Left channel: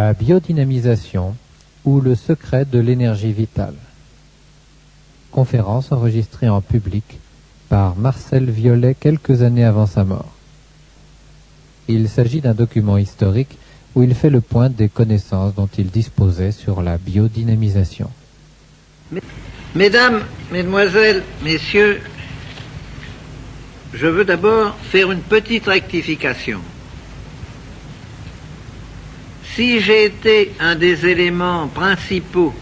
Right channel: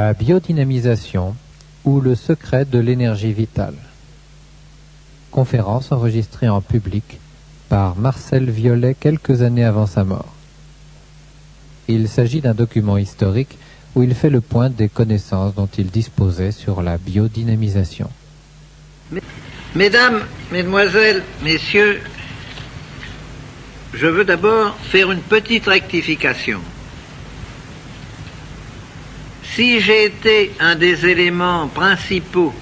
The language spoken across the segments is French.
La biodynamisation ou le secret de l'énergie vitale. Conférence enregistrée en public par Marcel Violet quelques années avant sa mort. Il s'agit d'un document historique où il fait le point des connaissances dont il disposait sur la biodynamisation. Mesdames, Mesdemoiselles, Messieurs, je veux d'abord faire une petite rectification. Si j'ai été un des éléments principaux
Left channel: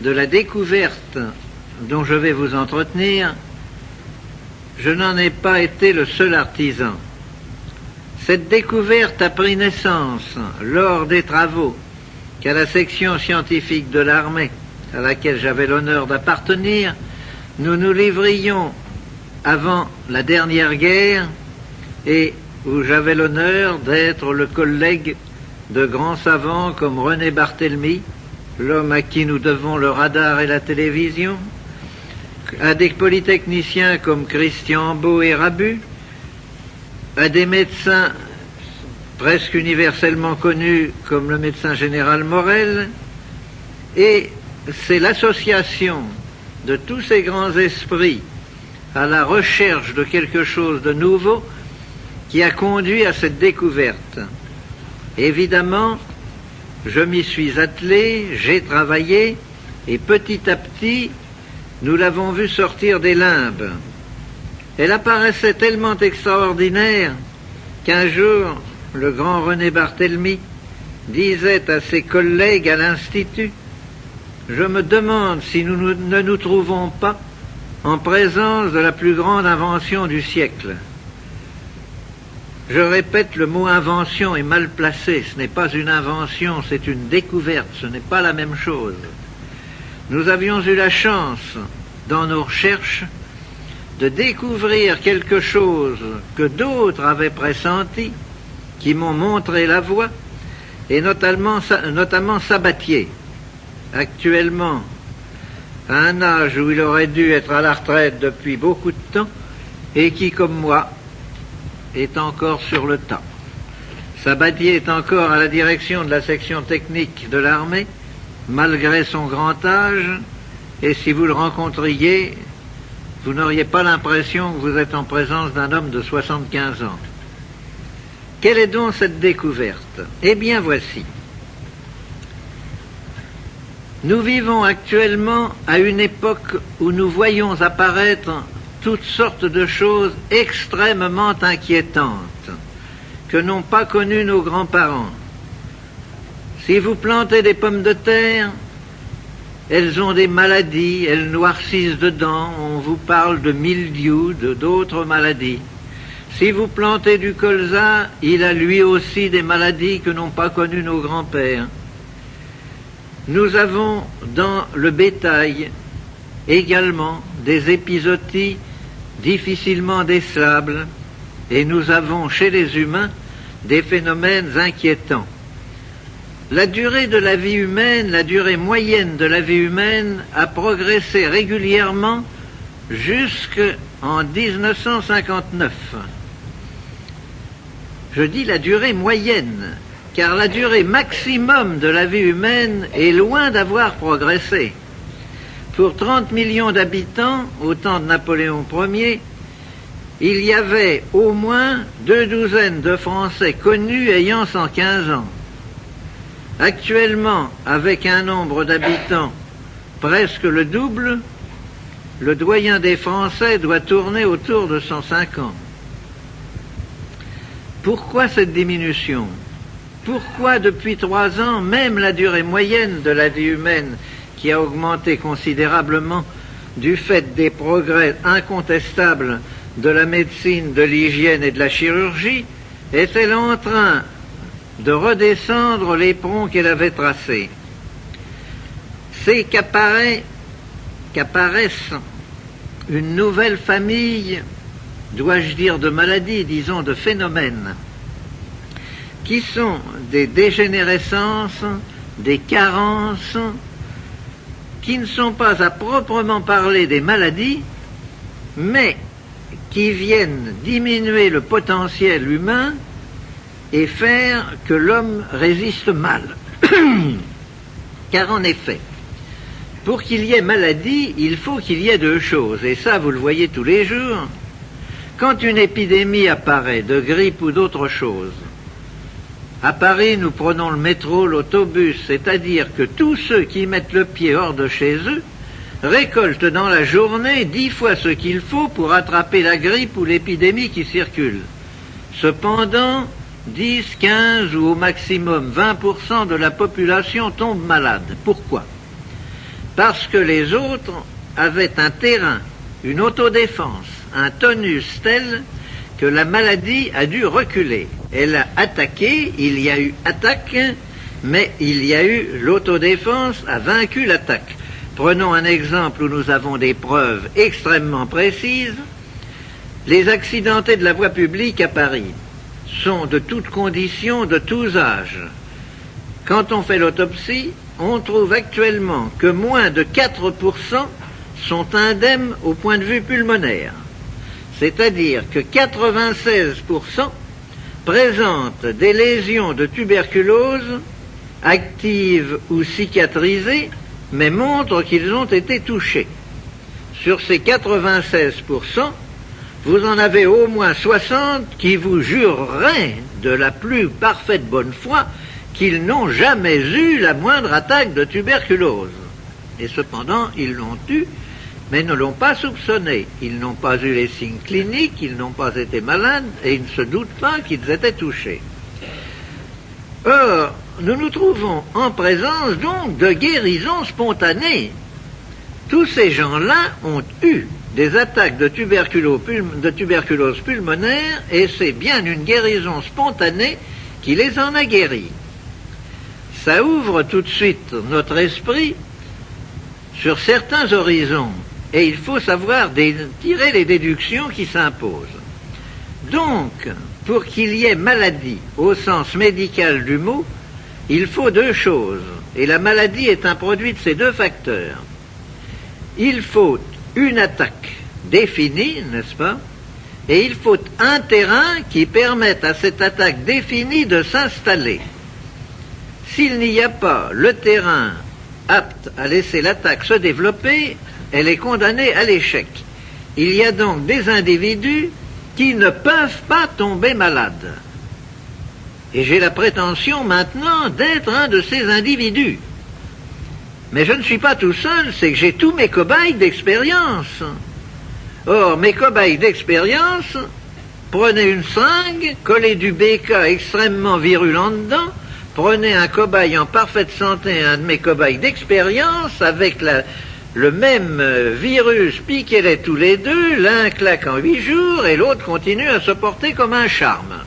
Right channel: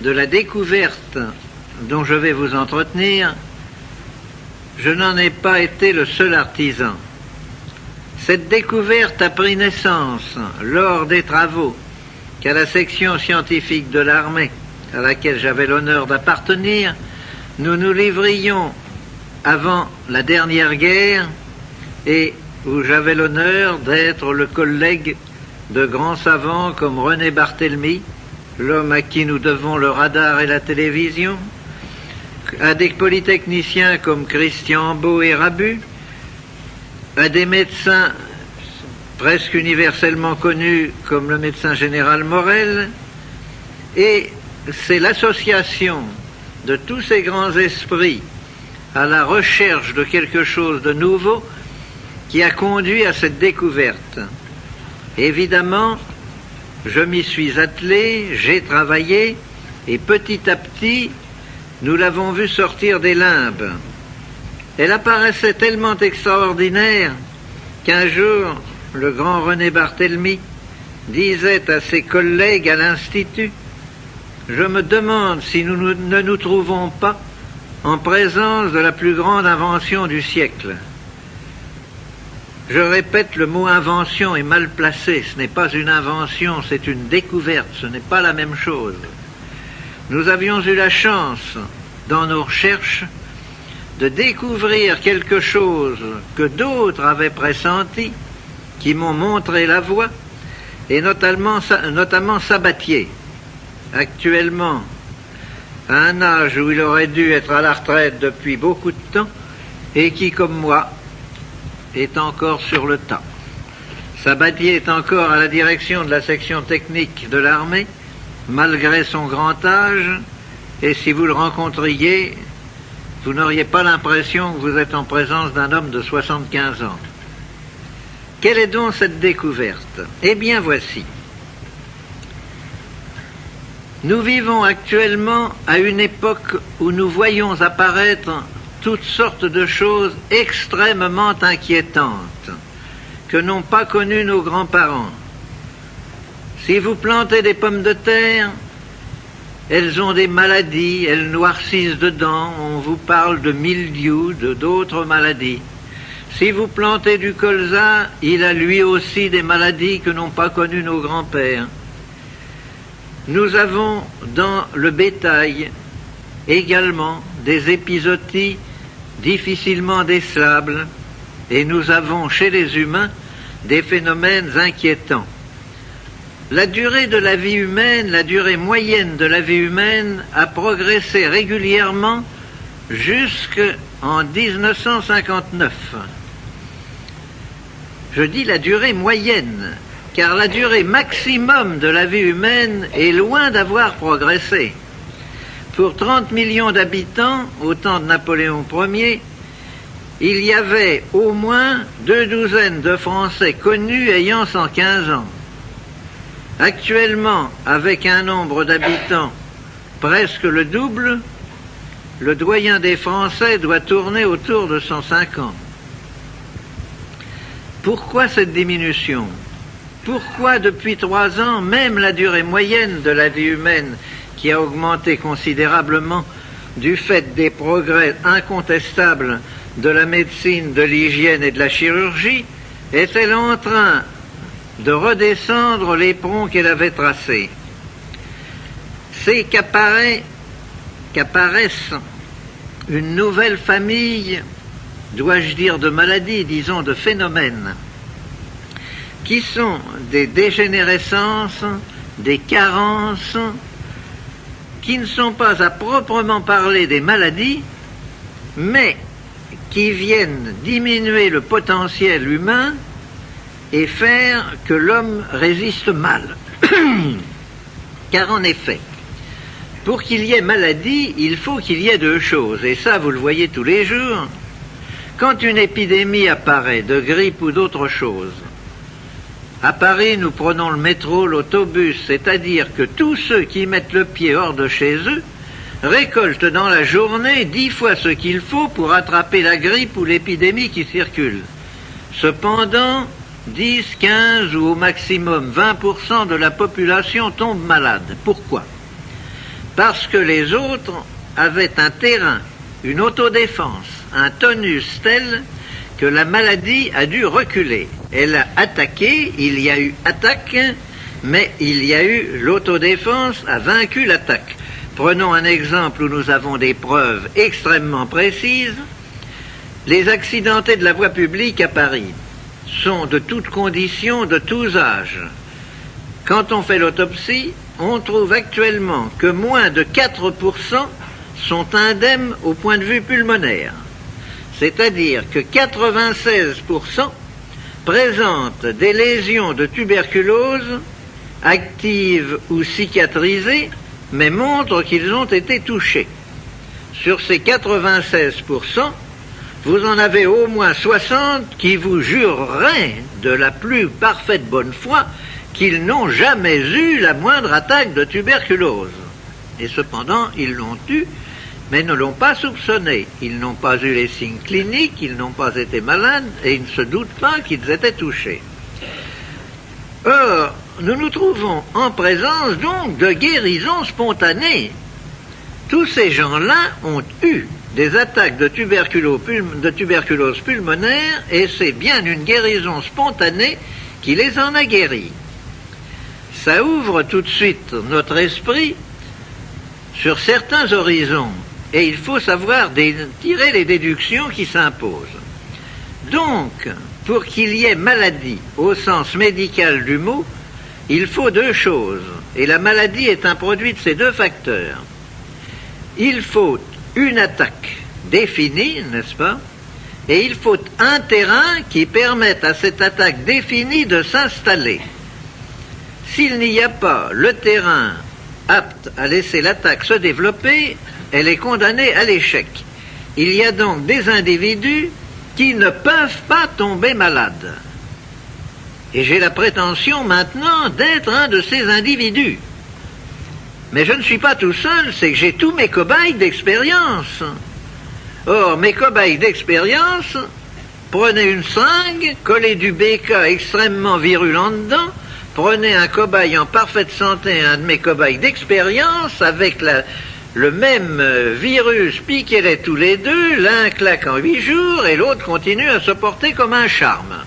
de la découverte dont je vais vous entretenir, je n'en ai pas été le seul artisan. Cette découverte a pris naissance lors des travaux qu'à la section scientifique de l'armée, à laquelle j'avais l'honneur d'appartenir, nous nous livrions avant la dernière guerre et où j'avais l'honneur d'être le collègue de grands savants comme René Barthélemy, l'homme à qui nous devons le radar et la télévision, à des polytechniciens comme Christian Beau et Rabu, à des médecins presque universellement connus comme le médecin général Morel, et c'est l'association de tous ces grands esprits à la recherche de quelque chose de nouveau qui a conduit à cette découverte. Évidemment, je m'y suis attelé, j'ai travaillé, et petit à petit, nous l'avons vu sortir des limbes. Elle apparaissait tellement extraordinaire qu'un jour, le grand René Barthélemy disait à ses collègues à l'Institut: « Je me demande si nous ne nous trouvons pas en présence de la plus grande invention du siècle. » Je répète, le mot invention est mal placé. Ce n'est pas une invention, c'est une découverte. Ce n'est pas la même chose. Nous avions eu la chance, dans nos recherches, de découvrir quelque chose que d'autres avaient pressenti, qui m'ont montré la voie, et notamment Sabatier, actuellement, à un âge où il aurait dû être à la retraite depuis beaucoup de temps, et qui, comme moi, est encore sur le tas. Sabatier est encore à la direction de la section technique de l'armée, malgré son grand âge, et si vous le rencontriez, vous n'auriez pas l'impression que vous êtes en présence d'un homme de 75 ans. Quelle est donc cette découverte? Eh bien voici. Nous vivons actuellement à une époque où nous voyons apparaître toutes sortes de choses extrêmement inquiétantes que n'ont pas connues nos grands-parents. Si vous plantez des pommes de terre, elles ont des maladies, elles noircissent dedans, on vous parle de mildiou, d'autres maladies. Si vous plantez du colza, il a lui aussi des maladies que n'ont pas connues nos grands-pères. Nous avons dans le bétail également des épizooties difficilement décelables, et nous avons chez les humains des phénomènes inquiétants. La durée de la vie humaine, la durée moyenne de la vie humaine a progressé régulièrement jusqu'en 1959. Je dis la durée moyenne, car la durée maximum de la vie humaine est loin d'avoir progressé. Pour 30 millions d'habitants, au temps de Napoléon Ier, il y avait au moins 2 douzaines de Français connus ayant 115 ans. Actuellement, avec un nombre d'habitants presque le double, le doyen des Français doit tourner autour de 105 ans. Pourquoi cette diminution? Pourquoi depuis 3 ans, même la durée moyenne de la vie humaine, qui a augmenté considérablement du fait des progrès incontestables de la médecine, de l'hygiène et de la chirurgie, est-elle en train de redescendre l'éperon qu'elle avait tracé? C'est qu'apparaissent une nouvelle famille, dois-je dire de maladies, disons de phénomènes, qui sont des dégénérescences, des carences, qui ne sont pas à proprement parler des maladies, mais qui viennent diminuer le potentiel humain et faire que l'homme résiste mal. Car en effet, pour qu'il y ait maladie, il faut qu'il y ait deux choses, et ça vous le voyez tous les jours. Quand une épidémie apparaît, de grippe ou d'autre chose, à Paris, nous prenons le métro, l'autobus, c'est-à-dire que tous ceux qui mettent le pied hors de chez eux récoltent dans la journée 10 fois ce qu'il faut pour attraper la grippe ou l'épidémie qui circule. Cependant, 10, 15 ou au maximum 20% de la population tombe malade. Pourquoi? Parce que les autres avaient un terrain, une autodéfense, un tonus tel que la maladie a dû reculer. Elle a attaqué, il y a eu attaque, mais il y a eu l'autodéfense a vaincu l'attaque. Prenons un exemple où nous avons des preuves extrêmement précises. Les accidentés de la voie publique à Paris sont de toutes conditions, de tous âges. Quand on fait l'autopsie, on trouve actuellement que moins de 4% sont indemnes au point de vue pulmonaire. C'est-à-dire que 96% présentent des lésions de tuberculose actives ou cicatrisées, mais montrent qu'ils ont été touchés. Sur ces 96%, vous en avez au moins 60 qui vous jureraient de la plus parfaite bonne foi qu'ils n'ont jamais eu la moindre attaque de tuberculose. Et cependant, ils l'ont eu, mais ne l'ont pas soupçonné. Ils n'ont pas eu les signes cliniques, ils n'ont pas été malades, et ils ne se doutent pas qu'ils étaient touchés. Or, nous nous trouvons en présence donc de guérisons spontanées. Tous ces gens-là ont eu des attaques de tuberculose pulmonaire, et c'est bien une guérison spontanée qui les en a guéris. Ça ouvre tout de suite notre esprit sur certains horizons, et il faut savoir tirer les déductions qui s'imposent. Donc, pour qu'il y ait maladie au sens médical du mot, il faut deux choses, et la maladie est un produit de ces deux facteurs. Il faut une attaque définie, n'est-ce pas? Et il faut un terrain qui permette à cette attaque définie de s'installer. S'il n'y a pas le terrain apte à laisser l'attaque se développer, elle est condamnée à l'échec. Il y a donc des individus qui ne peuvent pas tomber malades. Et j'ai la prétention maintenant d'être un de ces individus. Mais je ne suis pas tout seul, c'est que j'ai tous mes cobayes d'expérience. Or, mes cobayes d'expérience, prenez une seringue, collez du BK extrêmement virulent dedans, prenez un cobaye en parfaite santé, un de mes cobayes d'expérience, avec le même virus, piquez-les tous les deux, l'un claque en 8 jours et l'autre continue à se porter comme un charme.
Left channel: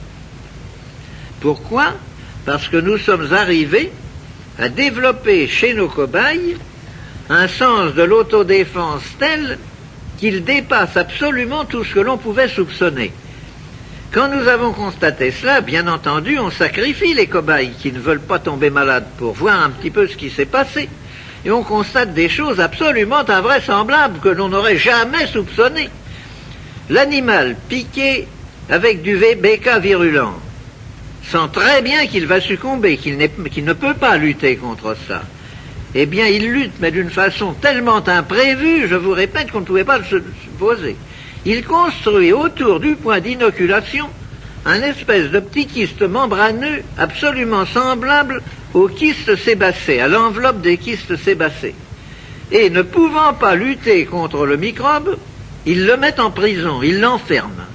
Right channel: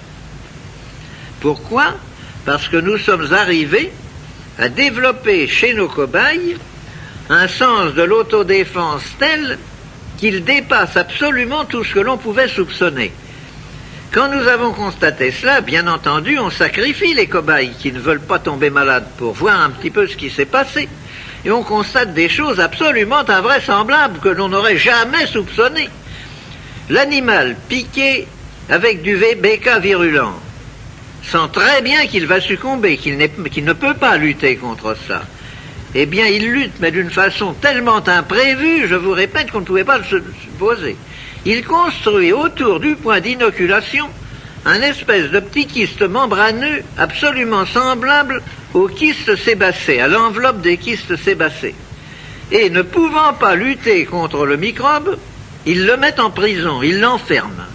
Pourquoi? Parce que nous sommes arrivés à développer chez nos cobayes un sens de l'autodéfense tel qu'il dépasse absolument tout ce que l'on pouvait soupçonner. Quand nous avons constaté cela, bien entendu, on sacrifie les cobayes qui ne veulent pas tomber malades pour voir un petit peu ce qui s'est passé. Et on constate des choses absolument invraisemblables que l'on n'aurait jamais soupçonnées. L'animal piqué avec du BK virulent sent très bien qu'il va succomber, qu'il ne peut pas lutter contre ça. Eh bien, il lutte, mais d'une façon tellement imprévue, je vous répète qu'on ne pouvait pas le supposer. Il construit autour du point d'inoculation un espèce de petit kyste membraneux absolument semblable au kyste sébacé, à l'enveloppe des kystes sébacés. Et ne pouvant pas lutter contre le microbe, il le met en prison, il l'enferme.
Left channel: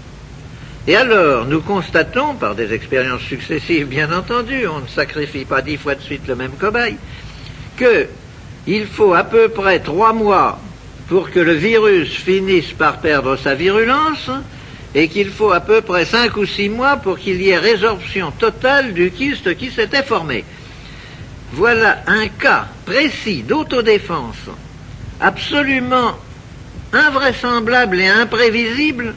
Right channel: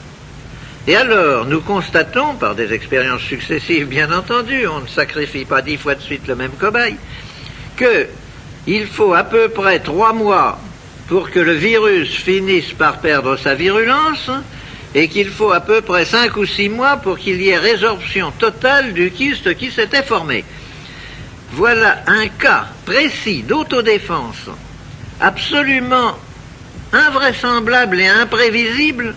Et alors, nous constatons, par des expériences successives bien entendu, on ne sacrifie pas 10 fois de suite le même cobaye, qu'il faut à peu près 3 mois pour que le virus finisse par perdre sa virulence, et qu'il faut à peu près 5 ou 6 mois pour qu'il y ait résorption totale du kyste qui s'était formé. Voilà un cas précis d'autodéfense, absolument invraisemblable et imprévisible,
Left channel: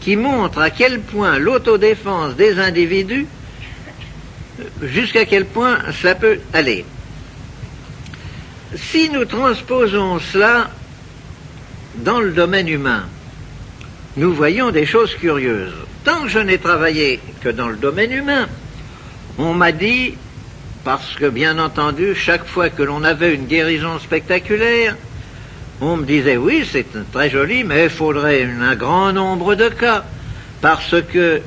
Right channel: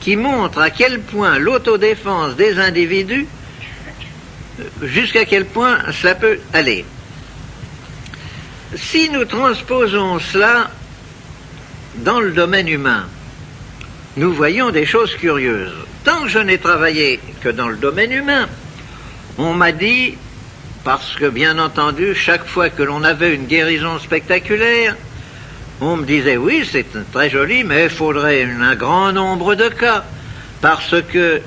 qui montre à quel point l'autodéfense des individus, jusqu'à quel point ça peut aller. Si nous transposons cela dans le domaine humain, nous voyons des choses curieuses. Tant que je n'ai travaillé que dans le domaine humain, on m'a dit, parce que, bien entendu, chaque fois que l'on avait une guérison spectaculaire, on me disait, oui, c'est très joli, mais il faudrait un grand nombre de cas, parce que,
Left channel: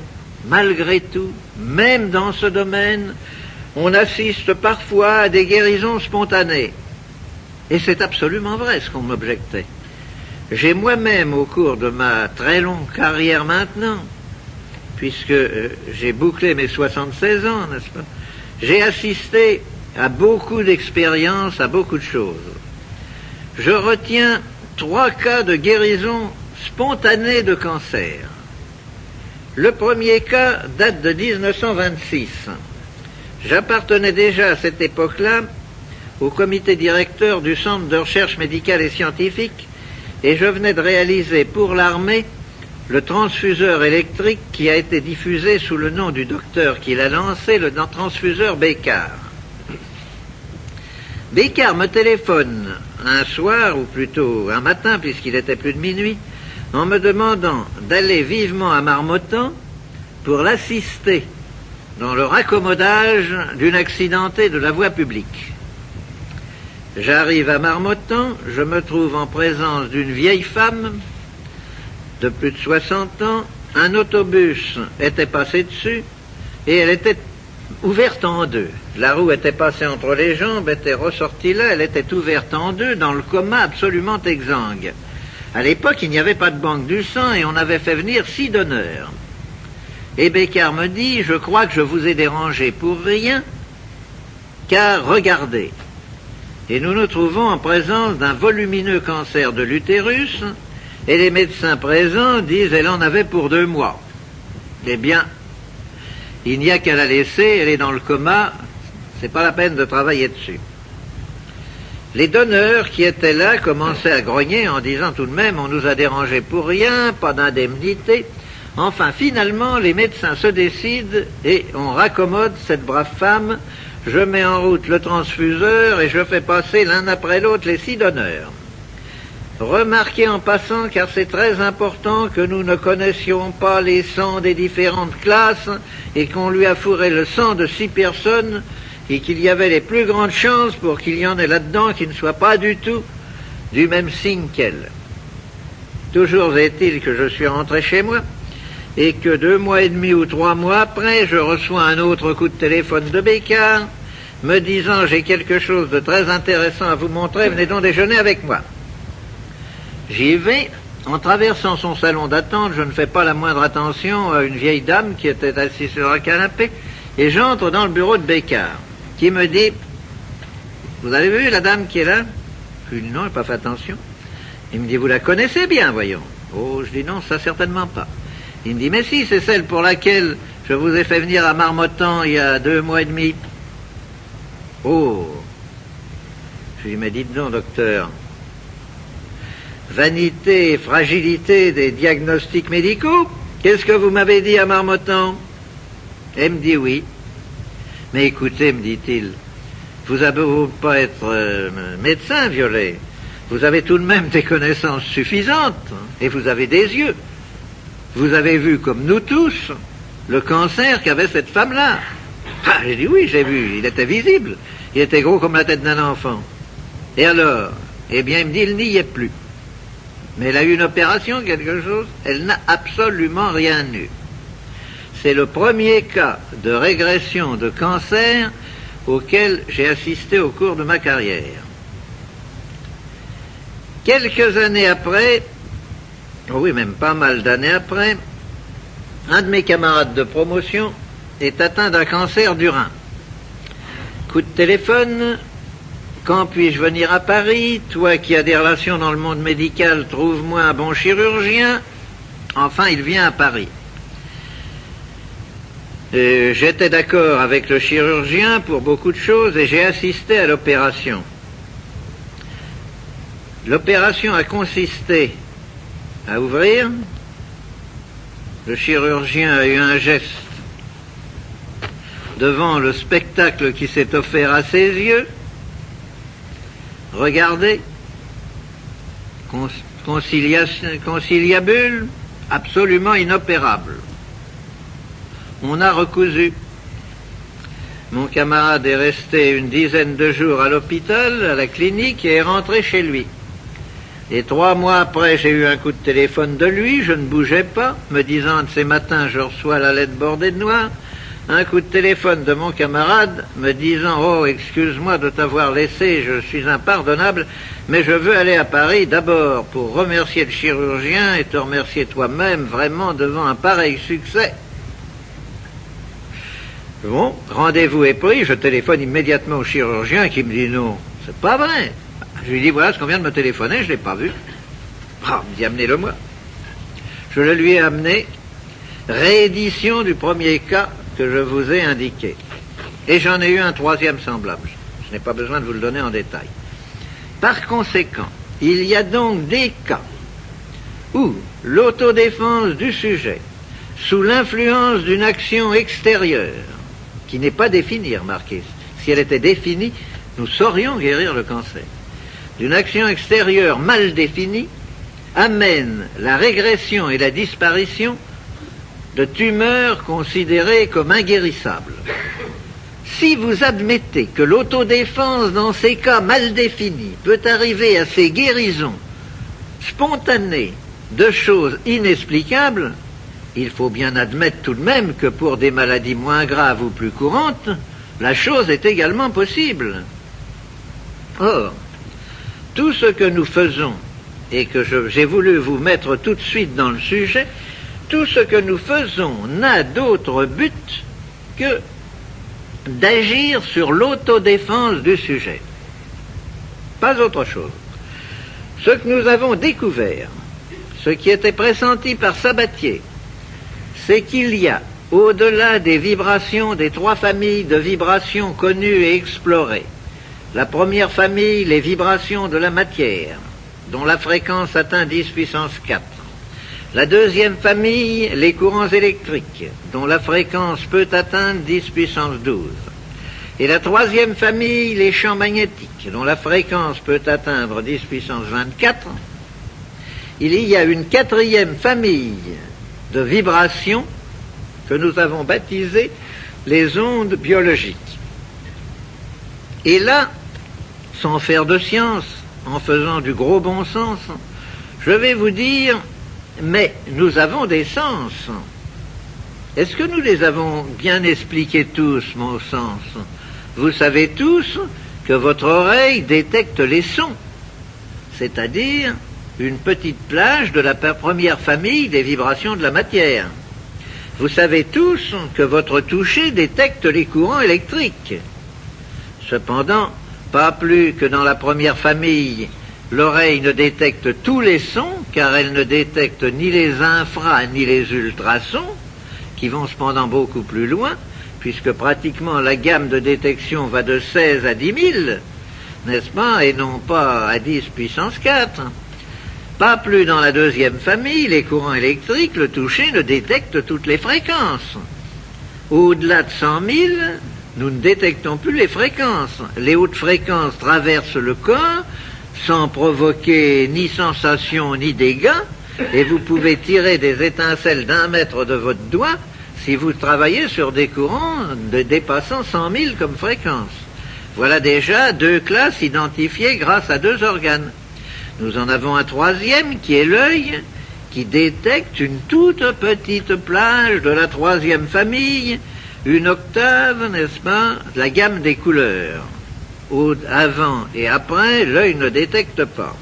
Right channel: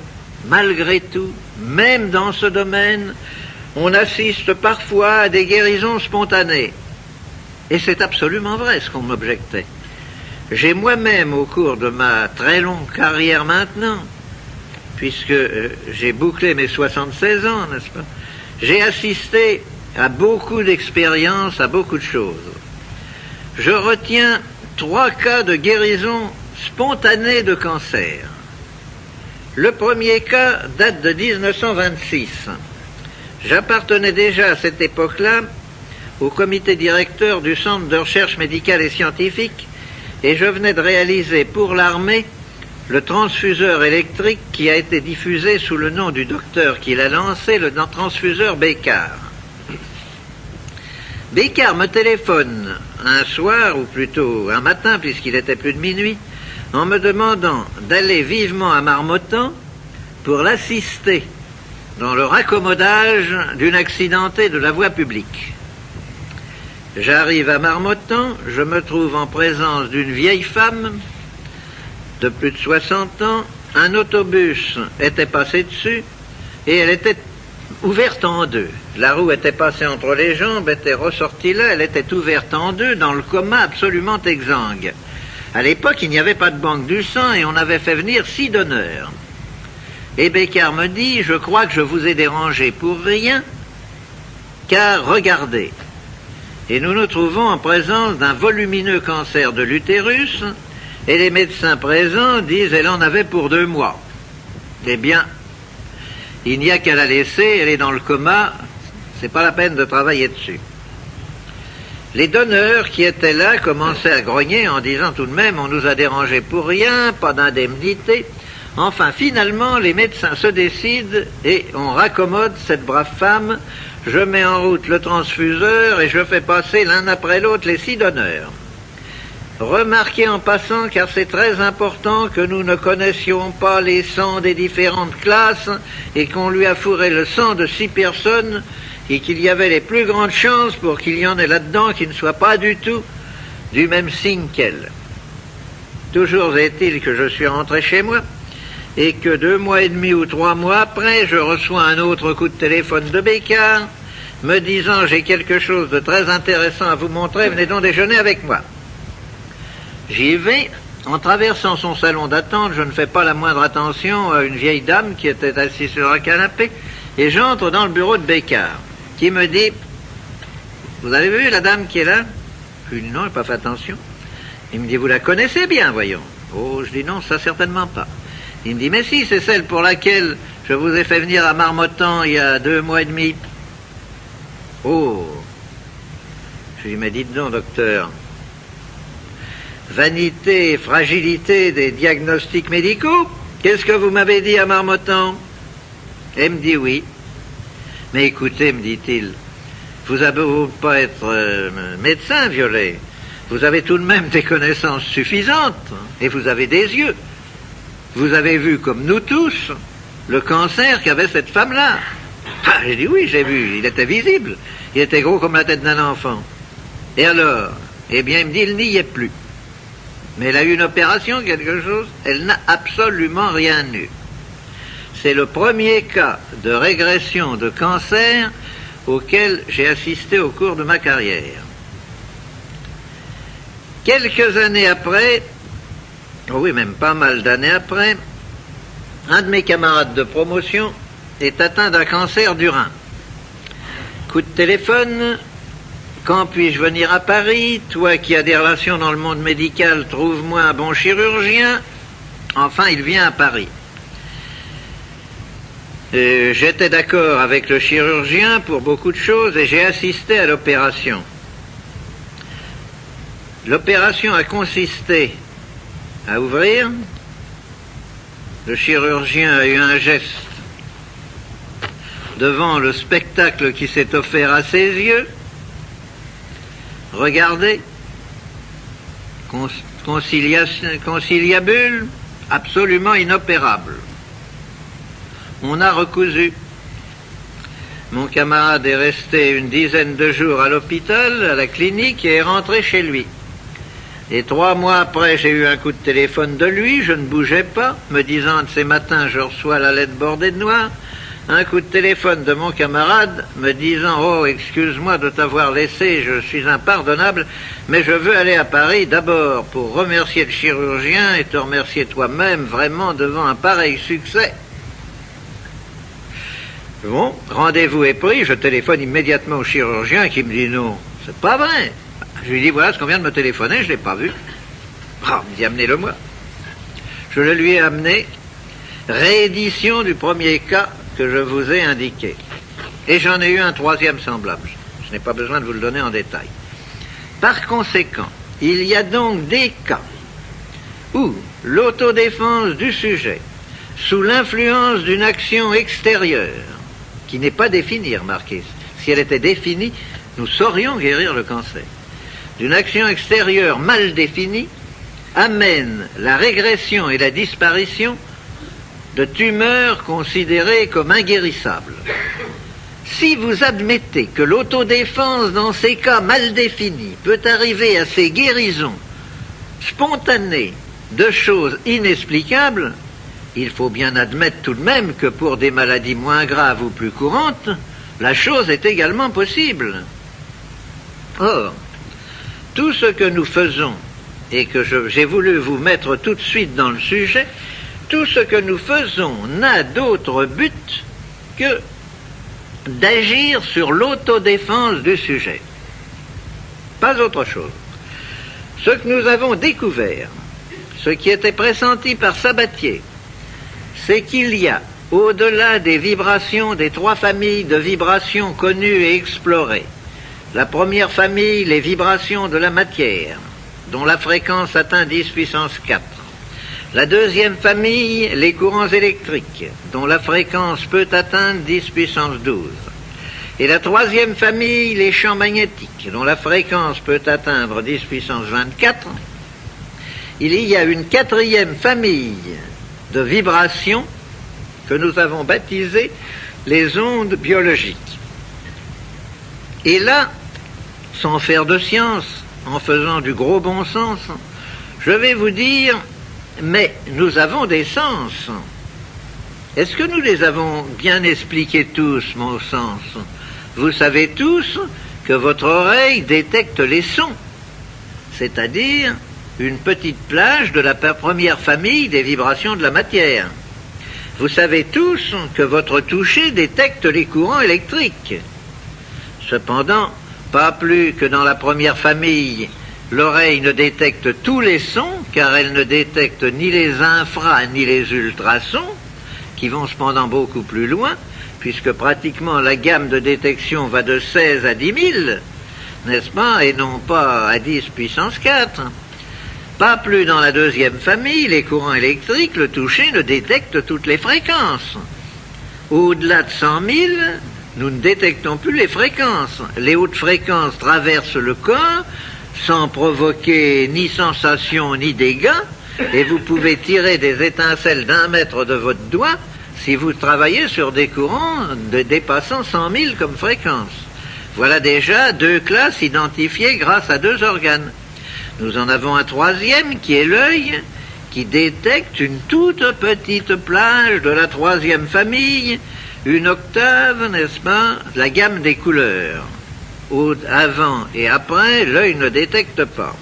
malgré tout, même dans ce domaine, on assiste parfois à des guérisons spontanées. Et c'est absolument vrai ce qu'on m'objectait. J'ai moi-même, au cours de ma très longue carrière maintenant, puisque j'ai bouclé mes 76 ans, n'est-ce pas, j'ai assisté à beaucoup d'expériences, à beaucoup de choses. Je retiens 3 cas de guérison spontanée de cancer. Le premier cas date de 1926. J'appartenais déjà à cette époque-là au comité directeur du Centre de recherche médicale et scientifique et je venais de réaliser pour l'armée le transfuseur électrique qui a été diffusé sous le nom du docteur qui l'a lancé, le transfuseur Bécard. Bécard me téléphone un soir, ou plutôt un matin puisqu'il était plus de minuit, en me demandant d'aller vivement à Marmottan pour l'assister dans le raccommodage d'une accidentée de la voie publique. J'arrive à Marmottan, je me trouve en présence d'une vieille femme de plus de 60 ans, un autobus était passé dessus et elle était ouverte en deux. La roue était passée entre les jambes, était ressortie là, elle était ouverte en deux dans le coma absolument exsangue. À l'époque, il n'y avait pas de banque du sang et on avait fait venir 6 donneurs. Et Bécard me dit, je crois que je vous ai dérangé pour rien, car regardez. Et nous nous trouvons en présence d'un volumineux cancer de l'utérus, et les médecins présents disent, elle en avait pour 2 mois. Eh bien, il n'y a qu'à la laisser, elle est dans le coma, c'est pas la peine de travailler dessus. Les donneurs qui étaient là commençaient à grogner en disant tout de même, on nous a dérangé pour rien, pas d'indemnité. Enfin, finalement, les médecins se décident et on raccommode cette brave femme. Je mets en route le transfuseur et je fais passer l'un après l'autre les 6 donneurs. Remarquez en passant, car c'est très important, que nous ne connaissions pas les sangs des différentes classes et qu'on lui a fourré le sang de 6 personnes et qu'il y avait les plus grandes chances pour qu'il y en ait là-dedans qui ne soient pas du tout du même signe qu'elle. Toujours est-il que je suis rentré chez moi et que 2 mois et demi ou 3 mois après, je reçois un autre coup de téléphone de Bécard me disant « J'ai quelque chose de très intéressant à vous montrer, venez donc déjeuner avec moi ». J'y vais. En traversant son salon d'attente, je ne fais pas la moindre attention à une vieille dame qui était assise sur un canapé et j'entre dans le bureau de Bécard qui me dit « Vous avez vu la dame qui est là ?» Je lui dis « Non, je n'ai pas fait attention ». Il me dit « Vous la connaissez bien, voyons ». Oh, je dis « Non, ça certainement pas ». Il me dit « Mais si, c'est celle pour laquelle je vous ai fait venir à Marmottan il y a 2 mois et demi. » Oh. Je lui dis « Mais dites donc, docteur, vanité et fragilité des diagnostics médicaux, qu'est-ce que vous m'avez dit à Marmottan ?» Elle me dit « Oui. » « Mais écoutez, me dit-il, vous avez beau pas être médecin, Violet, vous avez tout de même des connaissances suffisantes, et vous avez des yeux. Vous avez vu, comme nous tous, le cancer qu'avait cette femme-là. » Ah, j'ai dit « Oui, j'ai vu, il était visible, il était gros comme la tête d'un enfant. » Et alors? Eh bien, il me dit « Il n'y est plus. » Mais elle a eu une opération, quelque chose, elle n'a absolument rien eu. C'est le premier cas de régression de cancer auquel j'ai assisté au cours de ma carrière. Quelques années après, oh oui, même pas mal d'années après, un de mes camarades de promotion est atteint d'un cancer du rein. Coup de téléphone, quand puis-je venir à Paris? Toi qui as des relations dans le monde médical, trouve-moi un bon chirurgien. Enfin, il vient à Paris. J'étais d'accord avec le chirurgien pour beaucoup de choses et j'ai assisté à l'opération. L'opération a consisté à ouvrir. Le chirurgien a eu un geste devant le spectacle qui s'est offert à ses yeux. Regardez, conciliabule, absolument inopérable. On a recousu. Mon camarade est resté une dizaine de jours à l'hôpital, à la clinique, et est rentré chez lui. Et 3 mois après, j'ai eu un coup de téléphone de lui, je ne bougeais pas, me disant de ces matins, je reçois la lettre bordée de noir. Un coup de téléphone de mon camarade me disant « Oh, excuse-moi de t'avoir laissé, je suis impardonnable, mais je veux aller à Paris d'abord pour remercier le chirurgien et te remercier toi-même vraiment devant un pareil succès. » Bon, rendez-vous est pris, je téléphone immédiatement au chirurgien qui me dit « Non, c'est pas vrai. » Je lui dis « Voilà ce qu'on vient de me téléphoner, je ne l'ai pas vu. » Ah, il me dit « Amenez-le-moi. » Je le lui ai amené, réédition du premier cas que je vous ai indiqué. Et j'en ai eu un 3e semblable. Je n'ai pas besoin de vous le donner en détail. Par conséquent, il y a donc des cas où l'autodéfense du sujet, sous l'influence d'une action extérieure, qui n'est pas définie, remarquez, si elle était définie, nous saurions guérir le cancer, d'une action extérieure mal définie, amène la régression et la disparition de tumeurs considérées comme inguérissables. Si vous admettez que l'autodéfense dans ces cas mal définis peut arriver à ces guérisons spontanées de choses inexplicables, il faut bien admettre tout de même que pour des maladies moins graves ou plus courantes, la chose est également possible. Or, tout ce que nous faisons, et que j'ai voulu vous mettre tout de suite dans le sujet, tout ce que nous faisons n'a d'autre but que d'agir sur l'autodéfense du sujet. Pas autre chose. Ce que nous avons découvert, ce qui était pressenti par Sabatier, c'est qu'il y a, au-delà des vibrations des 3 familles de vibrations connues et explorées, la première famille, les vibrations de la matière, dont la fréquence atteint 10 puissance 4. La deuxième famille, les courants électriques, dont la fréquence peut atteindre 10 puissance 12. Et la troisième famille, les champs magnétiques, dont la fréquence peut atteindre 10 puissance 24. Il y a une 4e famille de vibrations que nous avons baptisées les ondes biologiques. Et là, sans faire de science, en faisant du gros bon sens, je vais vous dire, mais nous avons des sens. Est-ce que nous les avons bien expliqués tous, mon sens? Vous savez tous que votre oreille détecte les sons, c'est-à-dire une petite plage de la première famille des vibrations de la matière. Vous savez tous que votre toucher détecte les courants électriques. Cependant, pas plus que dans la première famille, l'oreille ne détecte tous les sons, car elle ne détecte ni les infra ni les ultrasons, qui vont cependant beaucoup plus loin, puisque pratiquement la gamme de détection va de 16 à 10 000, n'est-ce pas, et non pas à 10 puissance 4. Pas plus dans la deuxième famille, les courants électriques, le toucher ne détecte toutes les fréquences. Au-delà de 100 000, nous ne détectons plus les fréquences. Les hautes fréquences traversent le corps sans provoquer ni sensation ni dégâts, et vous pouvez tirer des étincelles d'1 mètre de votre doigt si vous travaillez sur des courants dépassant 100 000 comme fréquence. Voilà déjà 2 classes identifiées grâce à 2 organes. Nous en avons un 3e qui est l'œil, qui détecte une toute petite plage de la 3e famille, une octave, n'est-ce pas, la gamme des couleurs. Avant et après, l'œil ne détecte pas.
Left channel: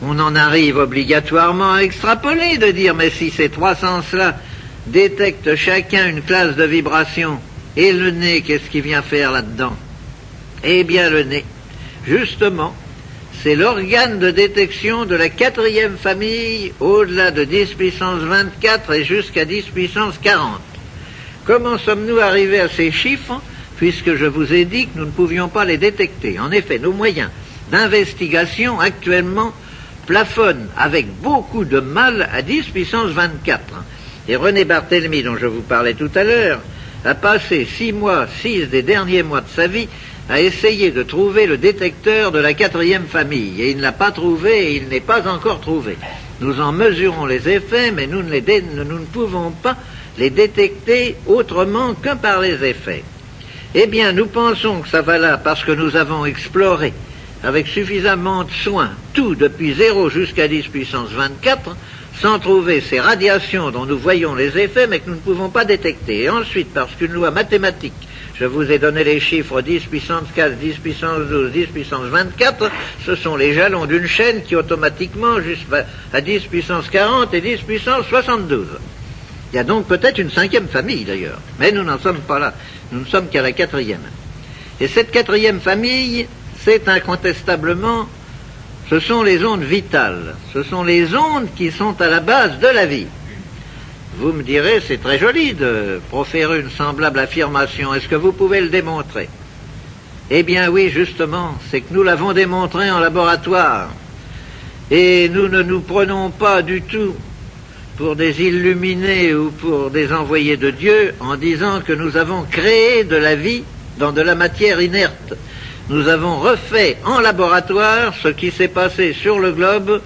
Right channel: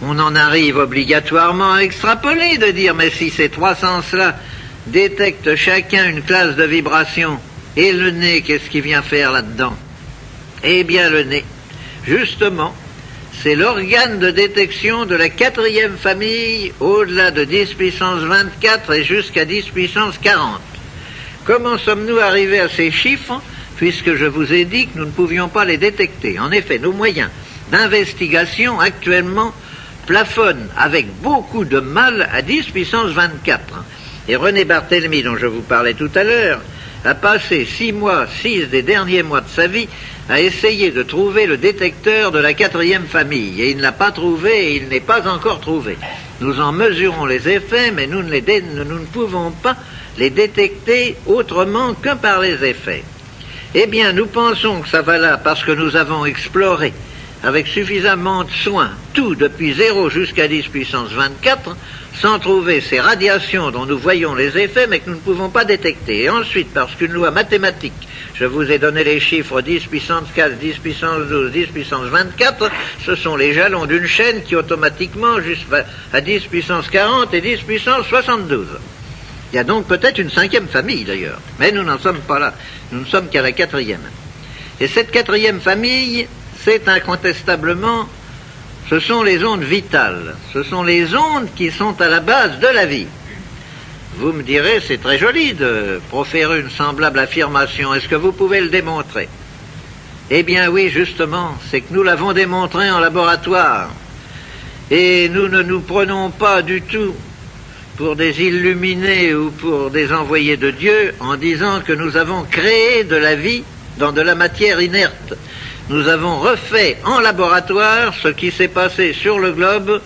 On en arrive obligatoirement à extrapoler, de dire, mais si ces 3 sens-là détectent chacun une classe de vibration, et le nez, qu'est-ce qu'il vient faire là-dedans? Eh bien, le nez, justement, c'est l'organe de détection de la 4e famille, au-delà de 10 puissance 24 et jusqu'à 10 puissance 40. Comment sommes-nous arrivés à ces chiffres, puisque je vous ai dit que nous ne pouvions pas les détecter? En effet, nos moyens d'investigation actuellement plafonnent avec beaucoup de mal à 10 puissance 24. Et René Barthélemy, dont je vous parlais tout à l'heure, a passé 6 des derniers mois de sa vie à essayer de trouver le détecteur de la 4e famille. Et il ne l'a pas trouvé, et il n'est pas encore trouvé. Nous en mesurons les effets, mais nous ne pouvons pas les détecter autrement que par les effets. Eh bien, nous pensons que ça va là parce que nous avons exploré avec suffisamment de soin tout depuis 0 jusqu'à 10 puissance 24, sans trouver ces radiations dont nous voyons les effets, mais que nous ne pouvons pas détecter. Et ensuite, parce qu'une loi mathématique, je vous ai donné les chiffres 10 puissance 4, 10 puissance 12, 10 puissance 24, ce sont les jalons d'une chaîne qui automatiquement va à 10 puissance 40 et 10 puissance 72. Il y a donc peut-être une 5e famille d'ailleurs, mais nous n'en sommes pas là, nous ne sommes qu'à la 4e. Et cette 4e famille, c'est incontestablement, ce sont les ondes vitales, ce sont les ondes qui sont à la base de la vie. Vous me direz, c'est très joli de proférer une semblable affirmation. Est-ce que vous pouvez le démontrer? Eh bien oui, justement, c'est que nous l'avons démontré en laboratoire. Et nous ne nous prenons pas du tout pour des illuminés ou pour des envoyés de Dieu en disant que nous avons créé de la vie dans de la matière inerte. Nous avons refait en laboratoire ce qui s'est passé sur le globe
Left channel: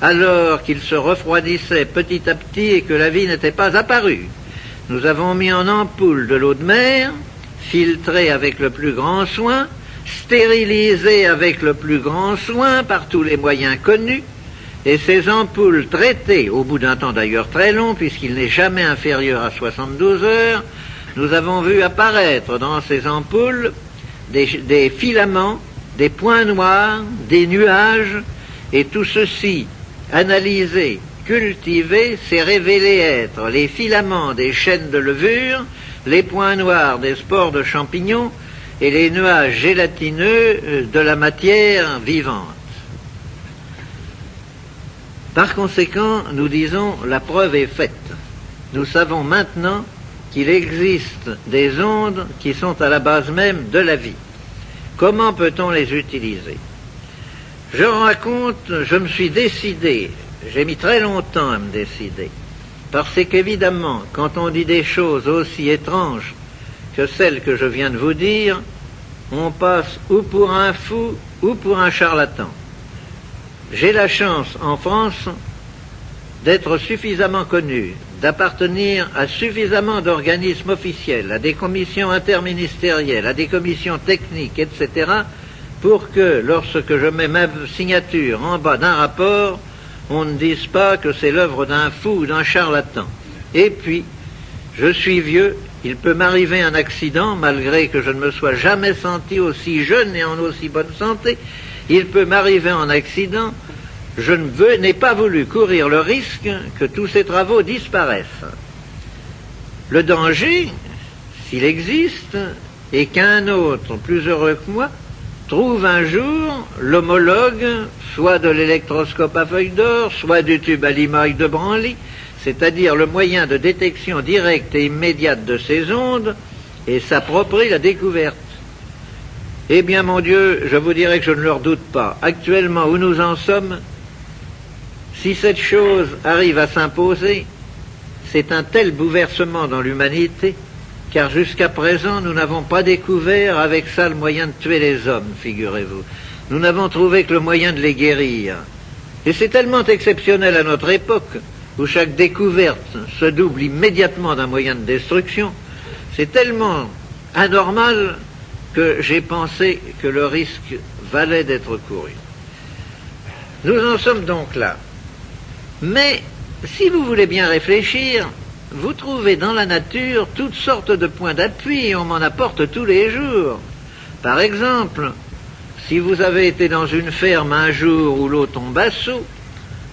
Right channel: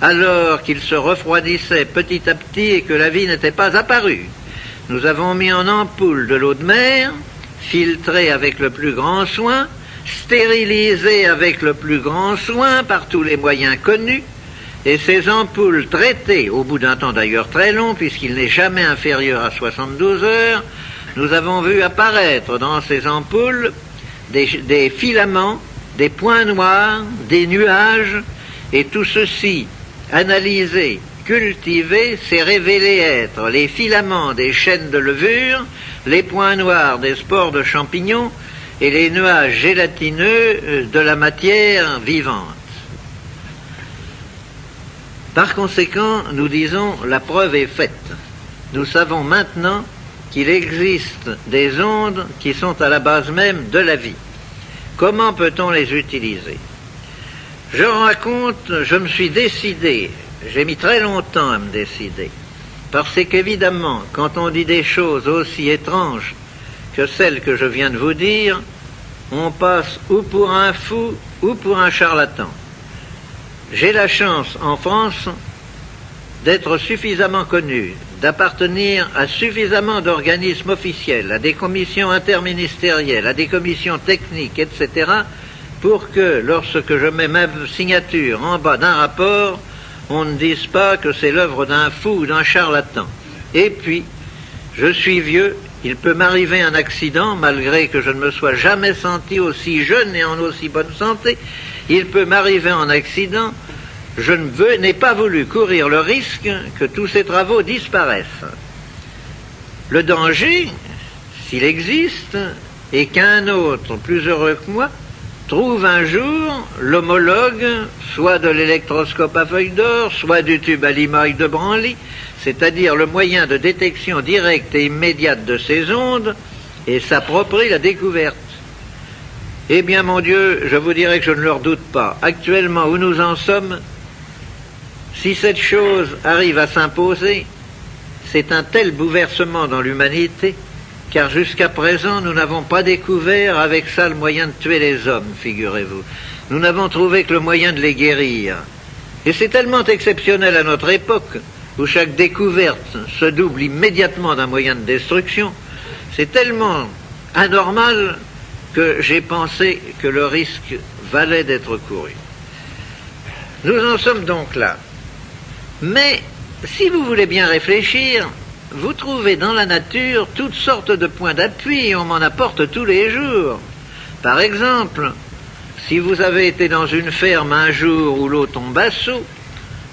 alors qu'il se refroidissait petit à petit et que la vie n'était pas apparue. Nous avons mis en ampoule de l'eau de mer, filtrée avec le plus grand soin, stérilisée avec le plus grand soin par tous les moyens connus, et ces ampoules traitées, au bout d'un temps d'ailleurs très long, puisqu'il n'est jamais inférieur à 72 heures, nous avons vu apparaître dans ces ampoules des filaments, des points noirs, des nuages, et tout ceci analysé, cultivé, s'est révélé être les filaments des chaînes de levure, les points noirs des spores de champignons et les nuages gélatineux de la matière vivante. Par conséquent, nous disons, la preuve est faite. Nous savons maintenant qu'il existe des ondes qui sont à la base même de la vie. Comment peut-on les utiliser? Je raconte, je me suis décidé, j'ai mis très longtemps à me décider, parce qu'évidemment, quand on dit des choses aussi étranges que celles que je viens de vous dire, on passe ou pour un fou ou pour un charlatan. J'ai la chance en France d'être suffisamment connu, d'appartenir à suffisamment d'organismes officiels, à des commissions interministérielles, à des commissions techniques, etc., pour que, lorsque je mets ma signature en bas d'un rapport, on ne dise pas que c'est l'œuvre d'un fou ou d'un charlatan. Et puis, je suis vieux, il peut m'arriver un accident, malgré que je ne me sois jamais senti aussi jeune et en aussi bonne santé, il peut m'arriver un accident, je n'ai pas voulu courir le risque que tous ces travaux disparaissent. Le danger, s'il existe, est qu'un autre, plus heureux que moi, trouve un jour l'homologue, soit de l'électroscope à feuille d'or, soit du tube à limaille de Branly, c'est-à-dire le moyen de détection directe et immédiate de ces ondes, et s'approprie la découverte. Eh bien, mon Dieu, je vous dirais que je ne le redoute pas. Actuellement, où nous en sommes, si cette chose arrive à s'imposer, c'est un tel bouleversement dans l'humanité, car jusqu'à présent, nous n'avons pas découvert avec ça le moyen de tuer les hommes, figurez-vous. Nous n'avons trouvé que le moyen de les guérir. Et c'est tellement exceptionnel à notre époque, où chaque découverte se double immédiatement d'un moyen de destruction, c'est tellement anormal que j'ai pensé que le risque valait d'être couru. Nous en sommes donc là. Mais, si vous voulez bien réfléchir, vous trouvez dans la nature toutes sortes de points d'appui et on m'en apporte tous les jours. Par exemple, si vous avez été dans une ferme un jour où l'eau tombe à seau,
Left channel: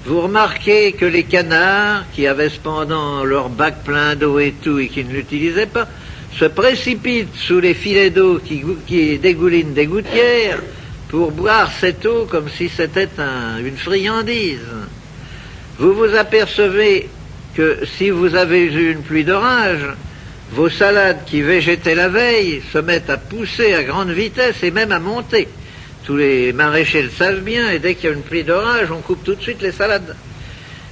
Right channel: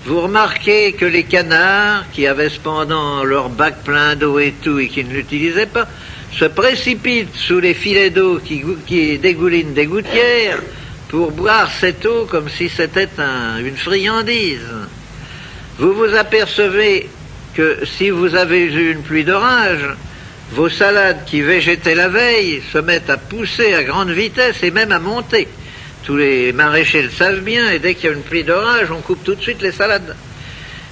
vous remarquez que les canards, qui avaient cependant leur bac plein d'eau et tout et qui ne l'utilisaient pas, se précipitent sous les filets d'eau qui dégoulinent des gouttières pour boire cette eau comme si c'était une friandise. Vous vous apercevez que si vous avez eu une pluie d'orage, vos salades qui végétaient la veille se mettent à pousser à grande vitesse et même à monter. Tous les maraîchers le savent bien, et dès qu'il y a une pluie d'orage, on coupe tout de suite les salades.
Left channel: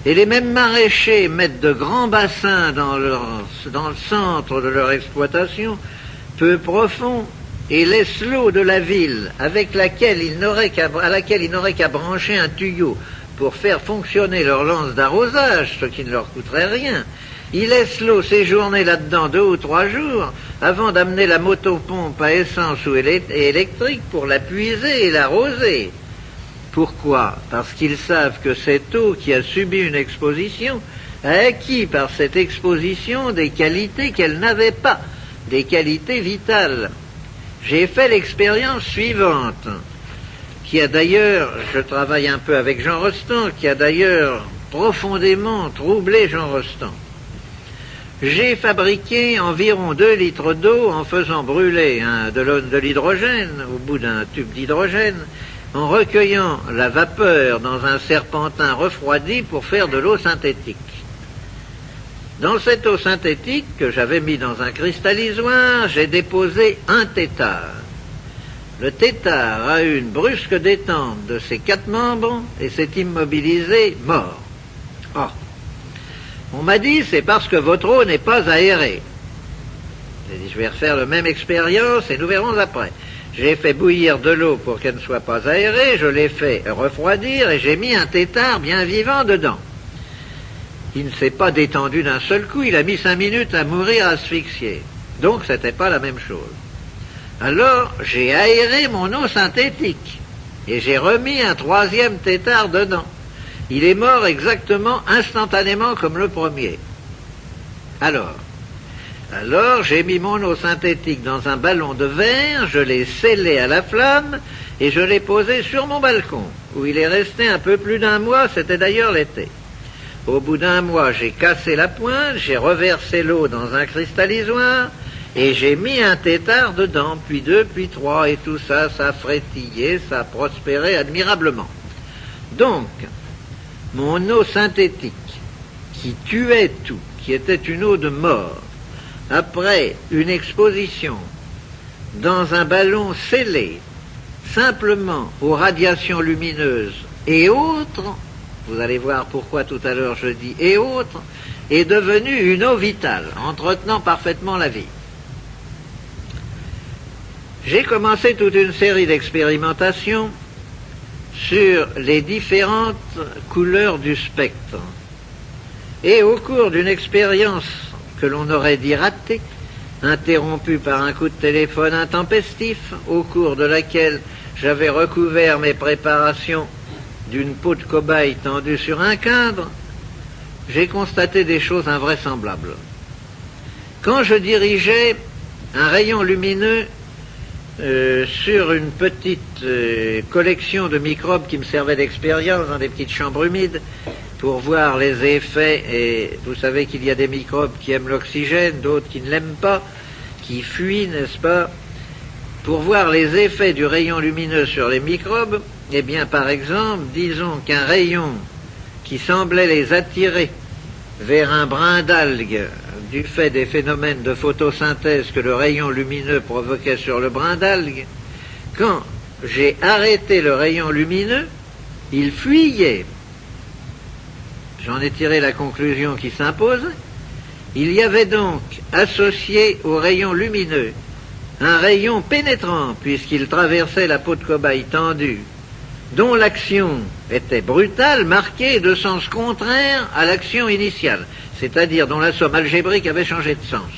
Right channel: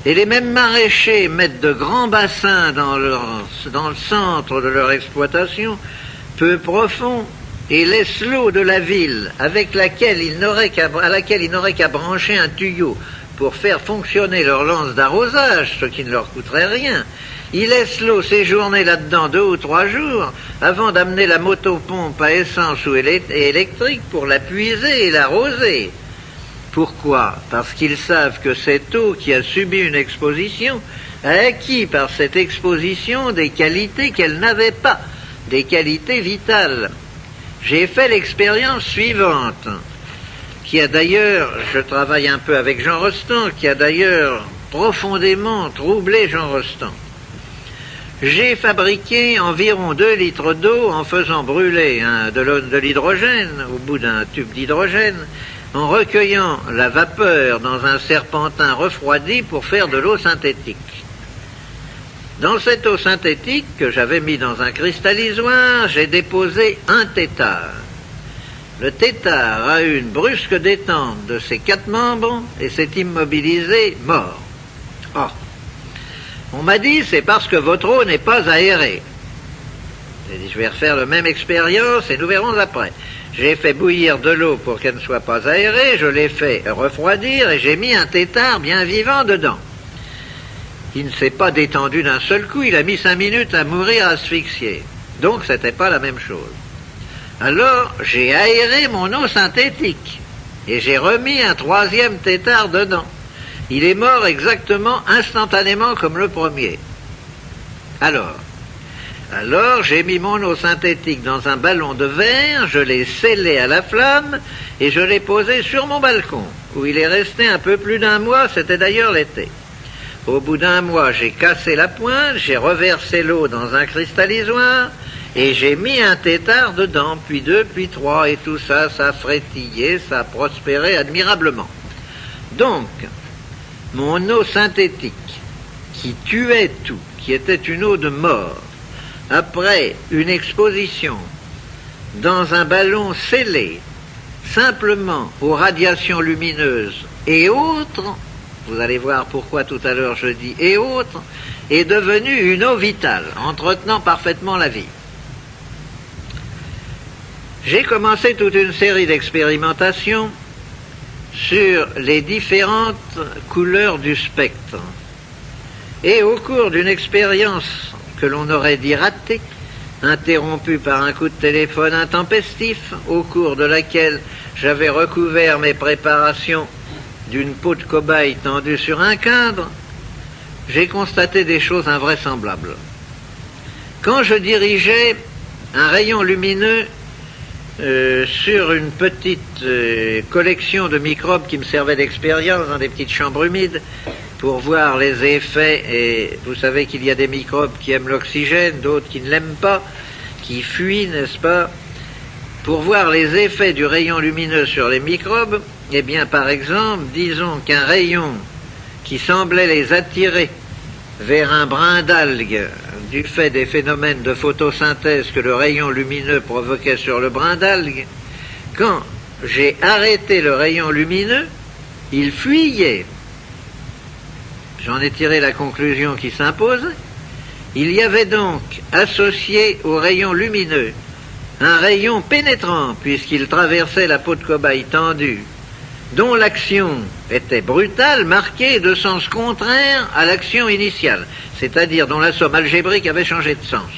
Et les mêmes maraîchers mettent de grands bassins dans le centre de leur exploitation, peu profonds, et laissent l'eau de la ville, à laquelle ils n'auraient qu'à brancher un tuyau pour faire fonctionner leur lance d'arrosage, ce qui ne leur coûterait rien. Ils laissent l'eau séjourner là-dedans 2 ou 3 jours, avant d'amener la motopompe à essence ou électrique pour la puiser et l'arroser. Pourquoi? Parce qu'ils savent que cette eau qui a subi une exposition a acquis par cette exposition des qualités qu'elle n'avait pas, des qualités vitales. J'ai fait l'expérience suivante, qui a d'ailleurs, je travaille un peu avec Jean Rostand, qui a d'ailleurs profondément troublé Jean Rostand. J'ai fabriqué environ 2 litres d'eau en faisant brûler de l'hydrogène au bout d'un tube d'hydrogène, en recueillant la vapeur dans un serpentin refroidi pour faire de l'eau synthétique. Dans cette eau synthétique que j'avais mis dans un cristallisoire, j'ai déposé un tétard. Le tétard a eu une brusque détente de ses 4 membres et s'est immobilisé mort. Oh. On m'a dit, c'est parce que votre eau n'est pas aérée. J'ai dit, je vais refaire la même expérience et nous verrons après. J'ai fait bouillir de l'eau pour qu'elle ne soit pas aérée, je l'ai fait refroidir et j'ai mis un tétard bien vivant dedans. Il ne s'est pas détendu d'un seul coup, il a mis 5 minutes à mourir asphyxié. Donc c'était pas la même chose. Alors j'ai aéré mon eau synthétique et j'ai remis un 3e tétard dedans. Il est mort exactement instantanément comme le premier. Alors j'ai mis mon eau synthétique dans un ballon de verre, je l'ai scellé à la flamme et je l'ai posé sur mon balcon, où il est resté un peu plus d'1 mois, c'était d'ailleurs l'été. Au bout d'1 mois, j'ai cassé la pointe, j'ai reversé l'eau dans un cristallisoire et j'ai mis un tétard dedans, puis 2, puis 3, et tout ça, ça a frétillé, ça a prospéré admirablement. Donc, mon eau synthétique, qui tuait tout, qui était une eau de mort, après une exposition dans un ballon scellé, simplement aux radiations lumineuses et autres, vous allez voir pourquoi tout à l'heure je dis et autres, est devenue une eau vitale, entretenant parfaitement la vie. J'ai commencé toute une série d'expérimentations sur les différentes couleurs du spectre. Et au cours d'une expérience que l'on aurait dit ratée, interrompue par un coup de téléphone intempestif, au cours de laquelle j'avais recouvert mes préparations d'une peau de cobaye tendue sur un cadre, j'ai constaté des choses invraisemblables. Quand je dirigeais un rayon lumineux sur une petite collection de microbes qui me servait d'expérience dans des petites chambres humides pour voir les effets, et vous savez qu'il y a des microbes qui aiment l'oxygène, d'autres qui ne l'aiment pas, qui fuient, n'est-ce pas? Pour voir les effets du rayon lumineux sur les microbes, eh bien par exemple, disons qu'un rayon qui semblait les attirer vers un brin d'algue du fait des phénomènes de photosynthèse que le rayon lumineux provoquait sur le brin d'algue, quand j'ai arrêté le rayon lumineux, il fuyait. J'en ai tiré la conclusion qui s'impose. Il y avait donc associé au rayon lumineux un rayon pénétrant, puisqu'il traversait la peau de cobaye tendue, dont l'action était brutale, marquée de sens contraire à l'action initiale, c'est-à-dire dont la somme algébrique avait changé de sens.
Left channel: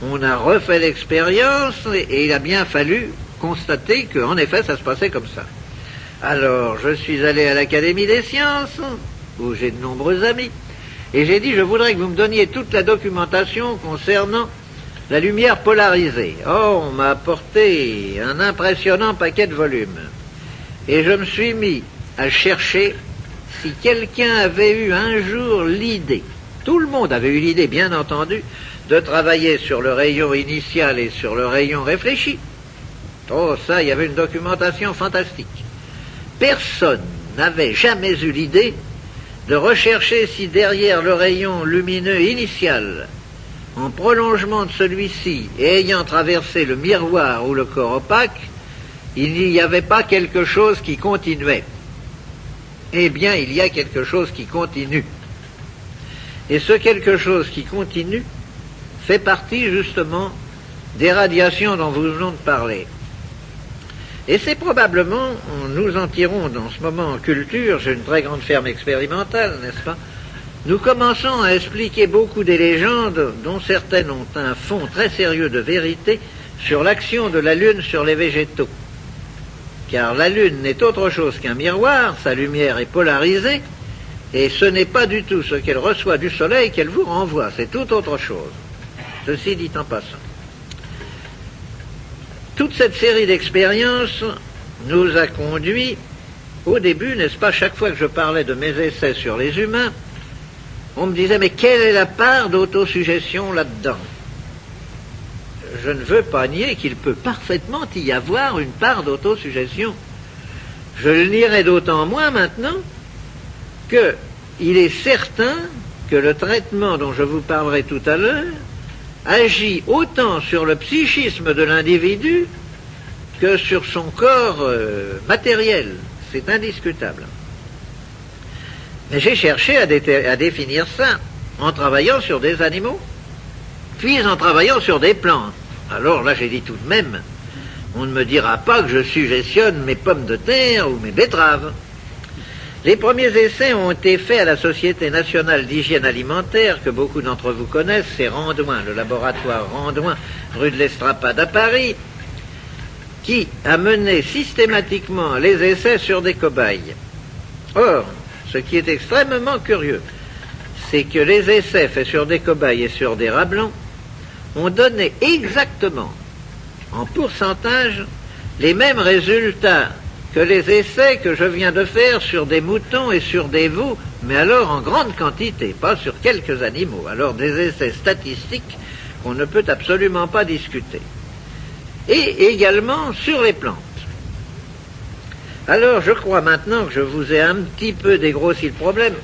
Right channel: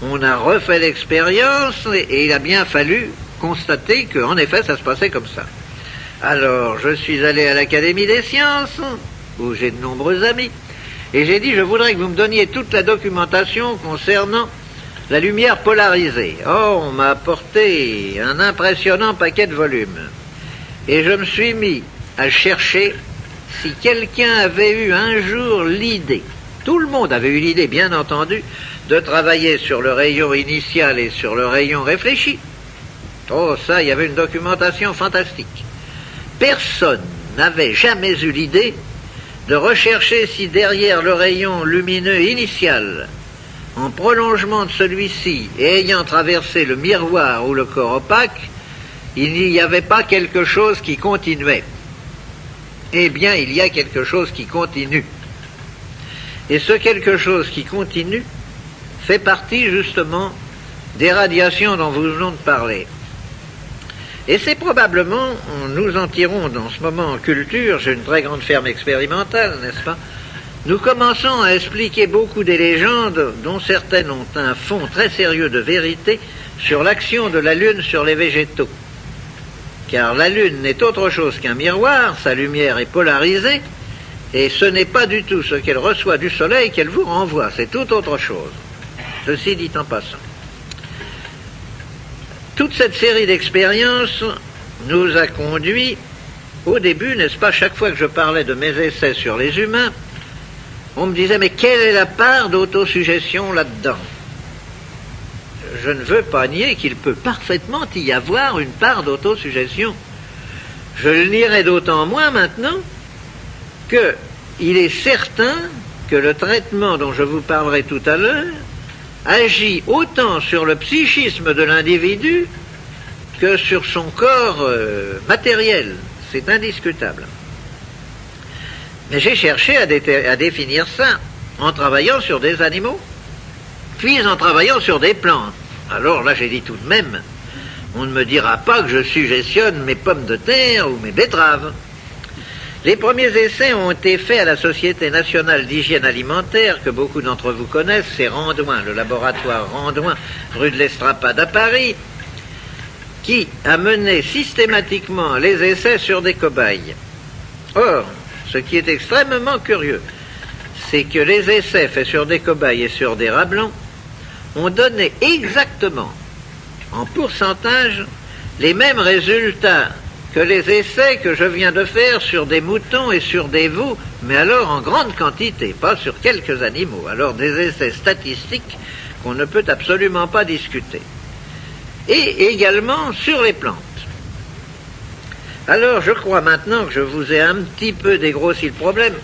On a refait l'expérience et il a bien fallu constater qu'en effet ça se passait comme ça. Alors je suis allé à l'Académie des sciences, où j'ai de nombreux amis, et j'ai dit je voudrais que vous me donniez toute la documentation concernant la lumière polarisée. Or on m'a apporté un impressionnant paquet de volumes. Et je me suis mis à chercher si quelqu'un avait eu un jour l'idée, tout le monde avait eu l'idée bien entendu, de travailler sur le rayon initial et sur le rayon réfléchi. Oh ça, il y avait une documentation fantastique. Personne n'avait jamais eu l'idée de rechercher si derrière le rayon lumineux initial, en prolongement de celui-ci et ayant traversé le miroir ou le corps opaque, il n'y avait pas quelque chose qui continuait. Eh bien, il y a quelque chose qui continue. Et ce quelque chose qui continue fait partie justement des radiations dont nous venons de parler. Et c'est probablement, nous en tirons dans ce moment en culture, j'ai une très grande ferme expérimentale, n'est-ce pas? nous commençons à expliquer beaucoup des légendes dont certaines ont un fond très sérieux de vérité sur l'action de la Lune sur les végétaux. Car la Lune n'est autre chose qu'un miroir, sa lumière est polarisée, et ce n'est pas du tout ce qu'elle reçoit du Soleil qu'elle vous renvoie, c'est tout autre chose. Ceci dit en passant. Toute cette série d'expériences nous a conduit, au début, n'est-ce pas, chaque fois que je parlais de mes essais sur les humains, on me disait, mais quelle est la part d'autosuggestion là-dedans? Je ne veux pas nier qu'il peut parfaitement y avoir une part d'autosuggestion. Je le nierai d'autant moins maintenant qu'il est certain que le traitement dont je vous parlerai tout à l'heure agit autant sur le psychisme de l'individu que sur son corps matériel. C'est indiscutable. Mais j'ai cherché à définir ça en travaillant sur des animaux, puis en travaillant sur des plantes. Alors là, j'ai dit tout de même, on ne me dira pas que je suggestionne mes pommes de terre ou mes betteraves. Les premiers essais ont été faits à la Société nationale d'hygiène alimentaire, que beaucoup d'entre vous connaissent, c'est Randouin, le laboratoire Randouin, rue de l'Estrapade à Paris, qui a mené systématiquement les essais sur des cobayes. Or, ce qui est extrêmement curieux, c'est que les essais faits sur des cobayes et sur des rats blancs ont donné exactement, en pourcentage, les mêmes résultats que les essais que je viens de faire sur des moutons et sur des veaux, mais alors en grande quantité, pas sur quelques animaux. Alors des essais statistiques qu'on ne peut absolument pas discuter. Et également sur les plantes. Alors je crois maintenant que je vous ai un petit peu dégrossi le problème.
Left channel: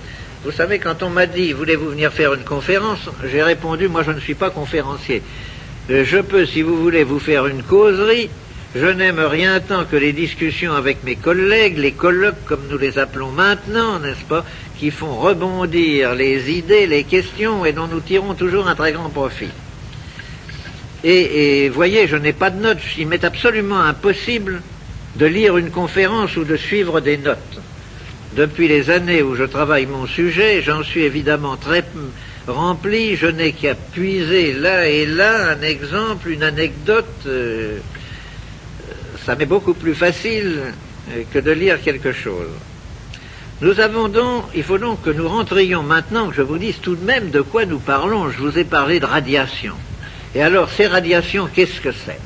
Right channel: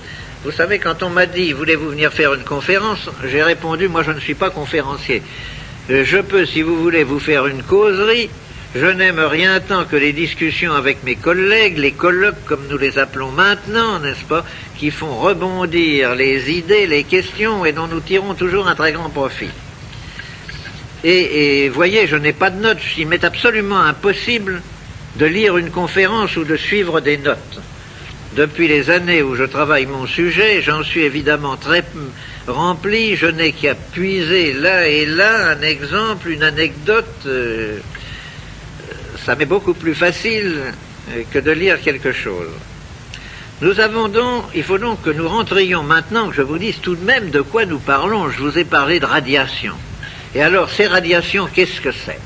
Vous savez, quand on m'a dit « Voulez-vous venir faire une conférence ?» j'ai répondu « Moi, je ne suis pas conférencier. Je peux, si vous voulez, vous faire une causerie. Je n'aime rien tant que les discussions avec mes collègues, les colloques, comme nous les appelons maintenant, n'est-ce pas, qui font rebondir les idées, les questions, et dont nous tirons toujours un très grand profit. Et voyez, je n'ai pas de notes. Il m'est absolument impossible de lire une conférence ou de suivre des notes. Depuis les années où je travaille mon sujet, j'en suis évidemment très rempli, je n'ai qu'à puiser là et là un exemple, une anecdote, ça m'est beaucoup plus facile que de lire quelque chose. Il faut donc que nous rentrions maintenant, que je vous dise tout de même de quoi nous parlons. Je vous ai parlé de radiation. Et alors, ces radiations, qu'est-ce que c'est?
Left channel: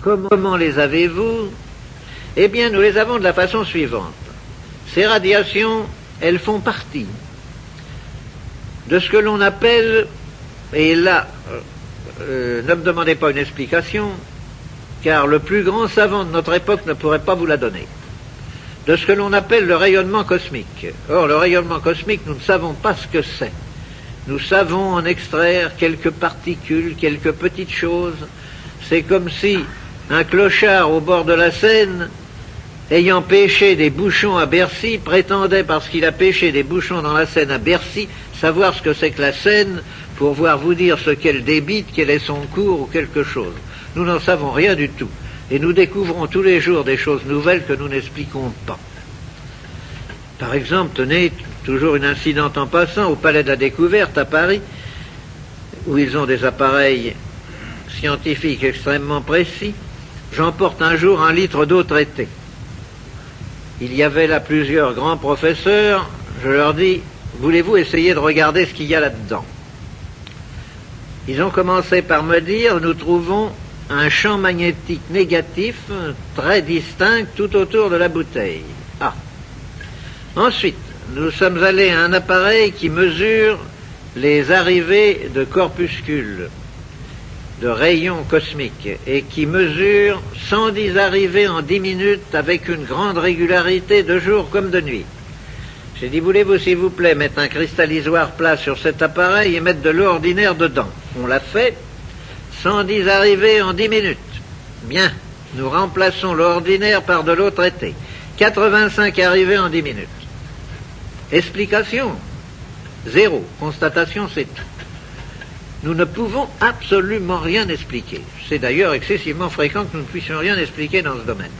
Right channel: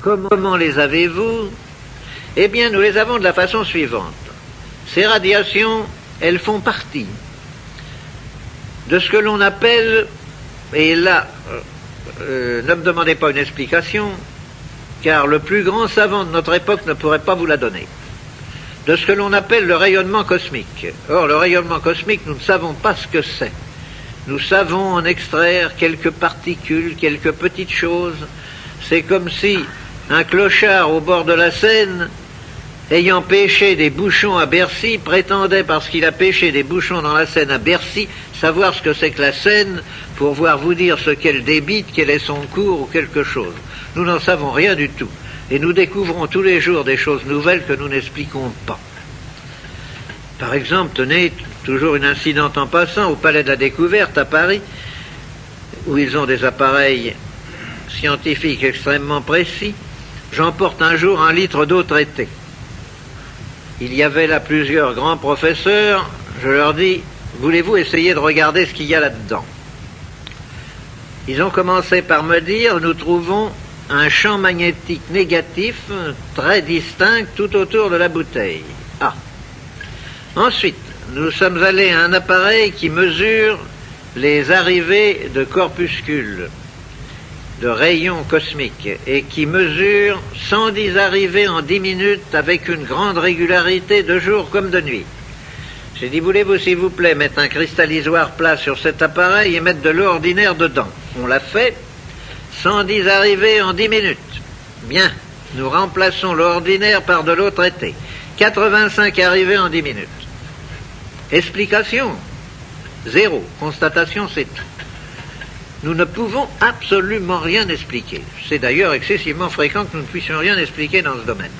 Comment les avez-vous? Eh bien, nous les avons de la façon suivante. Ces radiations, elles font partie de ce que l'on appelle, et là, ne me demandez pas une explication, car le plus grand savant de notre époque ne pourrait pas vous la donner, de ce que l'on appelle le rayonnement cosmique. Or, le rayonnement cosmique, nous ne savons pas ce que c'est. Nous savons en extraire quelques particules, quelques petites choses. C'est comme si un clochard au bord de la Seine, ayant pêché des bouchons à Bercy, prétendait, parce qu'il a pêché des bouchons dans la Seine à Bercy, savoir ce que c'est que la Seine, pour pouvoir vous dire ce qu'elle débite, quel est son cours ou quelque chose. Nous n'en savons rien du tout. Et nous découvrons tous les jours des choses nouvelles que nous n'expliquons pas. Par exemple, tenez, toujours une incidente en passant, au Palais de la Découverte à Paris, où ils ont des appareils scientifiques extrêmement précis, j'emporte un jour 1 litre d'eau traitée. Il y avait là plusieurs grands professeurs, je leur dis, voulez-vous essayer de regarder ce qu'il y a là-dedans? Ils ont commencé par me dire, nous trouvons un champ magnétique négatif très distinct tout autour de la bouteille. Ah. Ensuite, nous sommes allés à un appareil qui mesure les arrivées de corpuscules, de rayons cosmiques, et qui mesure 110 arrivées en 10 minutes avec une grande régularité de jour comme de nuit. J'ai dit, voulez-vous s'il vous plaît mettre un cristallisoire plat sur cet appareil et mettre de l'eau ordinaire dedans? On l'a fait, 110 arrivées en 10 minutes. Bien, nous remplaçons l'eau ordinaire par de l'eau traitée. 85 arrivées en 10 minutes. Explication? 0. Constatation, c'est tout. Nous ne pouvons absolument rien expliquer. C'est d'ailleurs excessivement fréquent que nous ne puissions rien expliquer dans ce domaine.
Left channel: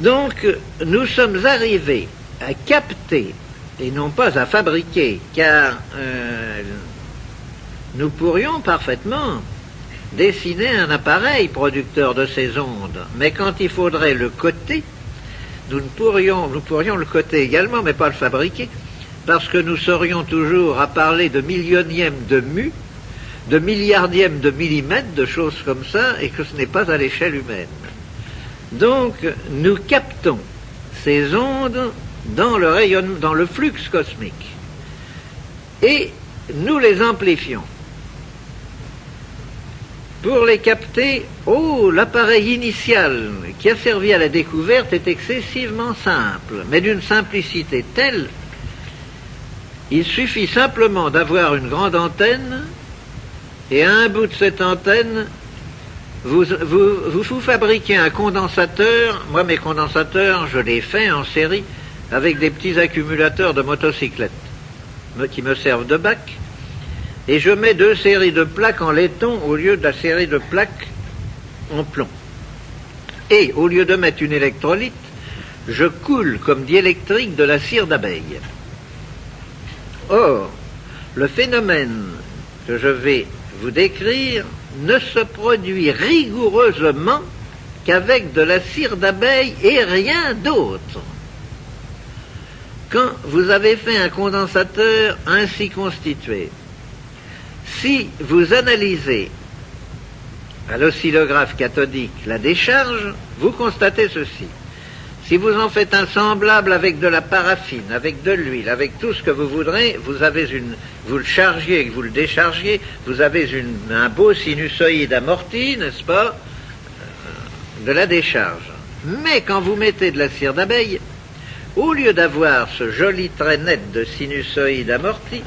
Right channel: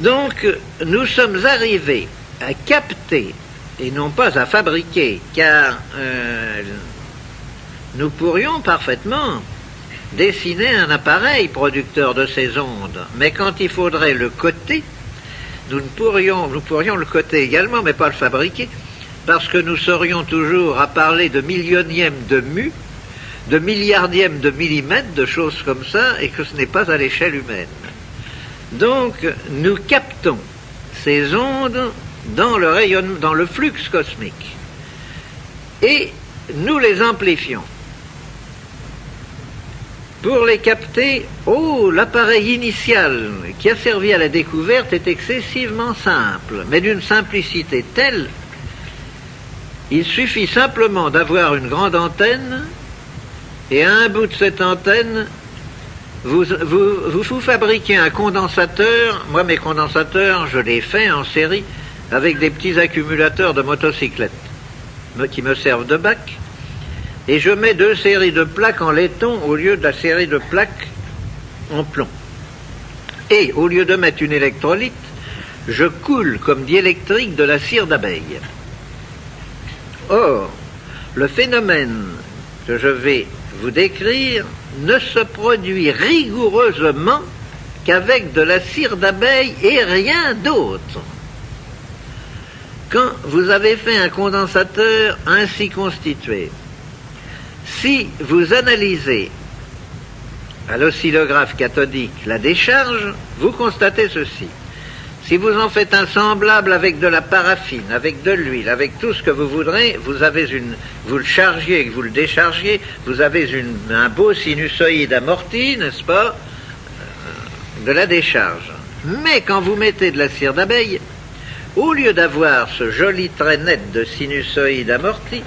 Donc, nous sommes arrivés à capter et non pas à fabriquer, car nous pourrions parfaitement dessiner un appareil producteur de ces ondes, mais quand il faudrait le coter, nous pourrions le coter également, mais pas le fabriquer, parce que nous serions toujours à parler de millionièmes de mu, de milliardièmes de millimètres, de choses comme ça, et que ce n'est pas à l'échelle humaine. Donc, nous captons ces ondes dans le rayonnement, dans le flux cosmique, et nous les amplifions. Pour les capter, l'appareil initial qui a servi à la découverte est excessivement simple, mais d'une simplicité telle, il suffit simplement d'avoir une grande antenne, et à un bout de cette antenne, vous fabriquez un condensateur. Moi, mes condensateurs, je les fais en série avec des petits accumulateurs de motocyclettes qui me servent de bac. Et je mets 2 séries de plaques en laiton au lieu de la série de plaques en plomb. Et au lieu de mettre une électrolyte, je coule comme diélectrique de la cire d'abeille. Or, le phénomène que je vais vous décrire ne se produit rigoureusement qu'avec de la cire d'abeille et rien d'autre. Quand vous avez fait un condensateur ainsi constitué, si vous analysez à l'oscillographe cathodique la décharge, vous constatez ceci. Si vous en faites un semblable avec de la paraffine, avec de l'huile, avec tout ce que vous voudrez, vous le chargiez et que vous le déchargiez, vous avez un beau sinusoïde amorti, n'est-ce pas, de la décharge. Mais quand vous mettez de la cire d'abeille, au lieu d'avoir ce joli trait net de sinusoïde amorti,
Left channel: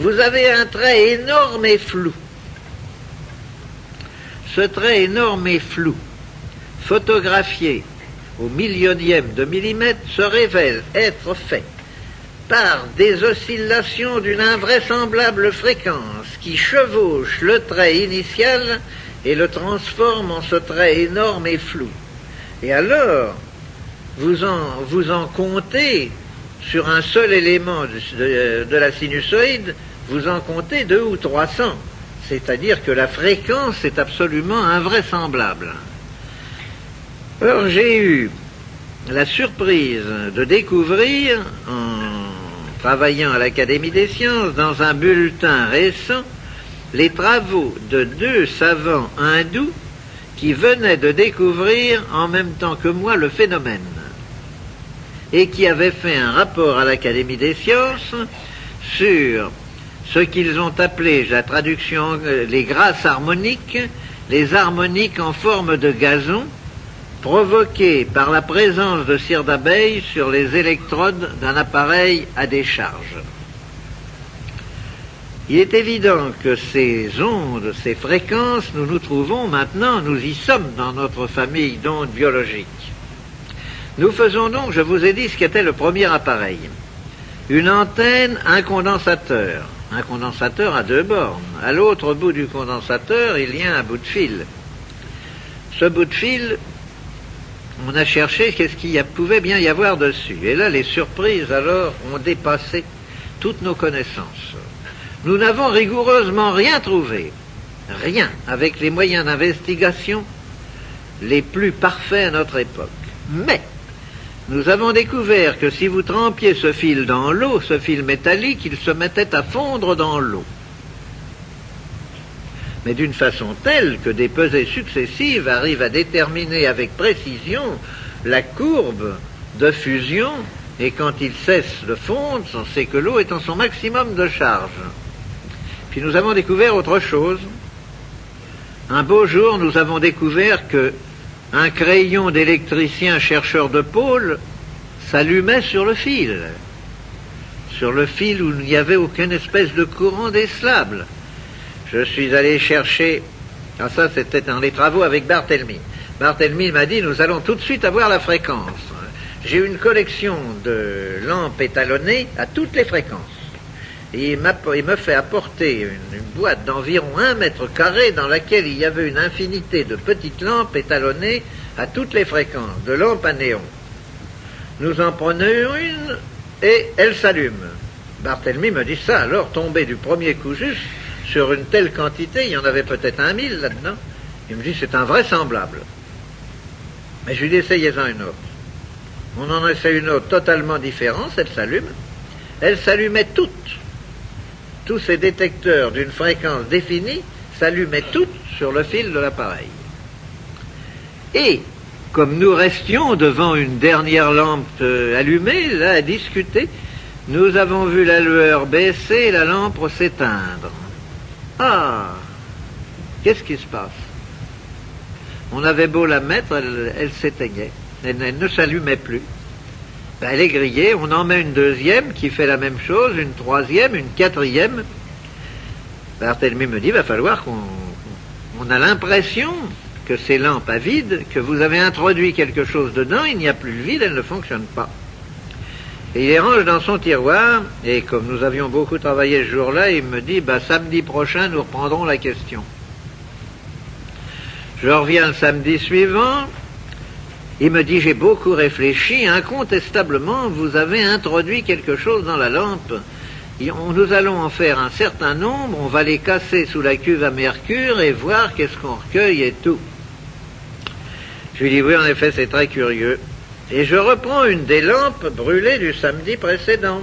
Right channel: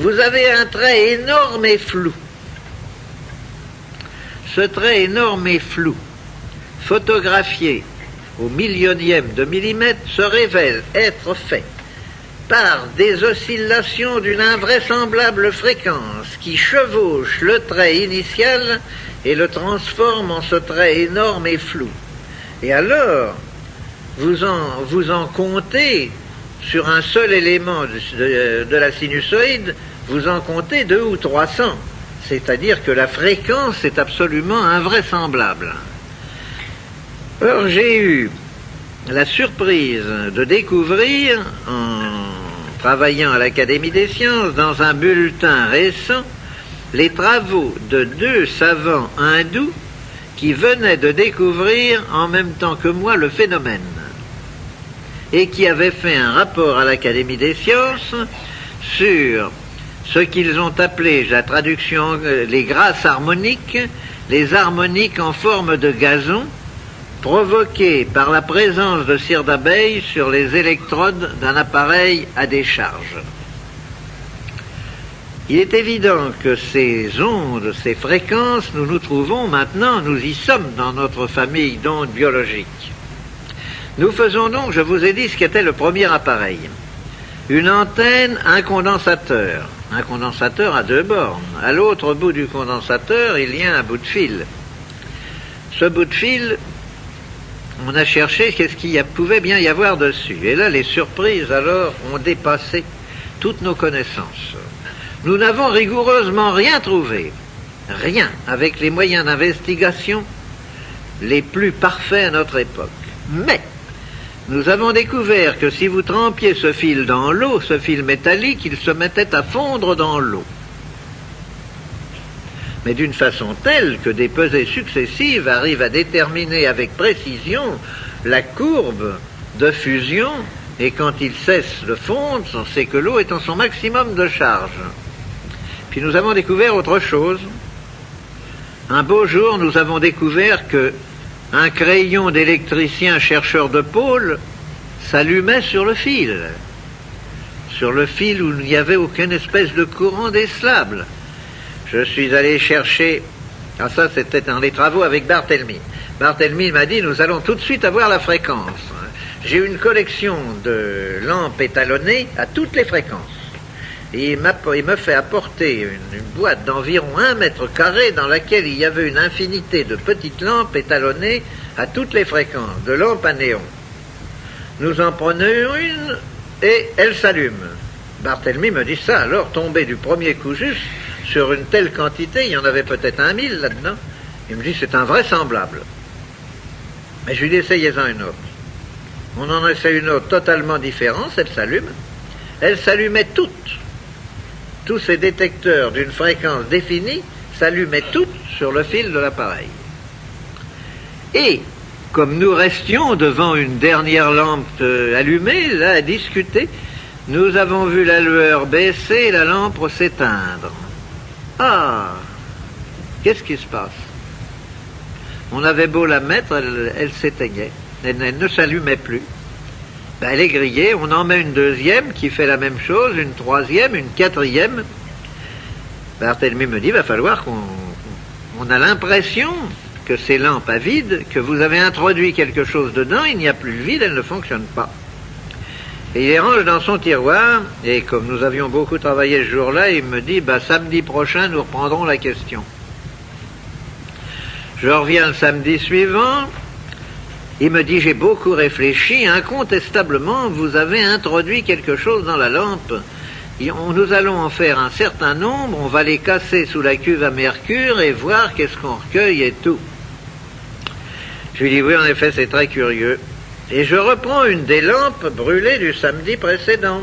vous avez un trait énorme et flou. Ce trait énorme et flou, photographié au millionième de millimètre, se révèle être fait par des oscillations d'une invraisemblable fréquence qui chevauchent le trait initial et le transforment en ce trait énorme et flou. Et alors, vous en comptez, sur un seul élément de la sinusoïde, vous en comptez 200 ou 300. C'est-à-dire que la fréquence est absolument invraisemblable. Alors j'ai eu la surprise de découvrir, en travaillant à l'Académie des sciences, dans un bulletin récent, les travaux de 2 savants hindous qui venaient de découvrir en même temps que moi le phénomène et qui avaient fait un rapport à l'Académie des sciences sur ce qu'ils ont appelé, la traduction, les grâces harmoniques, les harmoniques en forme de gazon, provoquées par la présence de cire d'abeille sur les électrodes d'un appareil à décharge. Il est évident que ces ondes, ces fréquences, nous nous trouvons maintenant, nous y sommes dans notre famille d'ondes biologiques. Nous faisons donc, je vous ai dit ce qu'était le premier appareil. Une antenne, un condensateur à 2 bornes. À l'autre bout du condensateur, il y a un bout de fil. Ce bout de fil, on a cherché qu'est-ce qu'il pouvait bien y avoir dessus. Et là, les surprises, alors, ont dépassé toutes nos connaissances. Nous n'avons rigoureusement rien trouvé. Rien, avec les moyens d'investigation les plus parfaits à notre époque. Mais nous avons découvert que si vous trempiez ce fil dans l'eau, ce fil métallique, il se mettait à fondre dans l'eau. Mais d'une façon telle que des pesées successives arrivent à déterminer avec précision la courbe de fusion, et quand il cesse de fondre, c'est que l'eau est en son maximum de charge. Puis nous avons découvert autre chose. Un beau jour, nous avons découvert que un crayon d'électricien chercheur de pôle s'allumait sur le fil où il n'y avait aucune espèce de courant décelable. Je suis allé chercher, ça c'était dans les travaux avec Barthélemy. Barthélemy m'a dit, nous allons tout de suite avoir la fréquence. J'ai une collection de lampes étalonnées à toutes les fréquences. Et il me fait apporter une boîte d'environ 1 mètre carré dans laquelle il y avait une infinité de petites lampes étalonnées à toutes les fréquences, de lampes à néon. Nous en prenons une, et elle s'allume. Barthélemy me dit ça, alors tombé du premier coup juste sur une telle quantité, il y en avait peut-être 1000 là-dedans. Il me dit c'est invraisemblable. Mais je lui dis essayez-en une autre. On en a fait une autre totalement différente, elle s'allume. Elle s'allumait toutes. Tous ces détecteurs d'une fréquence définie s'allumaient toutes sur le fil de l'appareil. Et comme nous restions devant une dernière lampe allumée, là, à discuter, nous avons vu la lueur baisser et la lampe s'éteindre. Ah, qu'est-ce qui se passe? On avait beau la mettre, elle s'éteignait, elle ne s'allumait plus. Ben, elle est grillée, on en met une deuxième qui fait la même chose, une troisième, une quatrième. Barthélemy me dit, il va falloir qu'on a l'impression que ces lampes à vide, que vous avez introduit quelque chose dedans, il n'y a plus de vide, elles ne fonctionnent pas. Et il les range dans son tiroir, et comme nous avions beaucoup travaillé ce jour-là, il me dit, samedi prochain, nous reprendrons la question. Je reviens le samedi suivant, il me dit, j'ai beaucoup réfléchi, incontestablement, vous avez introduit quelque chose dans la lampe. Nous allons en faire un certain nombre, on va les casser sous la cuve à mercure et voir qu'est-ce qu'on recueille et tout. Je lui dis, oui, en effet, c'est très curieux. Et je reprends une des lampes brûlées du samedi précédent.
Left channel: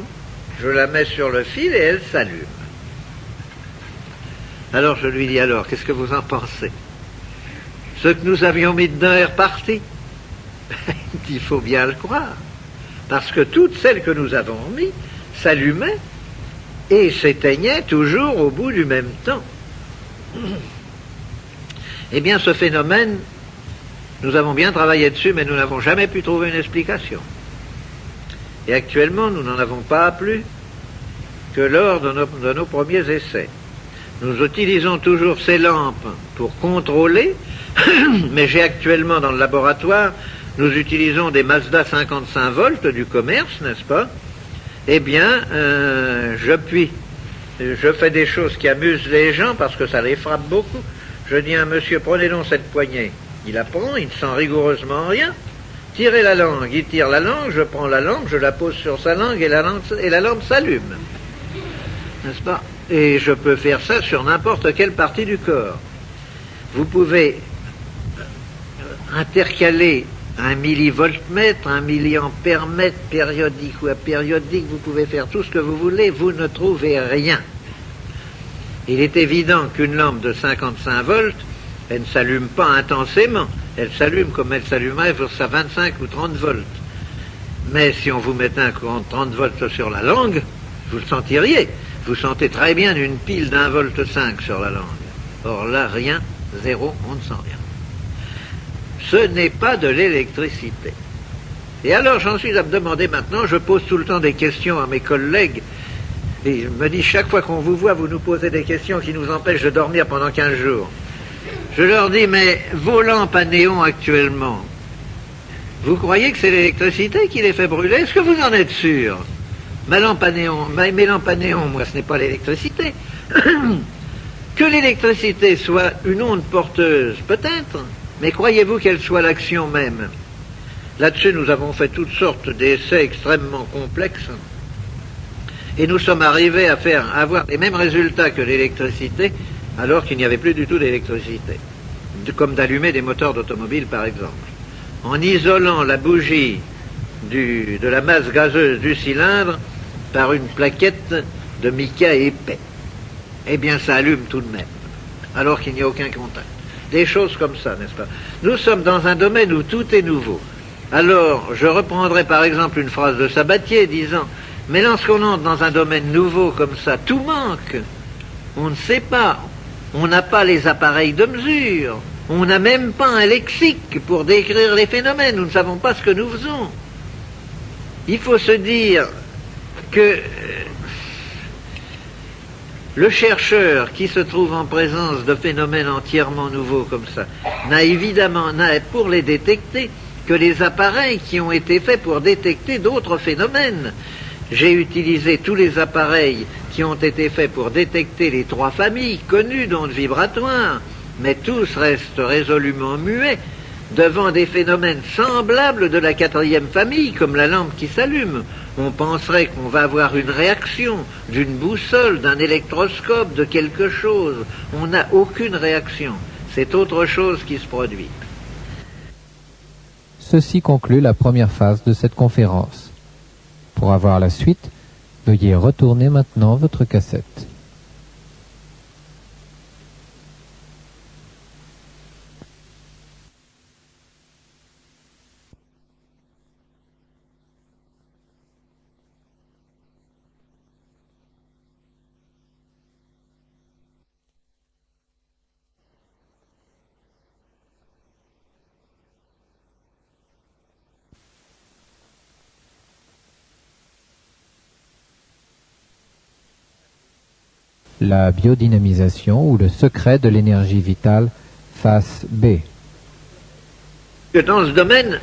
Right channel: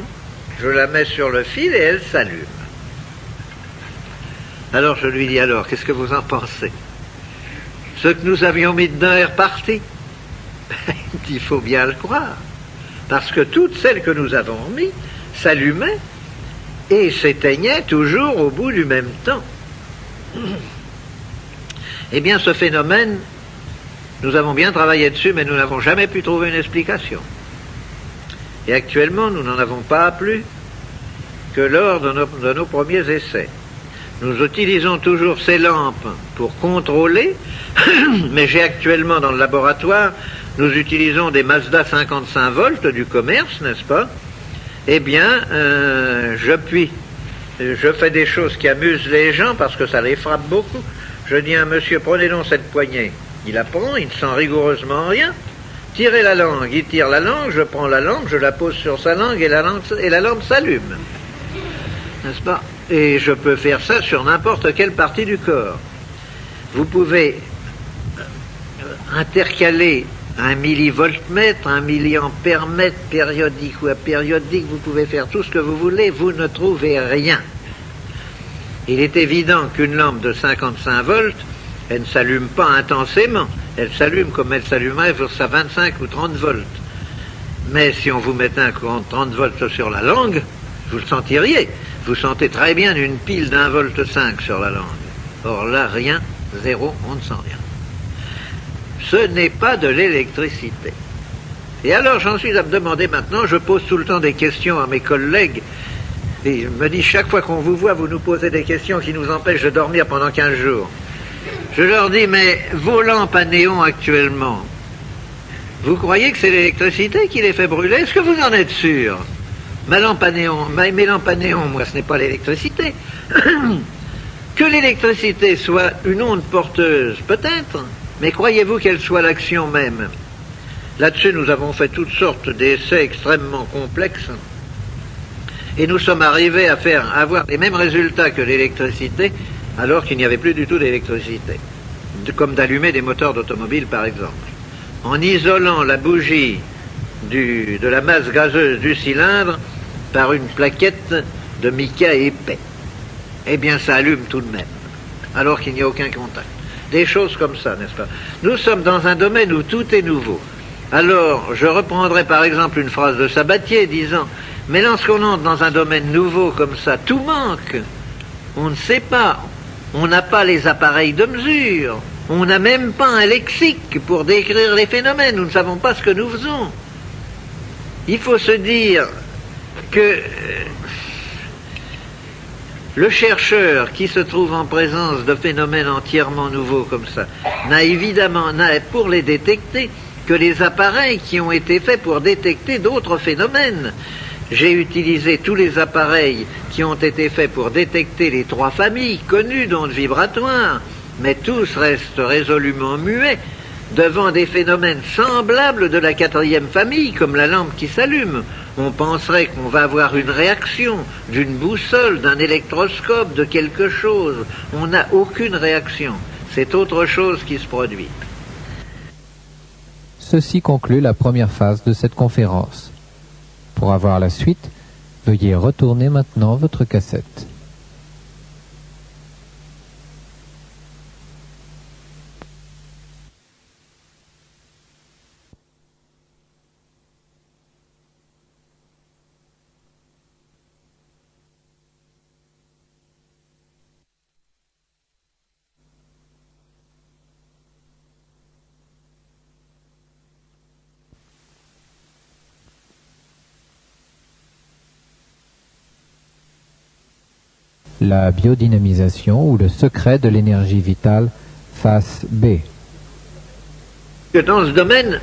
Je la mets sur le fil et elle s'allume. Alors je lui dis, alors, qu'est-ce que vous en pensez? Ce que nous avions mis dedans est reparti. Il faut bien le croire. Parce que toutes celles que nous avons mis s'allumaient et s'éteignaient toujours au bout du même temps. Eh bien, ce phénomène, nous avons bien travaillé dessus, mais nous n'avons jamais pu trouver une explication. Et actuellement, nous n'en avons pas plus que lors de nos premiers essais. Nous utilisons toujours ces lampes pour contrôler, mais j'ai actuellement dans le laboratoire, nous utilisons des Mazda 55 volts du commerce, n'est-ce pas? Eh bien, je fais des choses qui amusent les gens parce que ça les frappe beaucoup. Je dis à un monsieur, prenez donc cette poignée. Il la prend, il ne sent rigoureusement rien. Tirez la langue, il tire la langue, je prends la langue, je la pose sur sa langue et la lampe s'allume. N'est-ce pas? Et je peux faire ça sur n'importe quelle partie du corps. Vous pouvez intercaler un millivoltmètre, un milliampère-mètre périodique ou apériodique, vous pouvez faire tout ce que vous voulez, vous ne trouvez rien. Il est évident qu'une lampe de 55 volts, elle ne s'allume pas intensément, elle s'allume comme elle s'allumerait pour sa 25 ou 30 volts. Mais si on vous mettait un courant de 30 volts sur la langue, vous le sentiriez. Vous sentez très bien une pile d'1,5 volt sur la langue. Or là, rien, zéro, on ne sent rien. Ce n'est pas de l'électricité. Et alors j'en suis à me demander maintenant, je pose tout le temps des questions à mes collègues, et ils me disent chaque fois qu'on vous voit, vous nous posez des questions qui nous empêchent de dormir pendant 15 jours. Je leur dis, mais vos lampes à néon actuellement, vous croyez que c'est l'électricité qui les fait brûler? Est-ce que vous en êtes sûr? Mes lampes à néon, moi, ce n'est pas l'électricité. Que l'électricité soit une onde porteuse, peut-être, mais croyez-vous qu'elle soit l'action même? Là-dessus, nous avons fait toutes sortes d'essais extrêmement complexes, et nous sommes arrivés à avoir les mêmes résultats que l'électricité, alors qu'il n'y avait plus du tout d'électricité, comme d'allumer des moteurs d'automobile, par exemple. En isolant la bougie de la masse gazeuse du cylindre par une plaquette de mica épais. Eh bien, ça allume tout de même, alors qu'il n'y a aucun contact. Des choses comme ça, n'est-ce pas? Nous sommes dans un domaine où tout est nouveau. Alors, je reprendrai par exemple une phrase de Sabatier disant « Mais lorsqu'on entre dans un domaine nouveau comme ça, tout manque. On ne sait pas. On n'a pas les appareils de mesure. On n'a même pas un lexique pour décrire les phénomènes. Nous ne savons pas ce que nous faisons. » Il faut se dire que le chercheur qui se trouve en présence de phénomènes entièrement nouveaux comme ça n'a évidemment pour les détecter que les appareils qui ont été faits pour détecter d'autres phénomènes. J'ai utilisé tous les appareils qui ont été faits pour détecter les 3 familles connues d'ondes vibratoires, mais tous restent résolument muets devant des phénomènes semblables de la 4e famille, comme la lampe qui s'allume. on penserait qu'on va avoir une réaction d'une boussole, d'un électroscope, de quelque chose. On n'a aucune réaction. C'est autre chose qui se produit. Ceci conclut la première phase de cette conférence. Pour avoir la suite, veuillez retourner maintenant votre cassette. La biodynamisation ou le secret de l'énergie vitale, face B. Dans ce domaine,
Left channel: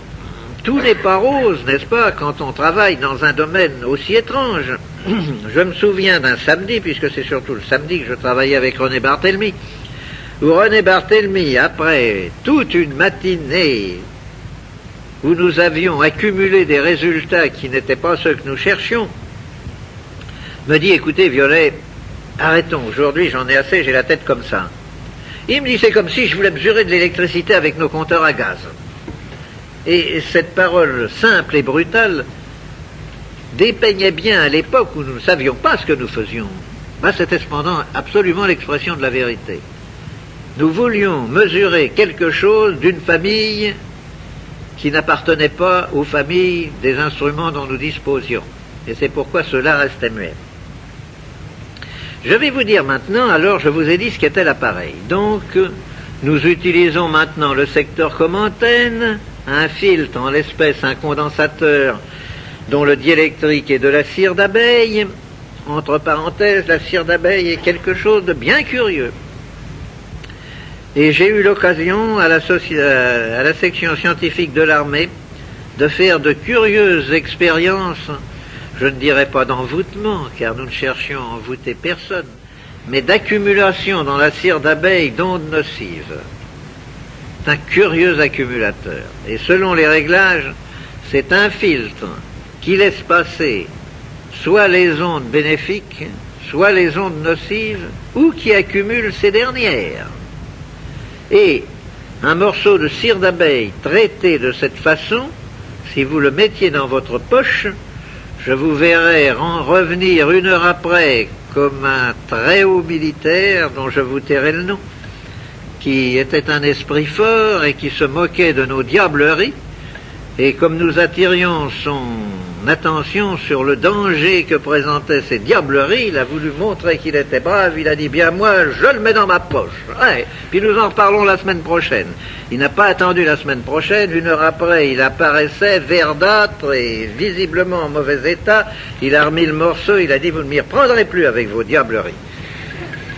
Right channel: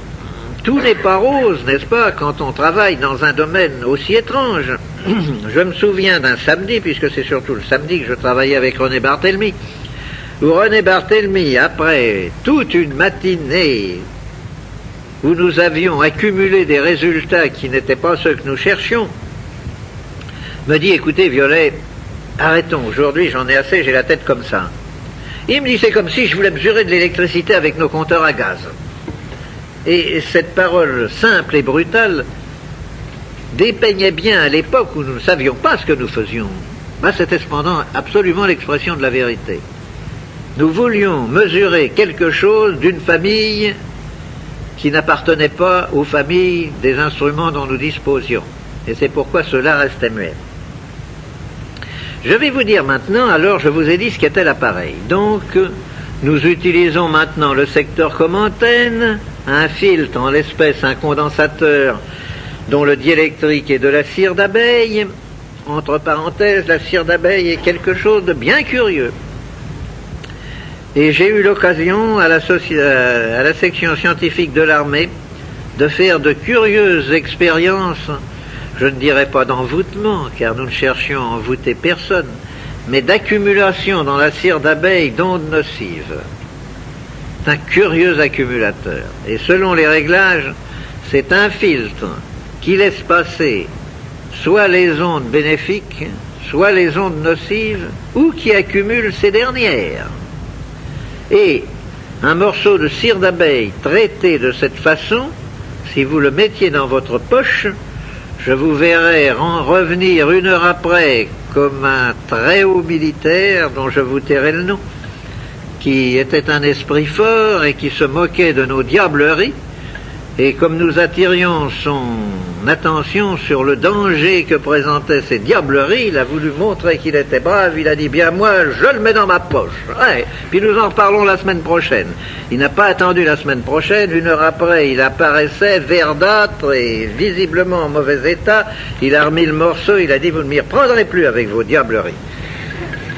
tout n'est pas rose, n'est-ce pas, quand on travaille dans un domaine aussi étrange. Je me souviens d'un samedi, puisque c'est surtout le samedi que je travaillais avec René Barthélemy, où René Barthélemy, après toute une matinée où nous avions accumulé des résultats qui n'étaient pas ceux que nous cherchions, me dit, écoutez Violet, arrêtons, aujourd'hui j'en ai assez, j'ai la tête comme ça. Il me dit, c'est comme si je voulais mesurer de l'électricité avec nos compteurs à gaz. Et cette parole simple et brutale dépeignait bien à l'époque où nous ne savions pas ce que nous faisions. C'était cependant absolument l'expression de la vérité. Nous voulions mesurer quelque chose d'une famille qui n'appartenait pas aux familles des instruments dont nous disposions. Et c'est pourquoi cela restait muet. Je vais vous dire maintenant, alors je vous ai dit ce qu'était l'appareil. Donc, nous utilisons maintenant le secteur comme antenne, un filtre, en l'espèce un condensateur dont le diélectrique est de la cire d'abeille. Entre parenthèses, la cire d'abeille est quelque chose de bien curieux. Et j'ai eu l'occasion à la section scientifique de l'armée de faire de curieuses expériences, je ne dirais pas d'envoûtement, car nous ne cherchions à envoûter personne, mais d'accumulation dans la cire d'abeille d'ondes nocives. C'est un curieux accumulateur. Et selon les réglages, c'est un filtre qui laisse passer soit les ondes bénéfiques, soit les ondes nocives, ou qui accumule ces dernières. Et un morceau de cire d'abeille traité de cette façon, si vous le mettiez dans votre poche, je vous verrai revenir une heure après comme un très haut militaire, dont je vous tairai le nom, qui était un esprit fort et qui se moquait de nos diableries, et comme nous attirions son attention sur le danger que présentaient ces diableries, il a voulu montrer qu'il était brave, il a dit, bien moi, je le mets dans ma poche. Ouais. Puis nous en reparlons la semaine prochaine. Il n'a pas attendu la semaine prochaine, une heure après, il apparaissait verdâtre et visiblement en mauvais état, il a remis le morceau, il a dit, vous ne m'y reprendrez plus avec vos diableries.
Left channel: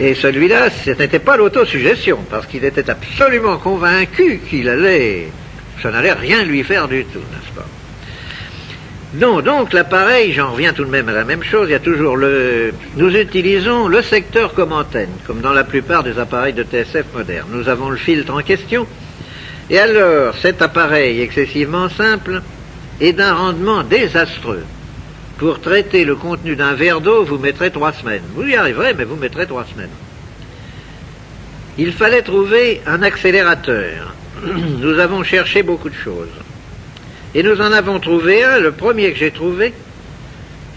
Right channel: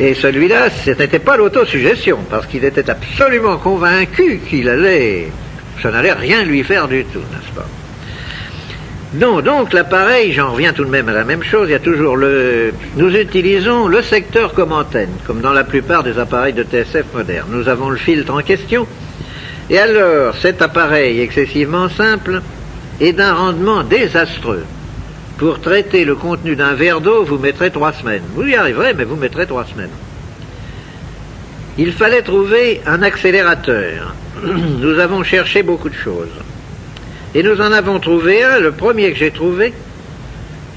Et celui-là, ce n'était pas l'autosuggestion, parce qu'il était absolument convaincu qu'il allait... Ça n'allait rien lui faire du tout, n'est-ce pas? Non, donc l'appareil, j'en reviens tout de même à la même chose, il y a toujours nous utilisons le secteur comme antenne, comme dans la plupart des appareils de TSF modernes. Nous avons le filtre en question, et alors cet appareil excessivement simple est d'un rendement désastreux. Pour traiter le contenu d'un verre d'eau, vous mettrez 3 semaines. Vous y arriverez, mais vous mettrez 3 semaines. Il fallait trouver un accélérateur. Nous avons cherché beaucoup de choses. Et nous en avons trouvé un, le premier que j'ai trouvé,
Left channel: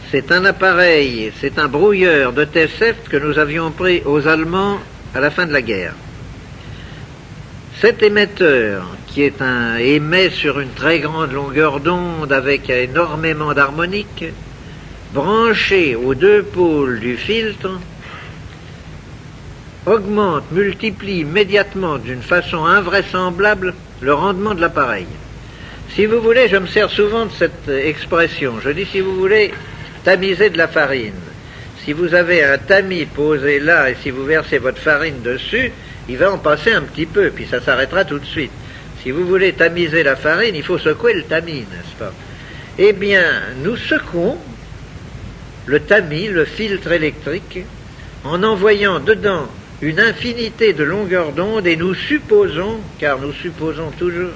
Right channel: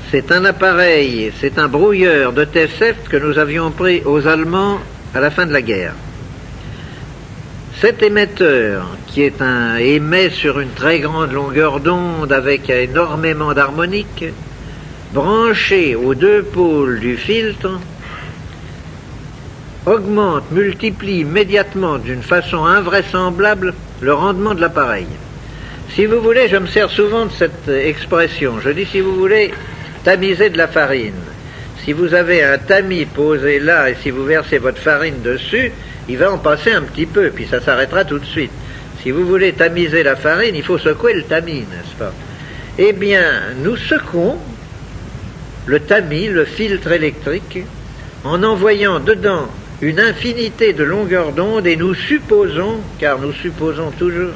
c'est un appareil, c'est un brouilleur de TSF que nous avions pris aux Allemands à la fin de la guerre. Cet émetteur, qui émet sur une très grande longueur d'onde avec énormément d'harmoniques, branché aux 2 pôles du filtre, augmente, multiplie immédiatement d'une façon invraisemblable le rendement de l'appareil. Si vous voulez, je me sers souvent de cette expression. Je dis, si vous voulez tamiser de la farine, si vous avez un tamis posé là et si vous versez votre farine dessus, il va en passer un petit peu, puis ça s'arrêtera tout de suite. Si vous voulez tamiser la farine, il faut secouer le tamis, n'est-ce pas? Eh bien, nous secouons le tamis, le filtre électrique, en envoyant dedans une infinité de longueurs d'onde, et nous supposons, car nous supposons toujours,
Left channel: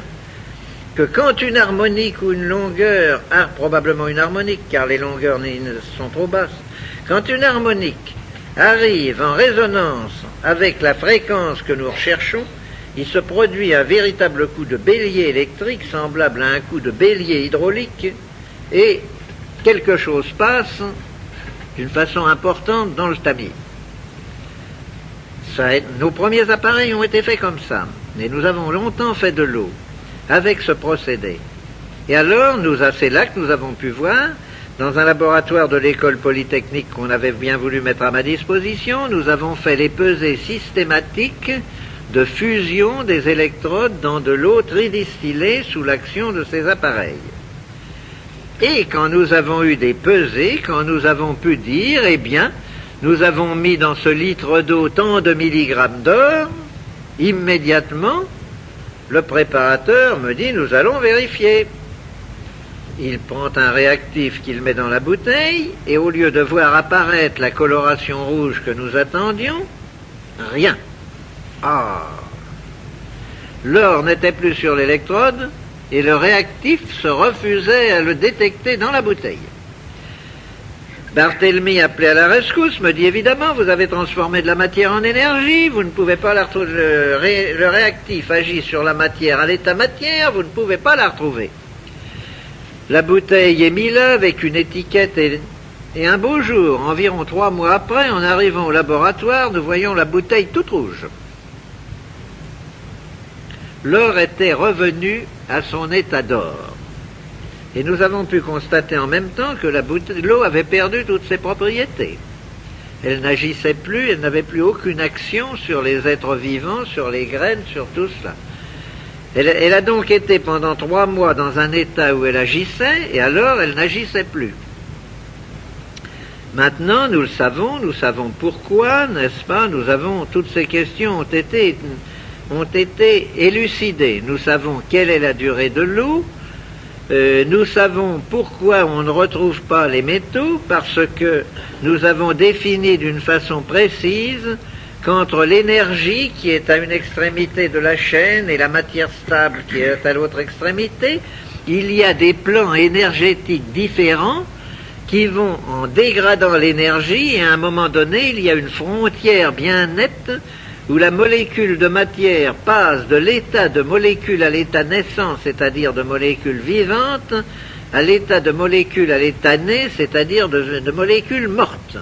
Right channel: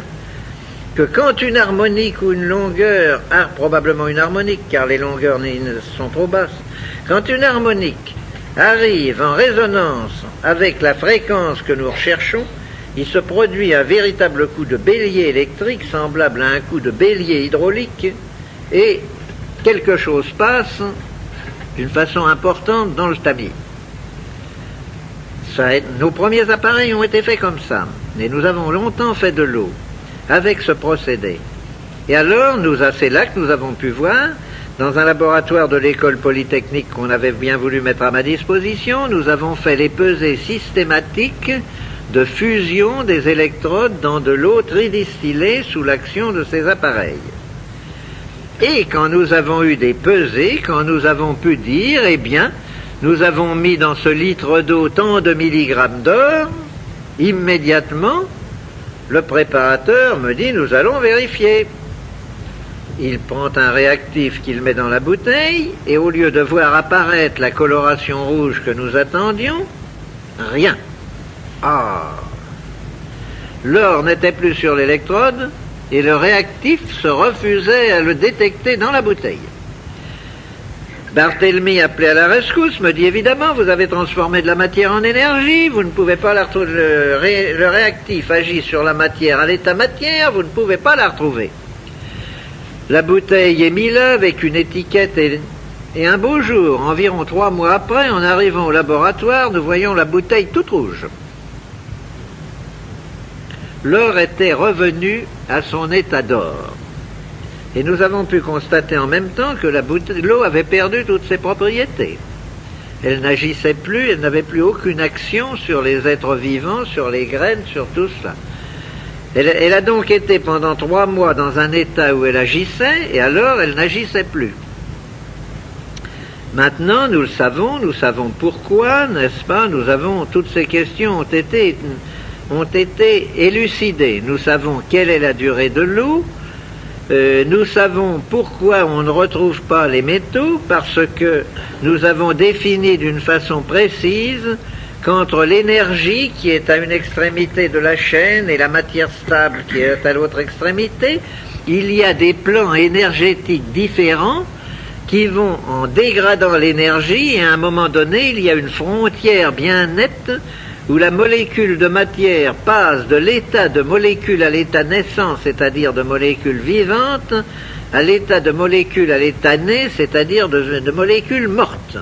que quand une harmonique ou une longueur, probablement une harmonique, car les longueurs sont trop basses, quand une harmonique arrive en résonance avec la fréquence que nous recherchons, il se produit un véritable coup de bélier électrique semblable à un coup de bélier hydraulique, et quelque chose passe d'une façon importante dans le tamis. Nos premiers appareils ont été faits comme ça, et nous avons longtemps fait de l'eau avec ce procédé. Et alors, c'est là que nous avons pu voir, dans un laboratoire de l'école polytechnique qu'on avait bien voulu mettre à ma disposition, nous avons fait les pesées systématiques de fusion des électrodes dans de l'eau tridistillée sous l'action de ces appareils. Et quand nous avons eu des pesées, quand nous avons pu dire, eh bien, nous avons mis dans ce litre d'eau tant de milligrammes d'or, immédiatement, le préparateur me dit, nous allons vérifier. Il prend un réactif qu'il met dans la bouteille, et au lieu de voir apparaître la coloration rouge que nous attendions, rien. Ah! L'or n'était plus sur l'électrode, et le réactif se refusait à le détecter dans la bouteille. Barthélemy, appelé à la rescousse, me dit évidemment, vous avez transformé de la matière en énergie, vous ne pouvez pas la retrouver. Le réactif agit sur la matière à l'état matière, vous ne pouvez pas la retrouver. La bouteille est mise là avec une étiquette et un beau jour, environ 3 mois après, en arrivant au laboratoire, nous voyons la bouteille toute rouge. L'or était revenu à son état d'or. Et nous avons pu constater en même temps que l'eau avait perdu toutes ses propriétés. Elle n'agissait plus, elle n'avait plus aucune action sur les êtres vivants, sur les graines, sur tout ça. Elle a donc été pendant 3 mois dans un état où elle agissait, et alors elle n'agissait plus. Maintenant, nous savons pourquoi, n'est-ce pas, toutes ces questions ont été élucidées. Nous savons quelle est la durée de l'eau. Nous savons pourquoi on ne retrouve pas les métaux, parce que nous avons défini d'une façon précise qu'entre l'énergie qui est à une extrémité de la chaîne et la matière stable qui est à l'autre extrémité, il y a des plans énergétiques différents qui vont en dégradant l'énergie, et à un moment donné, il y a une frontière bien nette où la molécule de matière passe de l'état de molécule à l'état naissant, c'est-à-dire de molécule vivante, à l'état de molécule à l'état né, c'est-à-dire de molécule morte.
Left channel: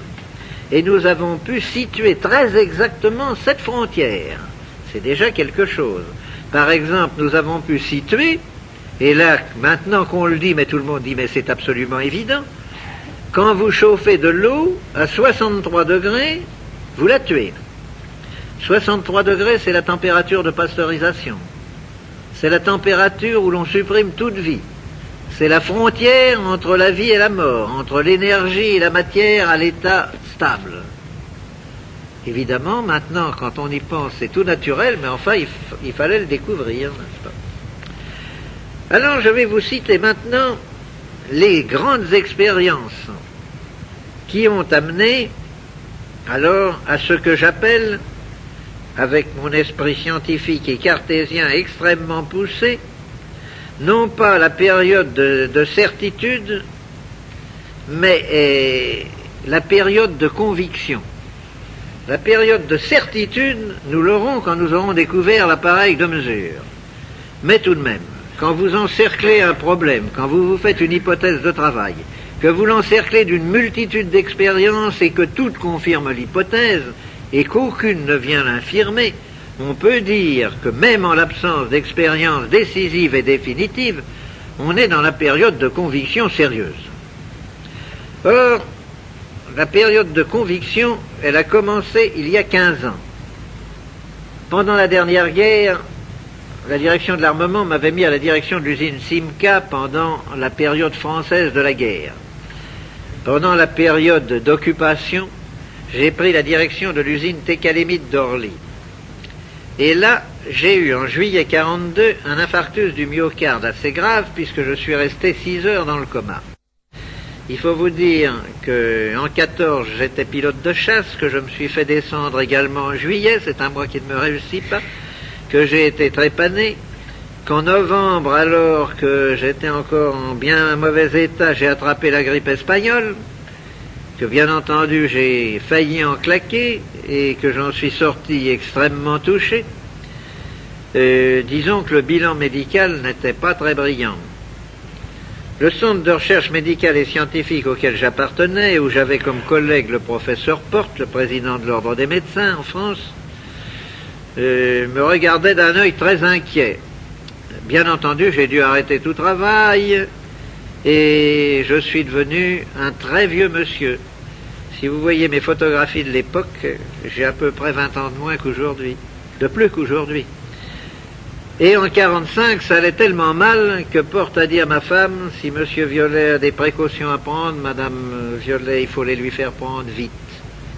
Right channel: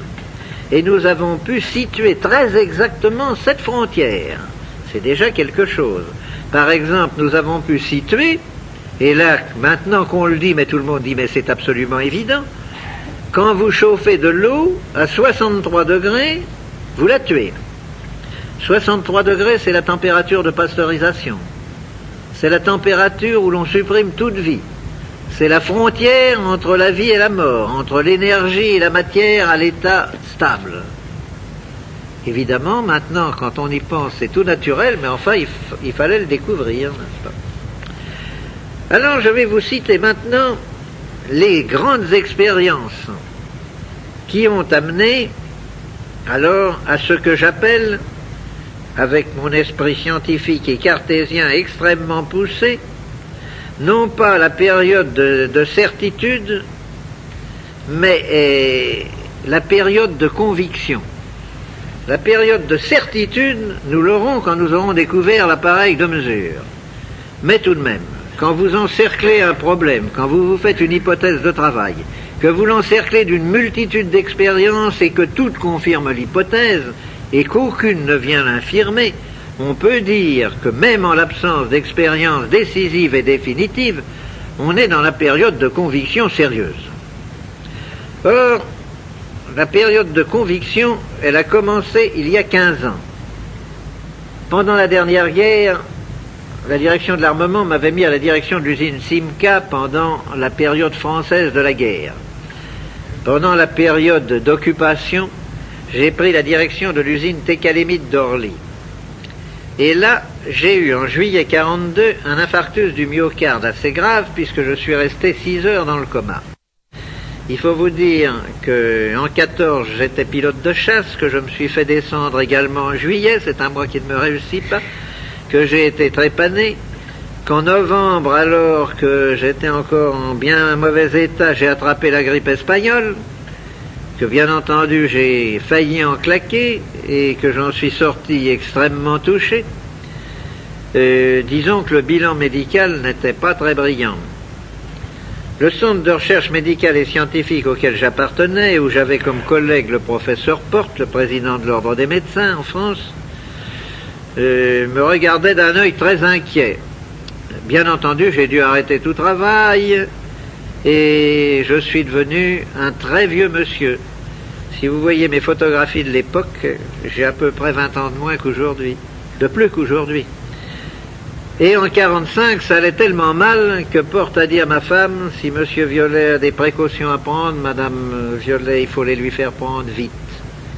Et nous avons pu situer très exactement cette frontière. C'est déjà quelque chose. Par exemple, nous avons pu situer, et là, maintenant qu'on le dit, mais tout le monde dit, mais c'est absolument évident, quand vous chauffez de l'eau à 63 degrés, vous la tuez. 63 degrés, c'est la température de pasteurisation. C'est la température où l'on supprime toute vie. C'est la frontière entre la vie et la mort, entre l'énergie et la matière à l'état stable. Évidemment, maintenant, quand on y pense, c'est tout naturel, mais enfin, il fallait le découvrir, n'est-ce pas? Alors, je vais vous citer maintenant les grandes expériences qui ont amené, alors, à ce que j'appelle, avec mon esprit scientifique et cartésien extrêmement poussé, non pas la période de certitude, mais la période de conviction. La période de certitude, nous l'aurons quand nous aurons découvert l'appareil de mesure. Mais tout de même, quand vous encerclez un problème, quand vous faites une hypothèse de travail, que vous l'encerclez d'une multitude d'expériences et que toutes confirment l'hypothèse, et qu'aucune ne vient l'infirmer, on peut dire que même en l'absence d'expérience décisive et définitive, on est dans la période de conviction sérieuse. Or, la période de conviction, elle a commencé il y a 15 ans. Pendant la dernière guerre, la direction de l'armement m'avait mis à la direction de l'usine Simca pendant la période française de la guerre. Pendant la période d'occupation, j'ai pris la direction de l'usine Técalémite d'Orly. Et là, j'ai eu en juillet 42 un infarctus du myocarde assez grave puisque je suis resté 6 heures dans le coma. Il faut vous dire qu'en 14, j'étais pilote de chasse, que je me suis fait descendre également en juillet, c'est un mois qui ne me réussit pas, que j'ai été trépané, qu'en novembre, alors que j'étais encore en bien mauvais état, j'ai attrapé la grippe espagnole, que bien entendu j'ai failli en claquer et que j'en suis sorti extrêmement touché. Disons que le bilan médical n'était pas très brillant. Le centre de recherche médicale et scientifique auquel j'appartenais, où j'avais comme collègue le professeur Porte, le président de l'ordre des médecins en France, me regardait d'un œil très inquiet. Bien entendu, j'ai dû arrêter tout travail et je suis devenu un très vieux monsieur. Si vous voyez mes photographies de l'époque, j'ai à peu près 20 ans de moins qu'aujourd'hui, de plus qu'aujourd'hui. Et en 45, ça allait tellement mal que Porte a dit à ma femme, si Monsieur Violet a des précautions à prendre, Madame Violet, il faut les lui faire prendre vite.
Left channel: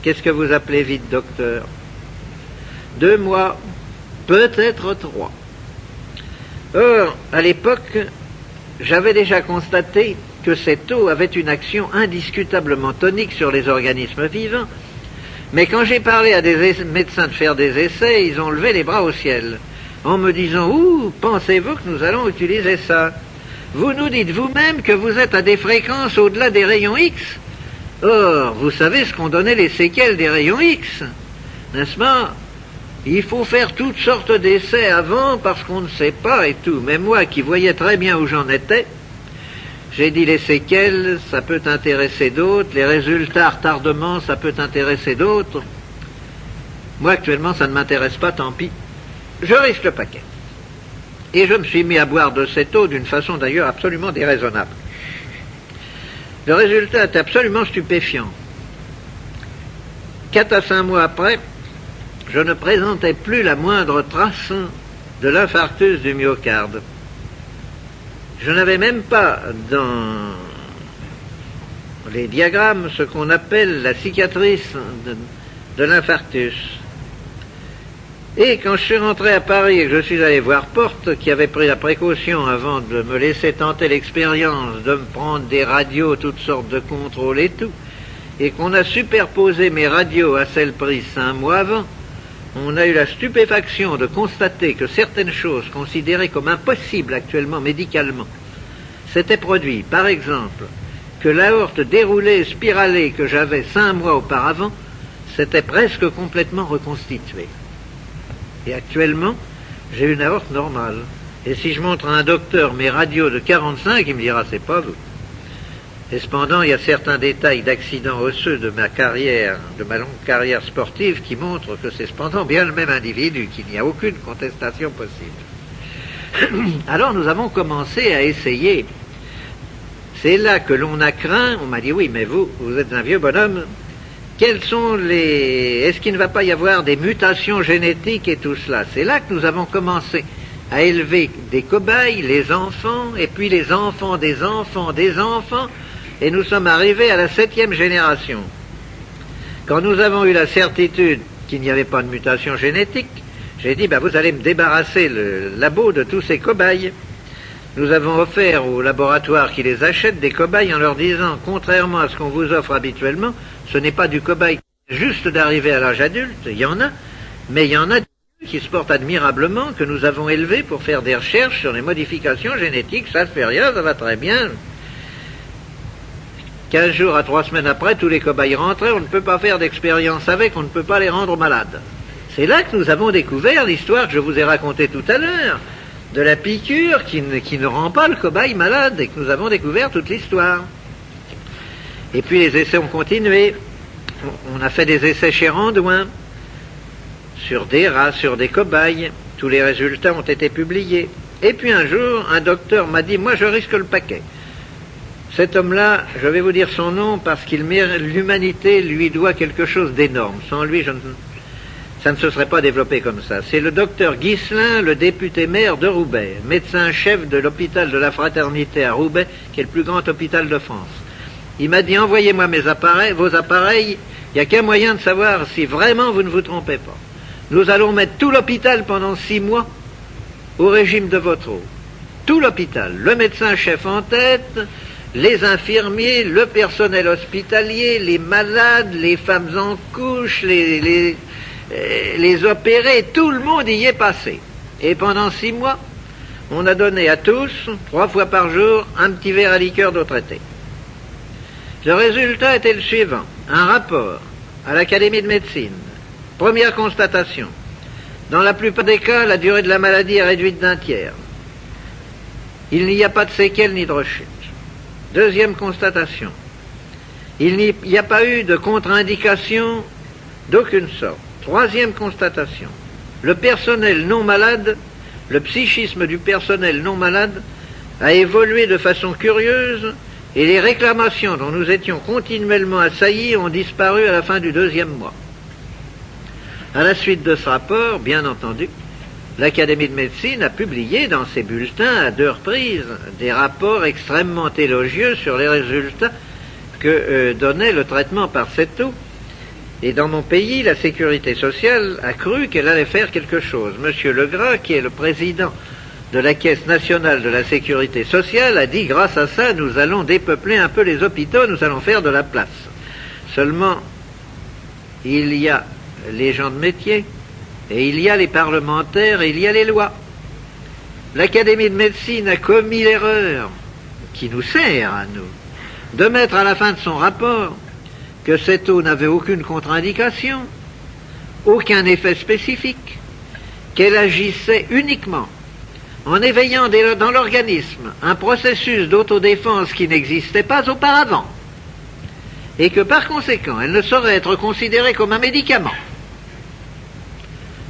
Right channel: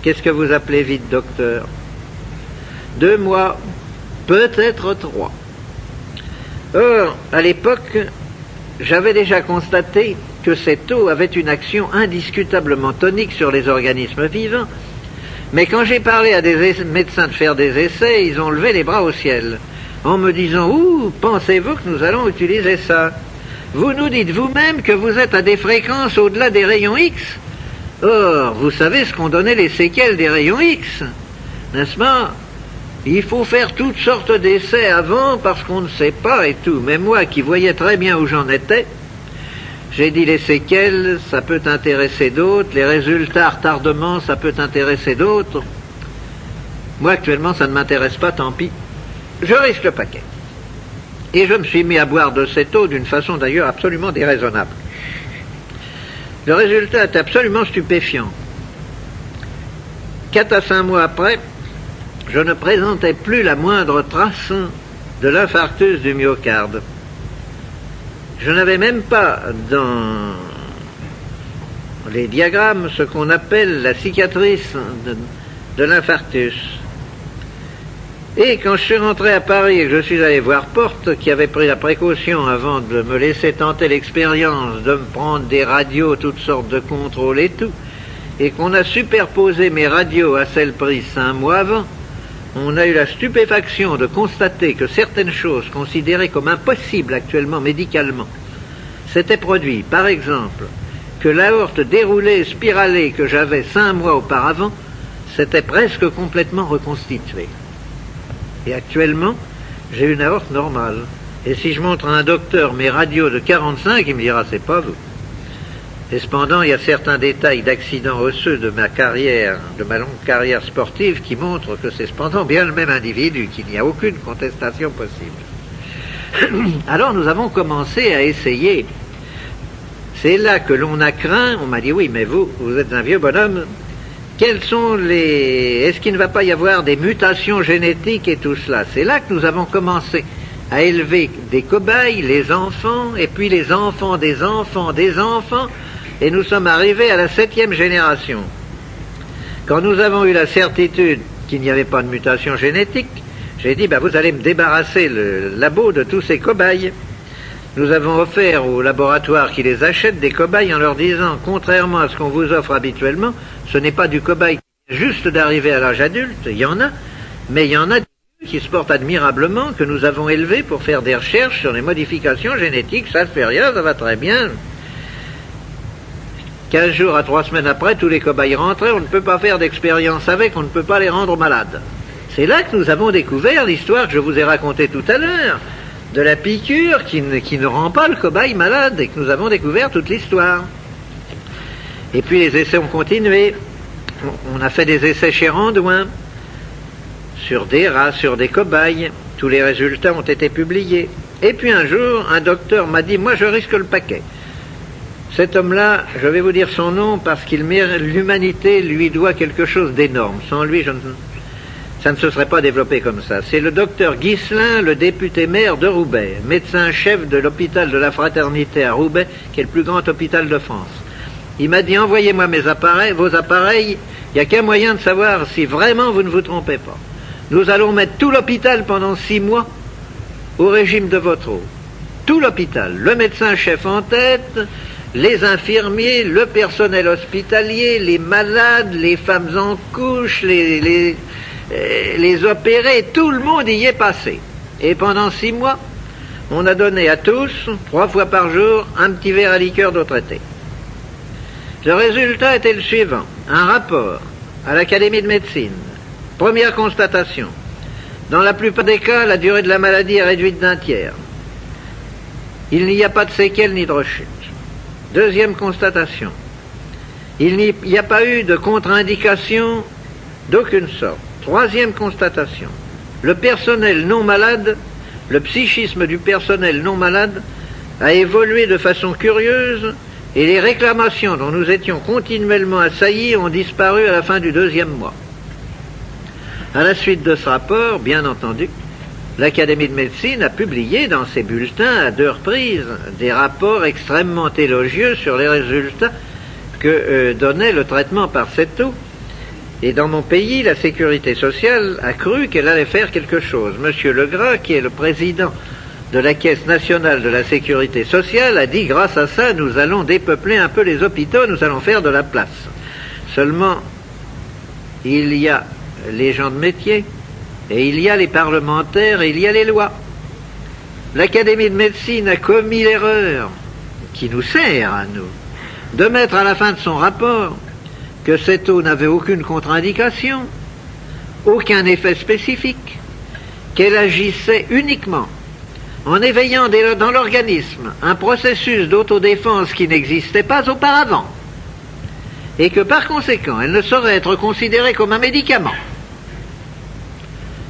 Qu'est-ce que vous appelez vite, docteur? 2 mois, peut-être 3. Or, à l'époque, j'avais déjà constaté que cette eau avait une action indiscutablement tonique sur les organismes vivants, mais quand j'ai parlé à des médecins de faire des essais, ils ont levé les bras au ciel, en me disant « Ouh, pensez-vous que nous allons utiliser ça? Vous nous dites vous-même que vous êtes à des fréquences au-delà des rayons X. Or, vous savez ce qu'ont donné les séquelles des rayons X, n'est-ce pas? Il faut faire toutes sortes d'essais avant parce qu'on ne sait pas et tout. Mais moi, qui voyais très bien où j'en étais, j'ai dit les séquelles, ça peut intéresser d'autres, les résultats, retardement, ça peut intéresser d'autres. Moi, actuellement, ça ne m'intéresse pas, tant pis. Je risque le paquet. Et je me suis mis à boire de cette eau d'une façon d'ailleurs absolument déraisonnable. Le résultat est absolument stupéfiant. 4 à 5 mois après, je ne présentais plus la moindre trace de l'infarctus du myocarde. Je n'avais même pas dans les diagrammes ce qu'on appelle la cicatrice de l'infarctus. Et quand je suis rentré à Paris et que je suis allé voir Porte, qui avait pris la précaution avant de me laisser tenter l'expérience de me prendre des radios, toutes sortes de contrôles et tout, et qu'on a superposé mes radios à celles prises 5 mois avant, on a eu la stupéfaction de constater que certaines choses considérées comme impossibles actuellement médicalement s'étaient produites. Par exemple, que l'aorte déroulée et spiralée que j'avais 5 mois auparavant s'était presque complètement reconstituée. Et actuellement, j'ai une aorte normale. Et si je montre à un docteur mes radios de 45, il me dira, c'est pas vous. Et cependant, il y a certains détails d'accidents osseux de ma carrière, de ma longue carrière sportive, qui montrent que c'est cependant bien le même individu, qu'il n'y a aucune contestation possible. Alors nous avons commencé à essayer. C'est là que l'on a craint, on m'a dit, oui, mais vous êtes un vieux bonhomme, quels sont les... Est-ce qu'il ne va pas y avoir des mutations génétiques et tout cela? C'est là que nous avons commencé à élever des cobayes, les enfants, et puis les enfants des enfants des enfants, et nous sommes arrivés à la 7e génération. Quand nous avons eu la certitude qu'il n'y avait pas de mutation génétique, j'ai dit, vous allez me débarrasser le labo de tous ces cobayes. Nous avons offert aux laboratoires qui les achètent des cobayes en leur disant, contrairement à ce qu'on vous offre habituellement, ce n'est pas du cobaye juste d'arriver à l'âge adulte, il y en a, mais il y en a qui se portent admirablement, que nous avons élevés pour faire des recherches sur les modifications génétiques, ça ne fait rien, ça va très bien. 15 jours à 3 semaines après, tous les cobayes rentraient, on ne peut pas faire d'expérience avec, on ne peut pas les rendre malades. C'est là que nous avons découvert l'histoire que je vous ai racontée tout à l'heure, de la piqûre qui ne rend pas le cobaye malade, et que nous avons découvert toute l'histoire. Et puis les essais ont continué. On a fait des essais chez Randouin, sur des rats, sur des cobayes. Tous les résultats ont été publiés. Et puis un jour, un docteur m'a dit, moi je risque le paquet. Cet homme-là, je vais vous dire son nom parce qu'il l'humanité lui doit quelque chose d'énorme. Sans lui, ça ne se serait pas développé comme ça. C'est le docteur Ghislain, le député maire de Roubaix, médecin-chef de l'hôpital de la Fraternité à Roubaix, qui est le plus grand hôpital de France. Il m'a dit, envoyez-moi vos appareils, il n'y a qu'un moyen de savoir si vraiment vous ne vous trompez pas. Nous allons mettre tout l'hôpital pendant 6 mois au régime de votre eau. Tout l'hôpital, le médecin-chef en tête, les infirmiers, le personnel hospitalier, les malades, les femmes en couche, les opérés, tout le monde y est passé. Et pendant 6 mois, on a donné à tous, 3 fois par jour, un petit verre à liqueur d'eau traitée. Le résultat était le suivant. Un rapport à l'Académie de médecine. Première constatation. Dans la plupart des cas, la durée de la maladie est réduite d'un tiers. Il n'y a pas de séquelles ni de rechute. Deuxième constatation. Il n'y a pas eu de contre-indication d'aucune sorte. Troisième constatation. Le personnel non malade, le psychisme du personnel non malade a évolué de façon curieuse et les réclamations dont nous étions continuellement assaillis ont disparu à la fin du 2e mois. À la suite de ce rapport, bien entendu, l'Académie de médecine a publié dans ses bulletins à 2 reprises des rapports extrêmement élogieux sur les résultats que donnait le traitement par cette eau. Et dans mon pays, la sécurité sociale a cru qu'elle allait faire quelque chose. Monsieur Legras, qui est le président de la Caisse nationale de la sécurité sociale, a dit, grâce à ça, nous allons dépeupler un peu les hôpitaux, nous allons faire de la place. Seulement, il y a les gens de métier, et il y a les parlementaires, et il y a les lois. L'Académie de médecine a commis l'erreur, qui nous sert à nous, de mettre à la fin de son rapport que cette eau n'avait aucune contre-indication, aucun effet spécifique, qu'elle agissait uniquement en éveillant dans l'organisme un processus d'autodéfense qui n'existait pas auparavant, et que par conséquent, elle ne saurait être considérée comme un médicament.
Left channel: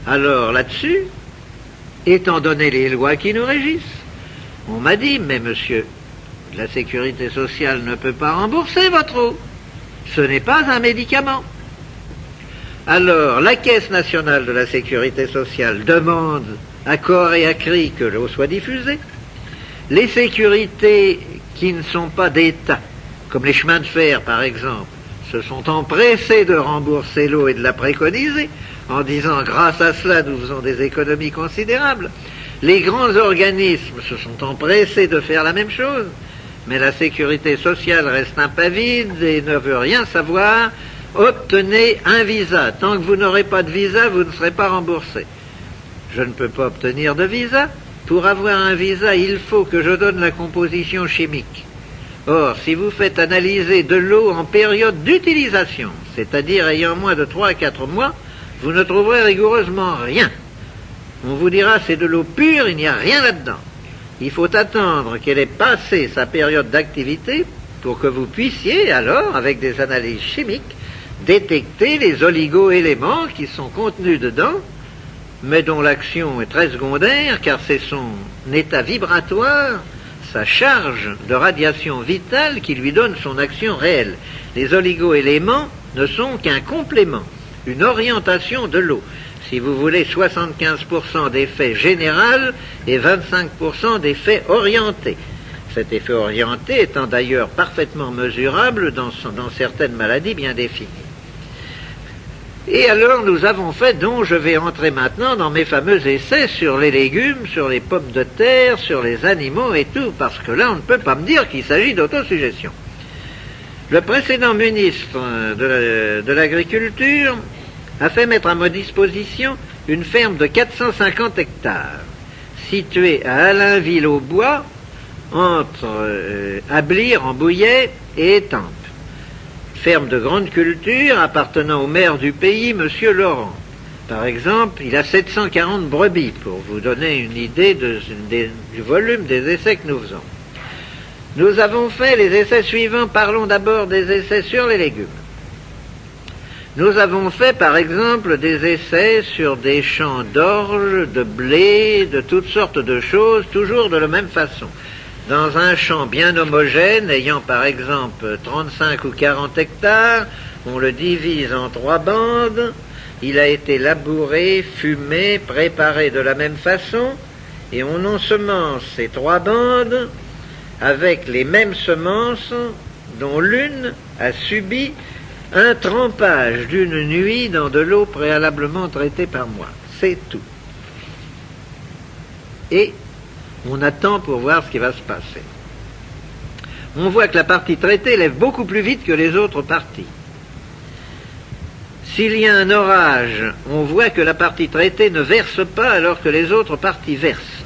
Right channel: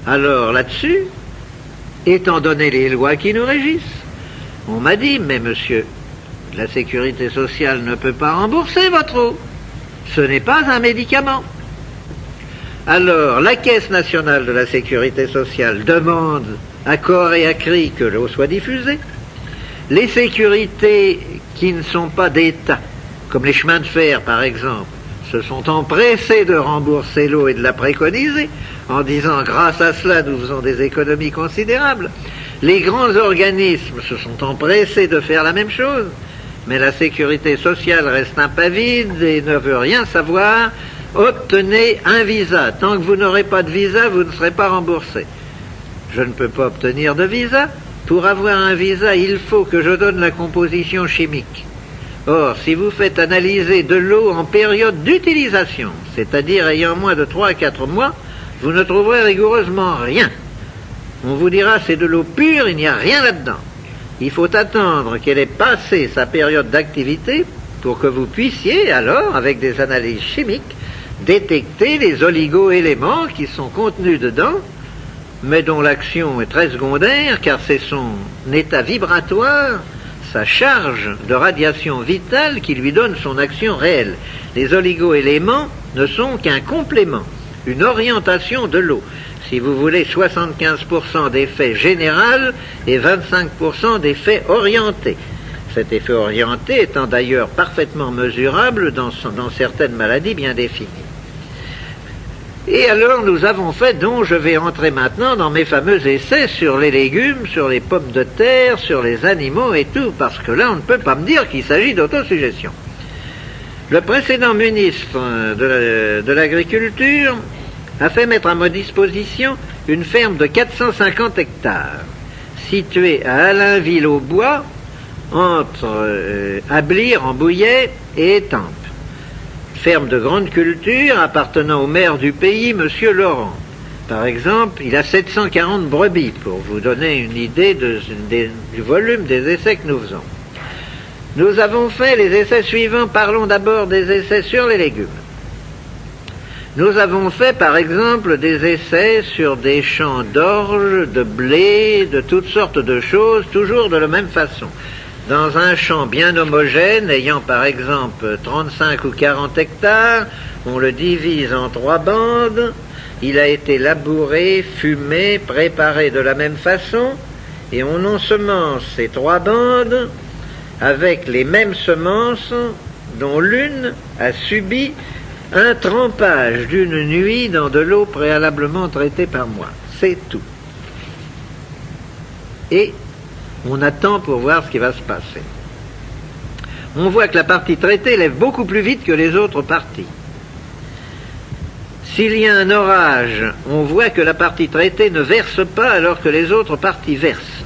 Alors là-dessus, étant donné les lois qui nous régissent, on m'a dit, mais monsieur, la sécurité sociale ne peut pas rembourser votre eau. Ce n'est pas un médicament. Alors, la Caisse nationale de la sécurité sociale demande à corps et à cri que l'eau soit diffusée. Les sécurités qui ne sont pas d'État, comme les chemins de fer par exemple, se sont empressés de rembourser l'eau et de la préconiser, en disant grâce à cela nous faisons des économies considérables. Les grands organismes se sont empressés de faire la même chose, mais la sécurité sociale reste impavide et ne veut rien savoir. Obtenez un visa. Tant que vous n'aurez pas de visa, vous ne serez pas remboursé. Je ne peux pas obtenir de visa. Pour avoir un visa, il faut que je donne la composition chimique. Or, si vous faites analyser de l'eau en période d'utilisation, c'est-à-dire ayant moins de 3 à 4 mois, vous ne trouverez rigoureusement rien. On vous dira c'est de l'eau pure, il n'y a rien là-dedans. Il faut attendre qu'elle ait passé sa période d'activité pour que vous puissiez alors, avec des analyses chimiques, détecter les oligo-éléments qui sont contenus dedans, mais dont l'action est très secondaire, car c'est son état vibratoire, sa charge de radiation vitale qui lui donne son action réelle. Les oligo-éléments ne sont qu'un complément, une orientation de l'eau. Si vous voulez, 75% d'effet général et 25% d'effet orienté. Cet effet orienté étant d'ailleurs parfaitement mesurable dans certaines maladies bien définies. Et alors nous avons fait, dont je vais entrer maintenant dans mes fameux essais sur les légumes, sur les pommes de terre, sur les animaux et tout, parce que là on ne peut pas me dire qu'il s'agit d'autosuggestion. Le précédent ministre de l'Agriculture a fait mettre à ma disposition une ferme de 450 hectares, située à Allainville-au-Bois, entre Ablire en Bouillet et Étampes. Ferme de grande culture appartenant au maire du pays, M. Laurent. Par exemple, il a 740 brebis, pour vous donner une idée du volume des essais que nous faisons. Nous avons fait les essais suivants. Parlons d'abord des essais sur les légumes. Nous avons fait, par exemple, des essais sur des champs d'orge, de blé, de toutes sortes de choses, toujours de la même façon. Dans un champ bien homogène, ayant par exemple 35 ou 40 hectares, on le divise en 3 bandes, il a été labouré, fumé, préparé de la même façon, et on ensemence ces 3 bandes avec les mêmes semences dont l'une a subi un trempage d'une nuit dans de l'eau préalablement traitée par moi. C'est tout. Et on attend pour voir ce qui va se passer. On voit que la partie traitée lève beaucoup plus vite que les autres parties. S'il y a un orage, on voit que la partie traitée ne verse pas alors que les autres parties versent.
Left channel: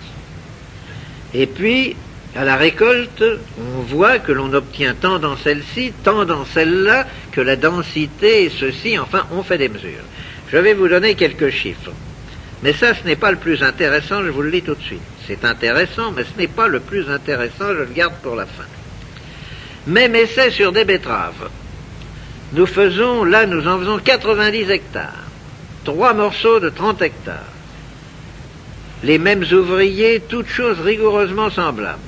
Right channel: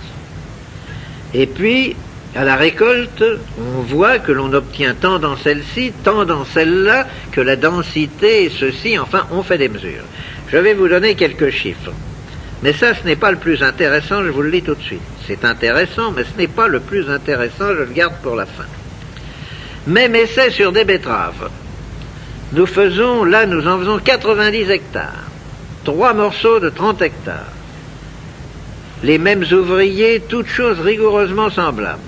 Et puis, à la récolte, on voit que l'on obtient tant dans celle-ci, tant dans celle-là, que la densité, ceci, enfin, on fait des mesures. Je vais vous donner quelques chiffres. Mais ça, ce n'est pas le plus intéressant, je vous le dis tout de suite. C'est intéressant, mais ce n'est pas le plus intéressant, je le garde pour la fin. Même essai sur des betteraves. Nous en faisons 90 hectares. 3 morceaux de 30 hectares. Les mêmes ouvriers, toutes choses rigoureusement semblables.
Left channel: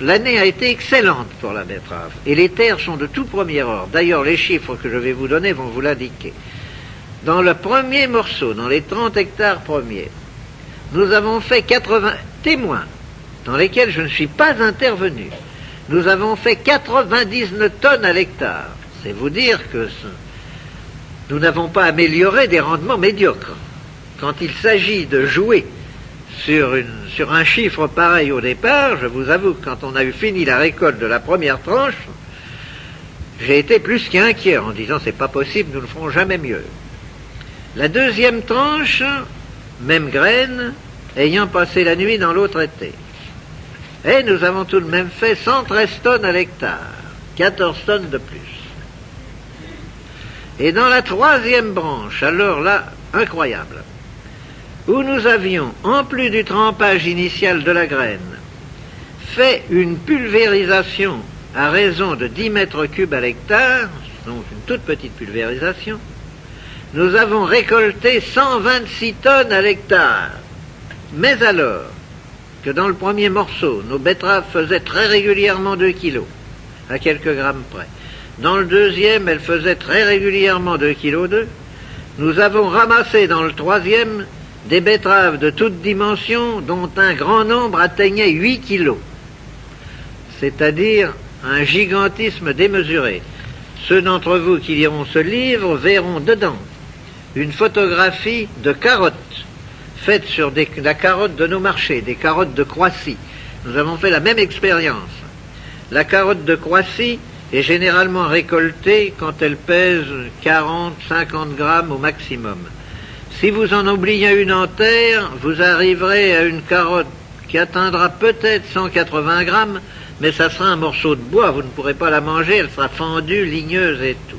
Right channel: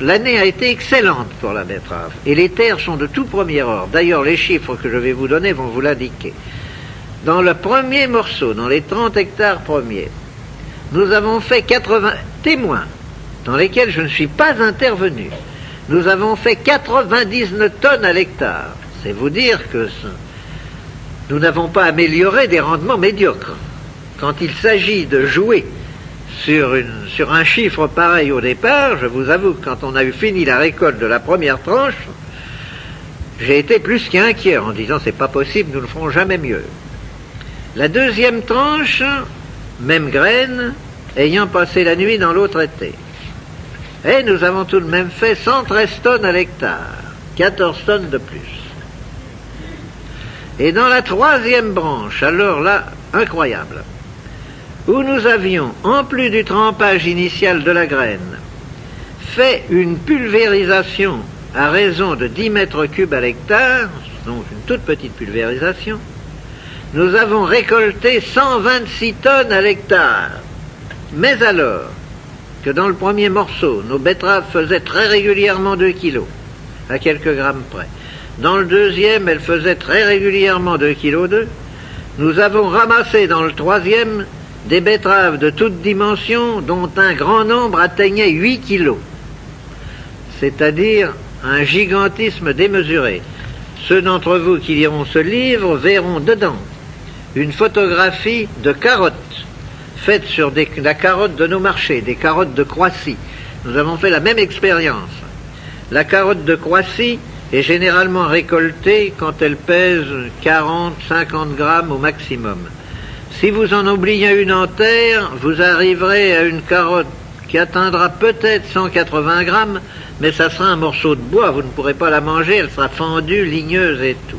L'année a été excellente pour la betterave. Et les terres sont de tout premier ordre. D'ailleurs, les chiffres que je vais vous donner vont vous l'indiquer. Dans le premier morceau, dans les 30 hectares premiers, nous avons fait 80 témoins, dans lesquels je ne suis pas intervenu. Nous avons fait 99 tonnes à l'hectare. C'est vous dire que nous n'avons pas amélioré des rendements médiocres. Quand il s'agit de jouer sur un chiffre pareil au départ, je vous avoue que quand on a eu fini la récolte de la première tranche, j'ai été plus qu'inquiet en disant c'est pas possible, nous ne ferons jamais mieux. La deuxième tranche, même graine, ayant passé la nuit dans l'autre été. Et nous avons tout de même fait 113 tonnes à l'hectare, 14 tonnes de plus. Et dans la troisième branche, alors là, incroyable, où nous avions, en plus du trempage initial de la graine, fait une pulvérisation à raison de 10 mètres cubes à l'hectare, donc une toute petite pulvérisation, nous avons récolté 126 tonnes à l'hectare. Mais alors que dans le premier morceau, nos betteraves faisaient très régulièrement 2 kilos, à quelques grammes près. Dans le deuxième, elles faisaient très régulièrement 2,2 kg. Nous avons ramassé dans le troisième des betteraves de toutes dimensions dont un grand nombre atteignait 8 kilos. C'est-à-dire un gigantisme démesuré. Ceux d'entre vous qui liront ce livre verront dedans une photographie de carottes faites sur la carotte de nos marchés, des carottes de Croissy. Nous avons fait la même expérience. La carotte de Croissy est généralement récoltée quand elle pèse 40-50 grammes au maximum. Si vous en oubliez une en terre, vous arriverez à une carotte qui atteindra peut-être 180 grammes, mais ça sera un morceau de bois, vous ne pourrez pas la manger, elle sera fendue, ligneuse et tout.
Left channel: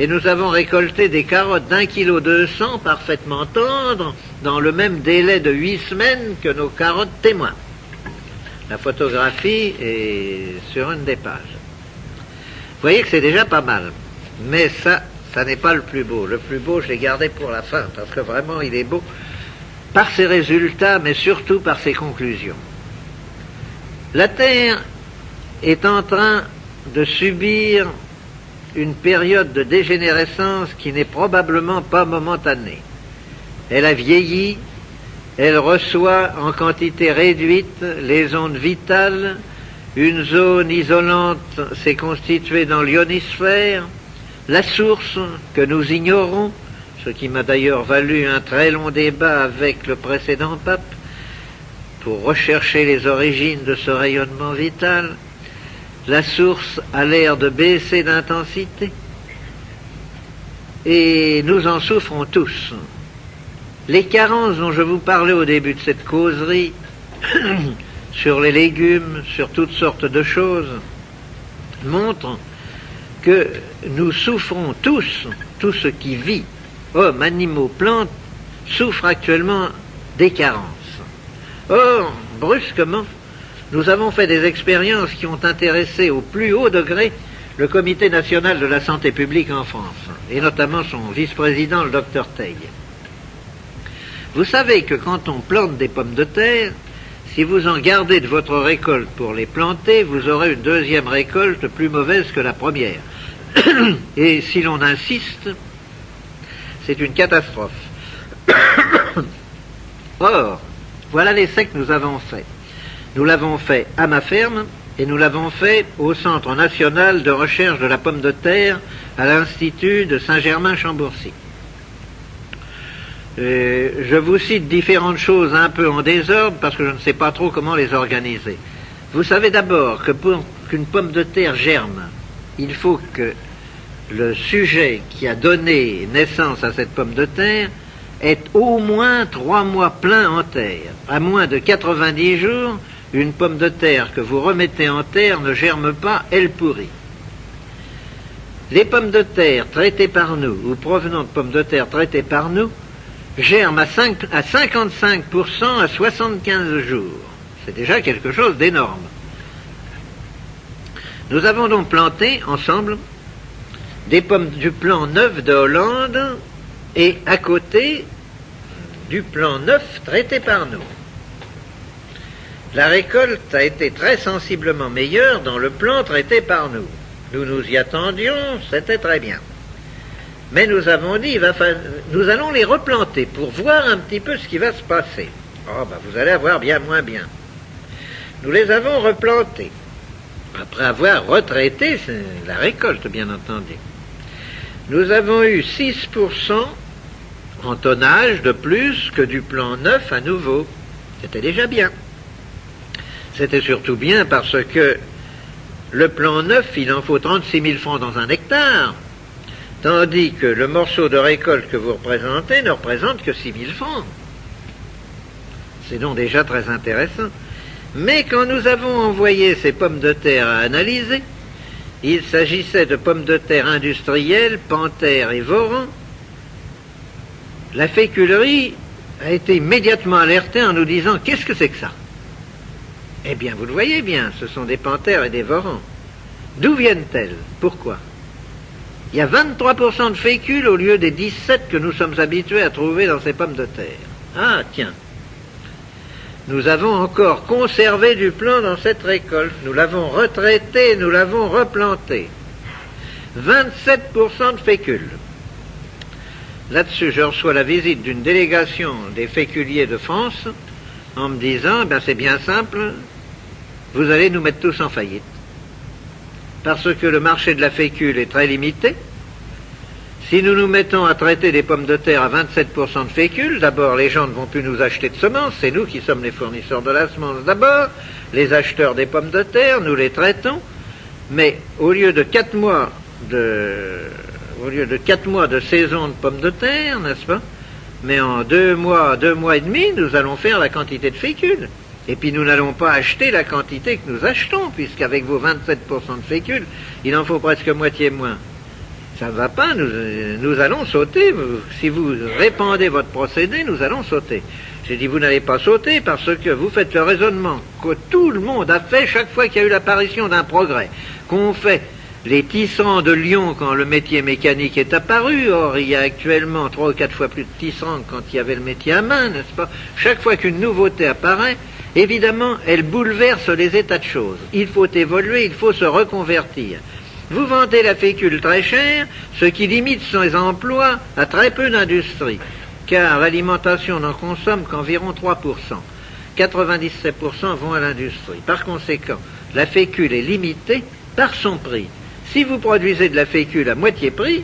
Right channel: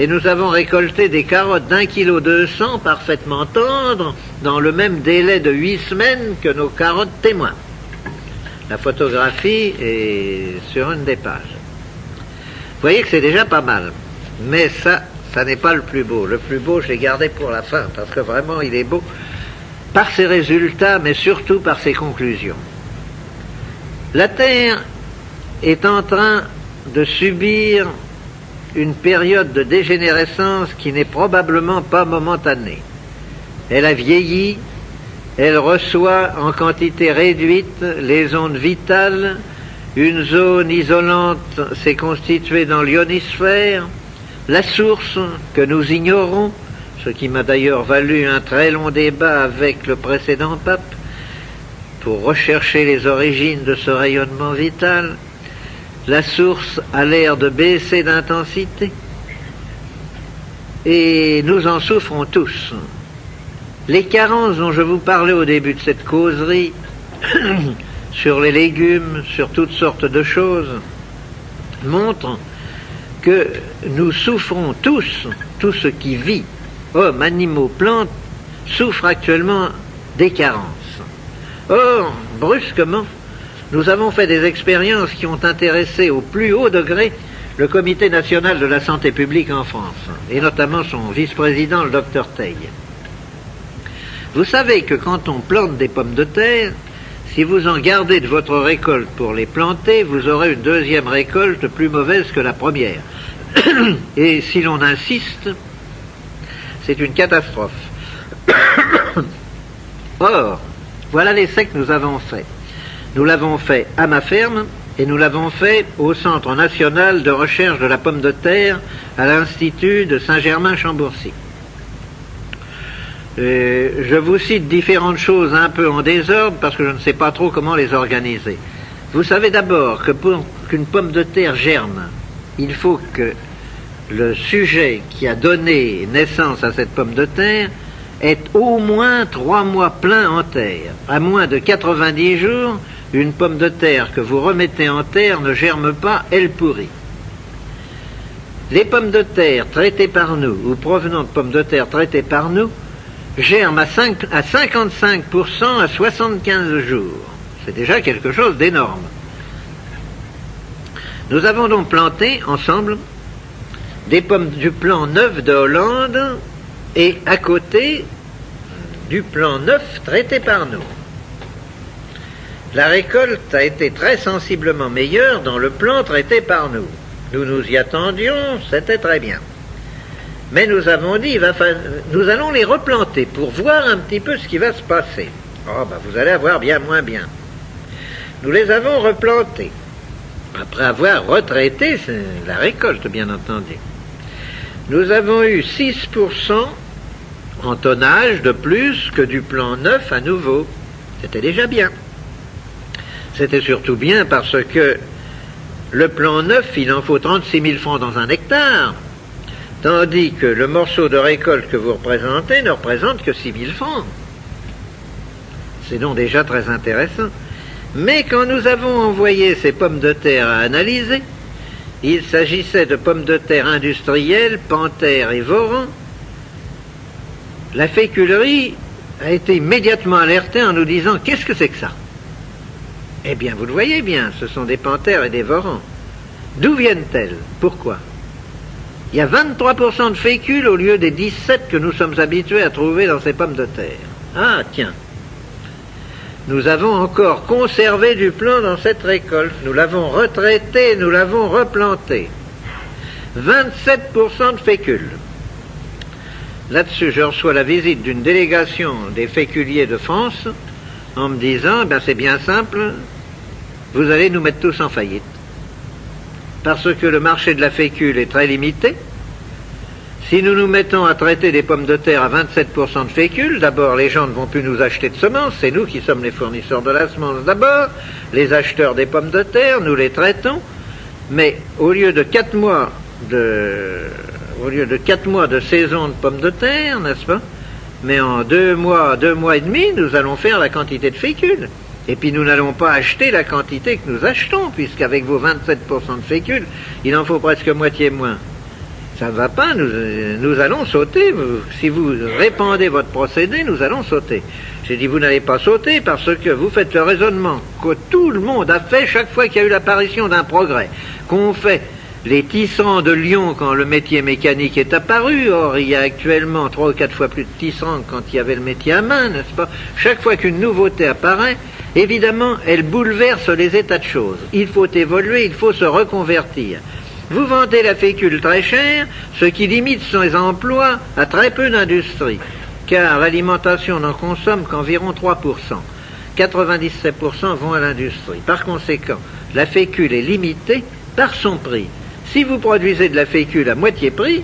Et nous avons récolté des carottes d'1,2 kg parfaitement tendres, dans le même délai de 8 semaines que nos carottes témoins. La photographie est sur une des pages. Vous voyez que c'est déjà pas mal, mais ça n'est pas le plus beau. Le plus beau, je l'ai gardé pour la fin, parce que vraiment, il est beau par ses résultats, mais surtout par ses conclusions. La Terre est en train de subir une période de dégénérescence qui n'est probablement pas momentanée. Elle a vieilli, elle reçoit en quantité réduite les ondes vitales. Une zone isolante s'est constituée dans l'ionosphère. La source, que nous ignorons, ce qui m'a d'ailleurs valu un très long débat avec le précédent pape, pour rechercher les origines de ce rayonnement vital, la source a l'air de baisser d'intensité, et nous en souffrons tous. Les carences dont je vous parlais au début de cette causerie, sur les légumes, sur toutes sortes de choses, montrent que nous souffrons tous, tout ce qui vit, hommes, animaux, plantes, souffrent actuellement des carences. Or, brusquement, nous avons fait des expériences qui ont intéressé au plus haut degré le Comité national de la santé publique en France, et notamment son vice-président, le Dr Teil. Vous savez que quand on plante des pommes de terre, si vous en gardez de votre récolte pour les planter, vous aurez une deuxième récolte plus mauvaise que la première. Et si l'on insiste, c'est une catastrophe. Or, voilà l'essai que nous avons fait. Nous l'avons fait à ma ferme et nous l'avons fait au Centre national de recherche de la pomme de terre à l'Institut de Saint-Germain-Chambourcy. Je vous cite différentes choses un peu en désordre parce que je ne sais pas trop comment les organiser. Vous savez d'abord que pour qu'une pomme de terre germe, il faut que le sujet qui a donné naissance à cette pomme de terre est au moins 3 mois pleins en terre. À moins de 90 jours, une pomme de terre que vous remettez en terre ne germe pas, elle pourrit. Les pommes de terre traitées par nous, ou provenant de pommes de terre traitées par nous, germent à 55% à 75 jours. C'est déjà quelque chose d'énorme. Nous avons donc planté ensemble des pommes du plan neuf de Hollande et à côté du plan neuf traité par nous. La récolte a été très sensiblement meilleure dans le plan traité par nous. Nous nous y attendions, c'était très bien. Mais nous avons dit, nous allons les replanter pour voir un petit peu ce qui va se passer. Oh, ben vous allez avoir bien moins bien. Nous les avons replantés, après avoir retraité la récolte, bien entendu. Nous avons eu 6% en tonnage de plus que du plan neuf à nouveau. C'était déjà bien. C'était surtout bien parce que le plan neuf, il en faut 36 000 francs dans un hectare, tandis que le morceau de récolte que vous représentez ne représente que 6 000 francs. C'est donc déjà très intéressant. Mais quand nous avons envoyé ces pommes de terre à analyser, il s'agissait de pommes de terre industrielles, Panthère et Voran. La féculerie a été immédiatement alertée en nous disant « Qu'est-ce que c'est que ça ?» Eh bien, vous le voyez bien, ce sont des Panthères et des Vorans. D'où viennent-elles? Pourquoi? Il y a 23% de fécule au lieu des 17 que nous sommes habitués à trouver dans ces pommes de terre. Ah, tiens. Nous avons encore conservé du plan dans cette récolte. Nous l'avons retraité, nous l'avons replanté. 27% de fécule. Là-dessus, je reçois la visite d'une délégation des féculiers de France en me disant, ben c'est bien simple, vous allez nous mettre tous en faillite. Parce que le marché de la fécule est très limité. Si nous nous mettons à traiter des pommes de terre à 27% de fécule, d'abord les gens ne vont plus nous acheter de semences, c'est nous qui sommes les fournisseurs de la semence d'abord, les acheteurs des pommes de terre, nous les traitons, mais au lieu de 4 mois de saison de pommes de terre, n'est-ce pas? Mais en 2 mois et demi, nous allons faire la quantité de fécule. Et puis nous n'allons pas acheter la quantité que nous achetons, puisqu'avec vos 27% de fécule, il en faut presque moitié moins. Ça ne va pas, nous allons sauter. Si vous répandez votre procédé, nous allons sauter. J'ai dit, vous n'allez pas sauter parce que vous faites le raisonnement que tout le monde a fait chaque fois qu'il y a eu l'apparition d'un progrès. Qu'on fait les tisserands de Lyon quand le métier mécanique est apparu. Or, il y a actuellement 3 ou 4 fois plus de tisserands quand il y avait le métier à main, n'est-ce pas? Chaque fois qu'une nouveauté apparaît, évidemment, elle bouleverse les états de choses. Il faut évoluer, il faut se reconvertir. Vous vendez la fécule très chère, ce qui limite ses emplois à très peu d'industrie, car l'alimentation n'en consomme qu'environ 3%. 97% vont à l'industrie. Par conséquent, la fécule est limitée par son prix. Si vous produisez de la fécule à moitié prix,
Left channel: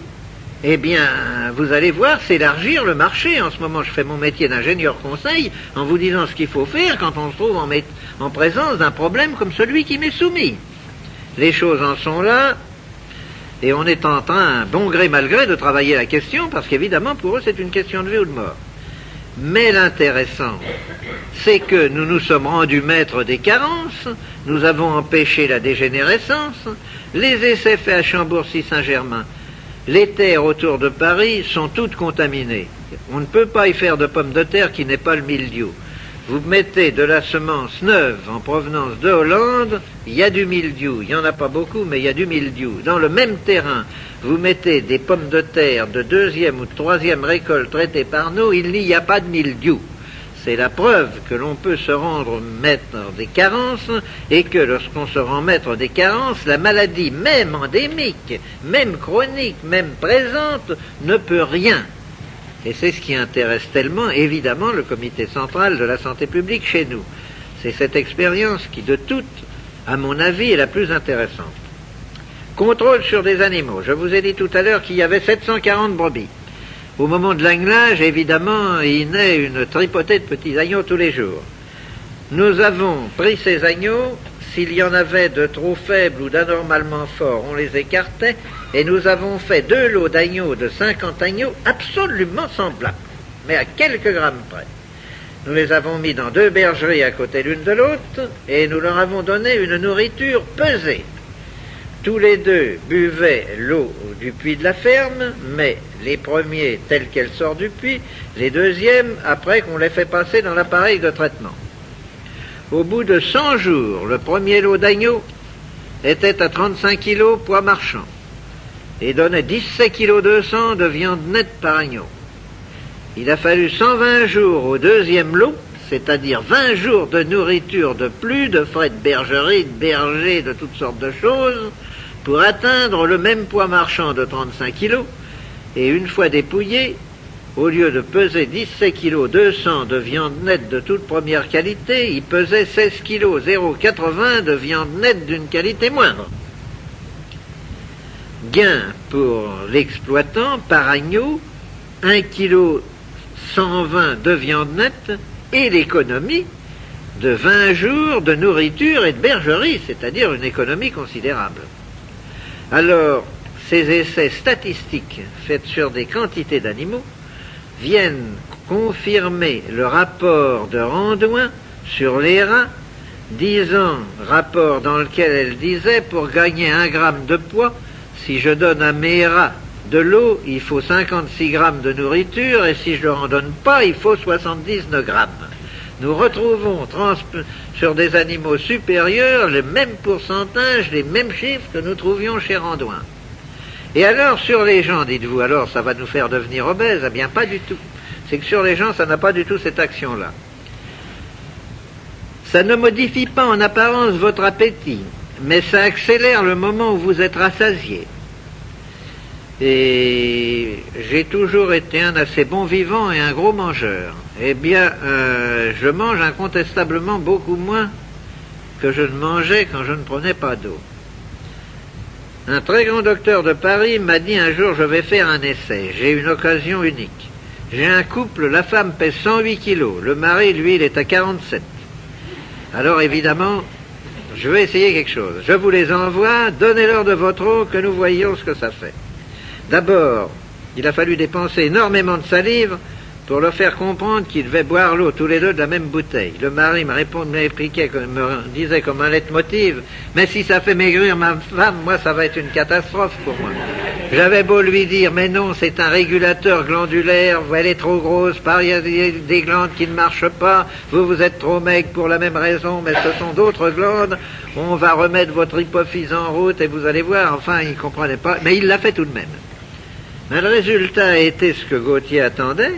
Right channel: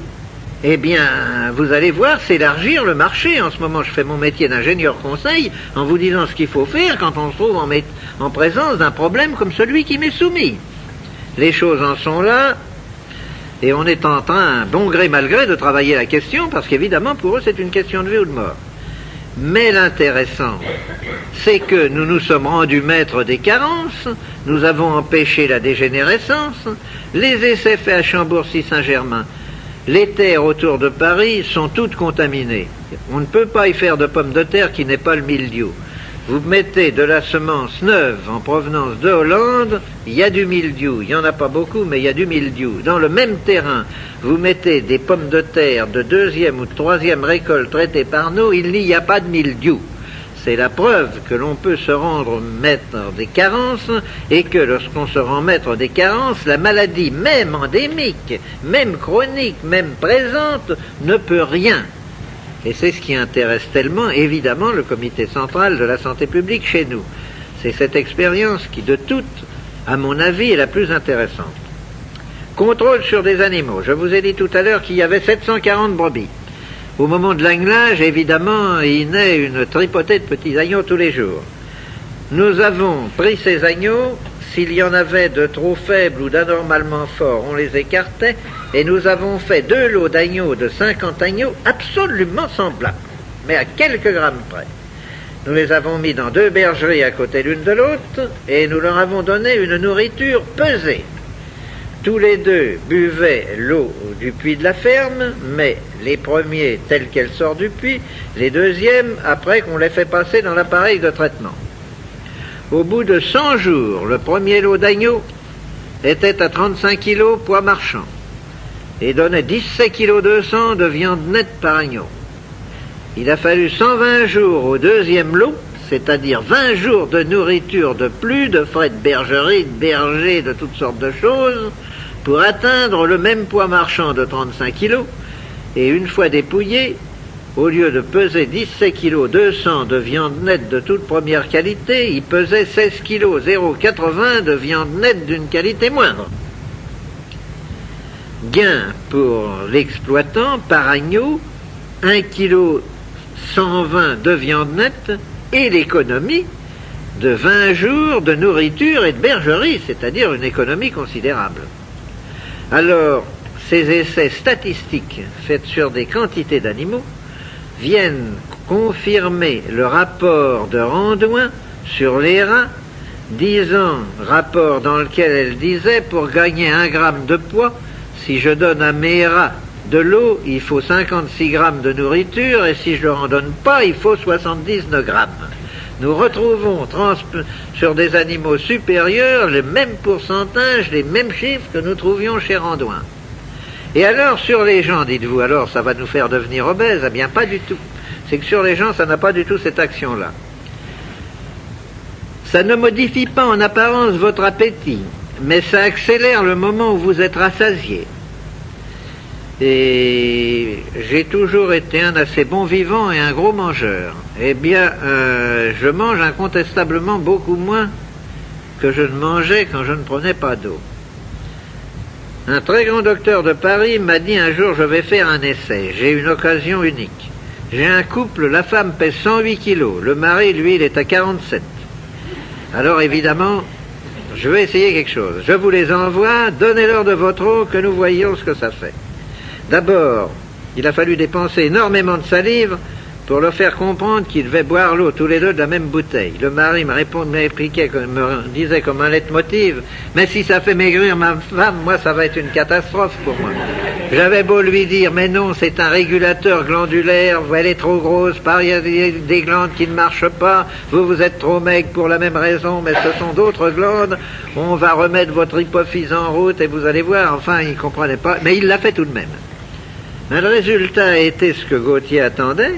eh bien, vous allez voir s'élargir le marché. En ce moment, je fais mon métier d'ingénieur conseil en vous disant ce qu'il faut faire quand on se trouve en présence d'un problème comme celui qui m'est soumis. Les choses en sont là, et on est en train, bon gré mal gré, de travailler la question, parce qu'évidemment, pour eux, c'est une question de vie ou de mort. Mais l'intéressant, c'est que nous nous sommes rendus maîtres des carences, nous avons empêché la dégénérescence, les essais faits à Chambourcy-Saint-Germain, les terres autour de Paris sont toutes contaminées. On ne peut pas y faire de pommes de terre qui n'ait pas le mildiou. Vous mettez de la semence neuve en provenance de Hollande, il y a du mildiou. Il n'y en a pas beaucoup, mais il y a du mildiou. Dans le même terrain, vous mettez des pommes de terre de 2e ou de 3e récolte traitées par nous, il n'y a pas de mildiou. C'est la preuve que l'on peut se rendre maître des carences et que lorsqu'on se rend maître des carences, la maladie, même endémique, même chronique, même présente, ne peut rien. Et c'est ce qui intéresse tellement, évidemment, le comité central de la santé publique chez nous. C'est cette expérience qui, de toutes, à mon avis, est la plus intéressante. Contrôle sur des animaux. Je vous ai dit tout à l'heure qu'il y avait 740 brebis. Au moment de l'anglage, évidemment, il naît une tripotée de petits agneaux tous les jours. Nous avons pris ces agneaux, s'il y en avait de trop faibles ou d'anormalement forts, on les écartait, et nous avons fait 2 lots d'agneaux de 50 agneaux absolument semblables. mais à quelques grammes près. Nous les avons mis dans 2 bergeries à côté l'une de l'autre et nous leur avons donné une nourriture pesée. Tous les deux buvaient l'eau du puits de la ferme, mais les premiers telle qu'elle sort du puits, les deuxièmes après qu'on les fait passer dans l'appareil de traitement. Au bout de 100 jours, le premier lot d'agneau était à 35 kg poids marchand et donnait 17 kg 200 de viande nette par agneau. Il a fallu 120 jours au deuxième lot, c'est-à-dire 20 jours de nourriture de plus, de frais de bergerie, de berger, de toutes sortes de choses, pour atteindre le même poids marchand de 35 kg, et une fois dépouillé, au lieu de peser 17 kg 200 de viande nette de toute première qualité, il pesait 16 kg 080 de viande nette d'une qualité moindre. Gain pour l'exploitant par agneau, 1 kg 120 de viande nette et l'économie de 20 jours de nourriture et de bergerie, c'est-à-dire une économie considérable. Alors, ces essais statistiques faits sur des quantités d'animaux viennent confirmer le rapport de Randouin sur les rats, rapport dans lequel elle disait, pour gagner 1 gramme de poids, si je donne à mes rats de l'eau, il faut 56 grammes de nourriture, et si je ne leur en donne pas, il faut 79 grammes. Nous retrouvons sur des animaux supérieurs les mêmes pourcentages, les mêmes chiffres que nous trouvions chez Randouin. Et alors, sur les gens, dites-vous, alors ça va nous faire devenir obèses? Eh bien, pas du tout. C'est que sur les gens, ça n'a pas du tout cette action-là. Ça ne modifie pas en apparence votre appétit, mais ça accélère le moment où vous êtes rassasié. Et j'ai toujours été un assez bon vivant et un gros mangeur. Eh bien, je mange incontestablement beaucoup moins que je ne mangeais quand je ne prenais pas d'eau. Un très grand docteur de Paris m'a dit un jour, je vais faire un essai. J'ai une occasion unique. J'ai un couple, la femme pèse 108 kilos, le mari, lui, il est à 47. Alors évidemment, je vais essayer quelque chose. Je vous les envoie, donnez-leur de votre eau que nous voyions ce que ça fait. D'abord, il a fallu dépenser énormément de salive pour leur faire comprendre qu'ils devaient boire l'eau tous les deux de la même bouteille. Le mari me disait comme un leitmotiv, mais si ça fait maigrir ma femme, moi ça va être une catastrophe pour moi. J'avais beau lui dire, mais non, c'est un régulateur glandulaire, elle est trop grosse, il y a des glandes qui ne marchent pas, vous êtes trop maigre pour la même raison, mais ce sont d'autres glandes, on va remettre votre hypophyse en route et vous allez voir, enfin il ne comprenait pas, mais il l'a fait tout de même. Mais le résultat a été ce que Gautier attendait.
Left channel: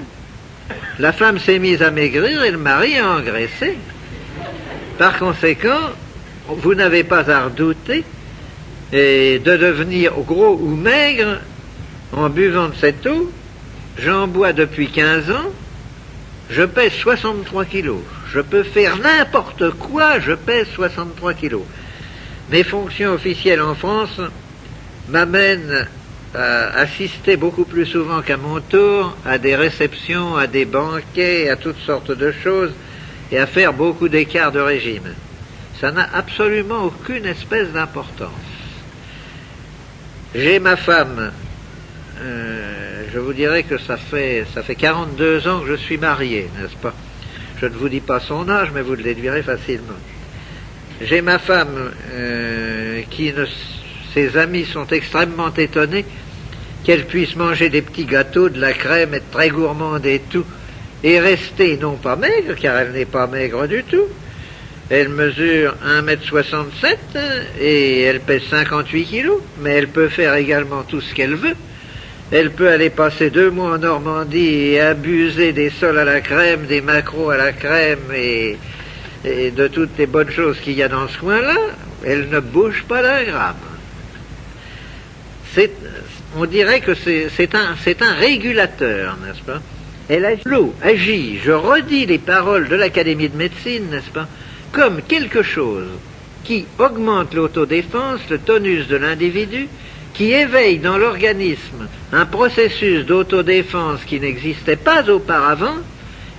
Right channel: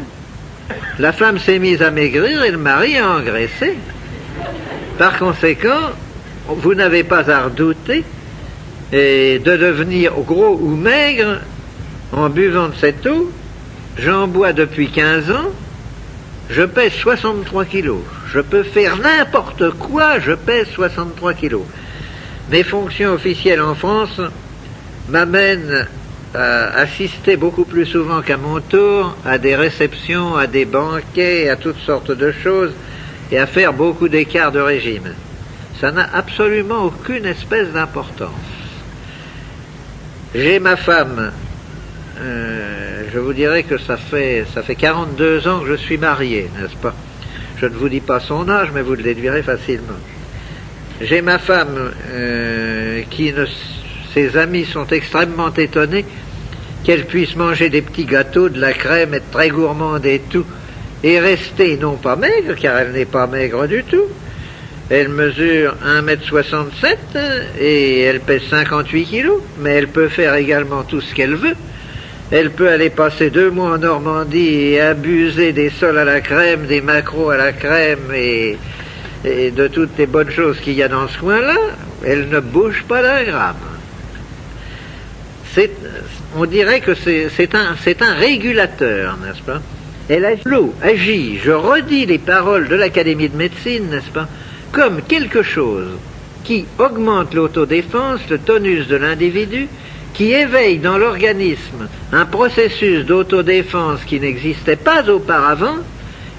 La femme s'est mise à maigrir et le mari a engraissé. Par conséquent, vous n'avez pas à redouter de devenir gros ou maigre en buvant de cette eau. J'en bois depuis 15 ans, je pèse 63 kilos. Je peux faire n'importe quoi, je pèse 63 kilos. Mes fonctions officielles en France m'amènent à assister beaucoup plus souvent qu'à mon tour à des réceptions, à des banquets, à toutes sortes de choses, et à faire beaucoup d'écarts de régime. Ça n'a absolument aucune espèce d'importance. J'ai ma femme, je vous dirais que ça fait 42 ans que je suis marié, n'est-ce pas? Je ne vous dis pas son âge, mais vous le déduirez facilement. J'ai ma femme ses amis sont extrêmement étonnés qu'elle puisse manger des petits gâteaux, de la crème, être très gourmande et tout, et rester non pas maigre, car elle n'est pas maigre du tout. Elle mesure 1,67 m et elle pèse 58 kilos, mais elle peut faire également tout ce qu'elle veut. Elle peut aller passer 2 mois en Normandie et abuser des sols à la crème, des maquereaux à la crème et de toutes les bonnes choses qu'il y a dans ce coin-là. Elle ne bouge pas d'un gramme. On dirait que c'est un régulateur, n'est-ce pas? L'eau agit, je redis les paroles de l'Académie de médecine, n'est-ce pas, comme quelque chose qui augmente l'autodéfense, le tonus de l'individu, qui éveille dans l'organisme un processus d'autodéfense qui n'existait pas auparavant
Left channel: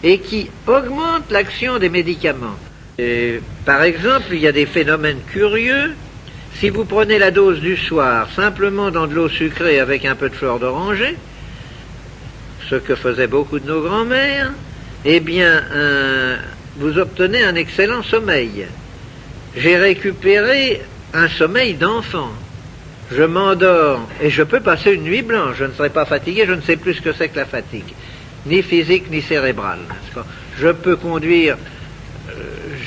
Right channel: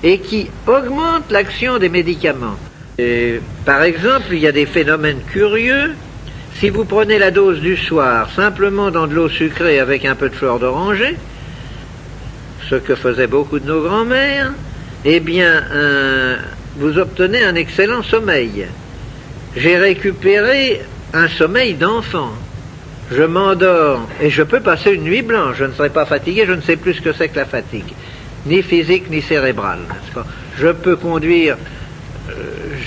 et qui augmente l'action des médicaments. Par exemple, il y a des phénomènes curieux. Si vous prenez la dose du soir simplement dans de l'eau sucrée avec un peu de fleur d'oranger, ce que faisaient beaucoup de nos grands-mères, eh bien, vous obtenez un excellent sommeil. J'ai récupéré un sommeil d'enfant. Je m'endors et je peux passer une nuit blanche. Je ne serai pas fatigué, je ne sais plus ce que c'est que la fatigue, ni physique ni cérébrale. Je peux conduire,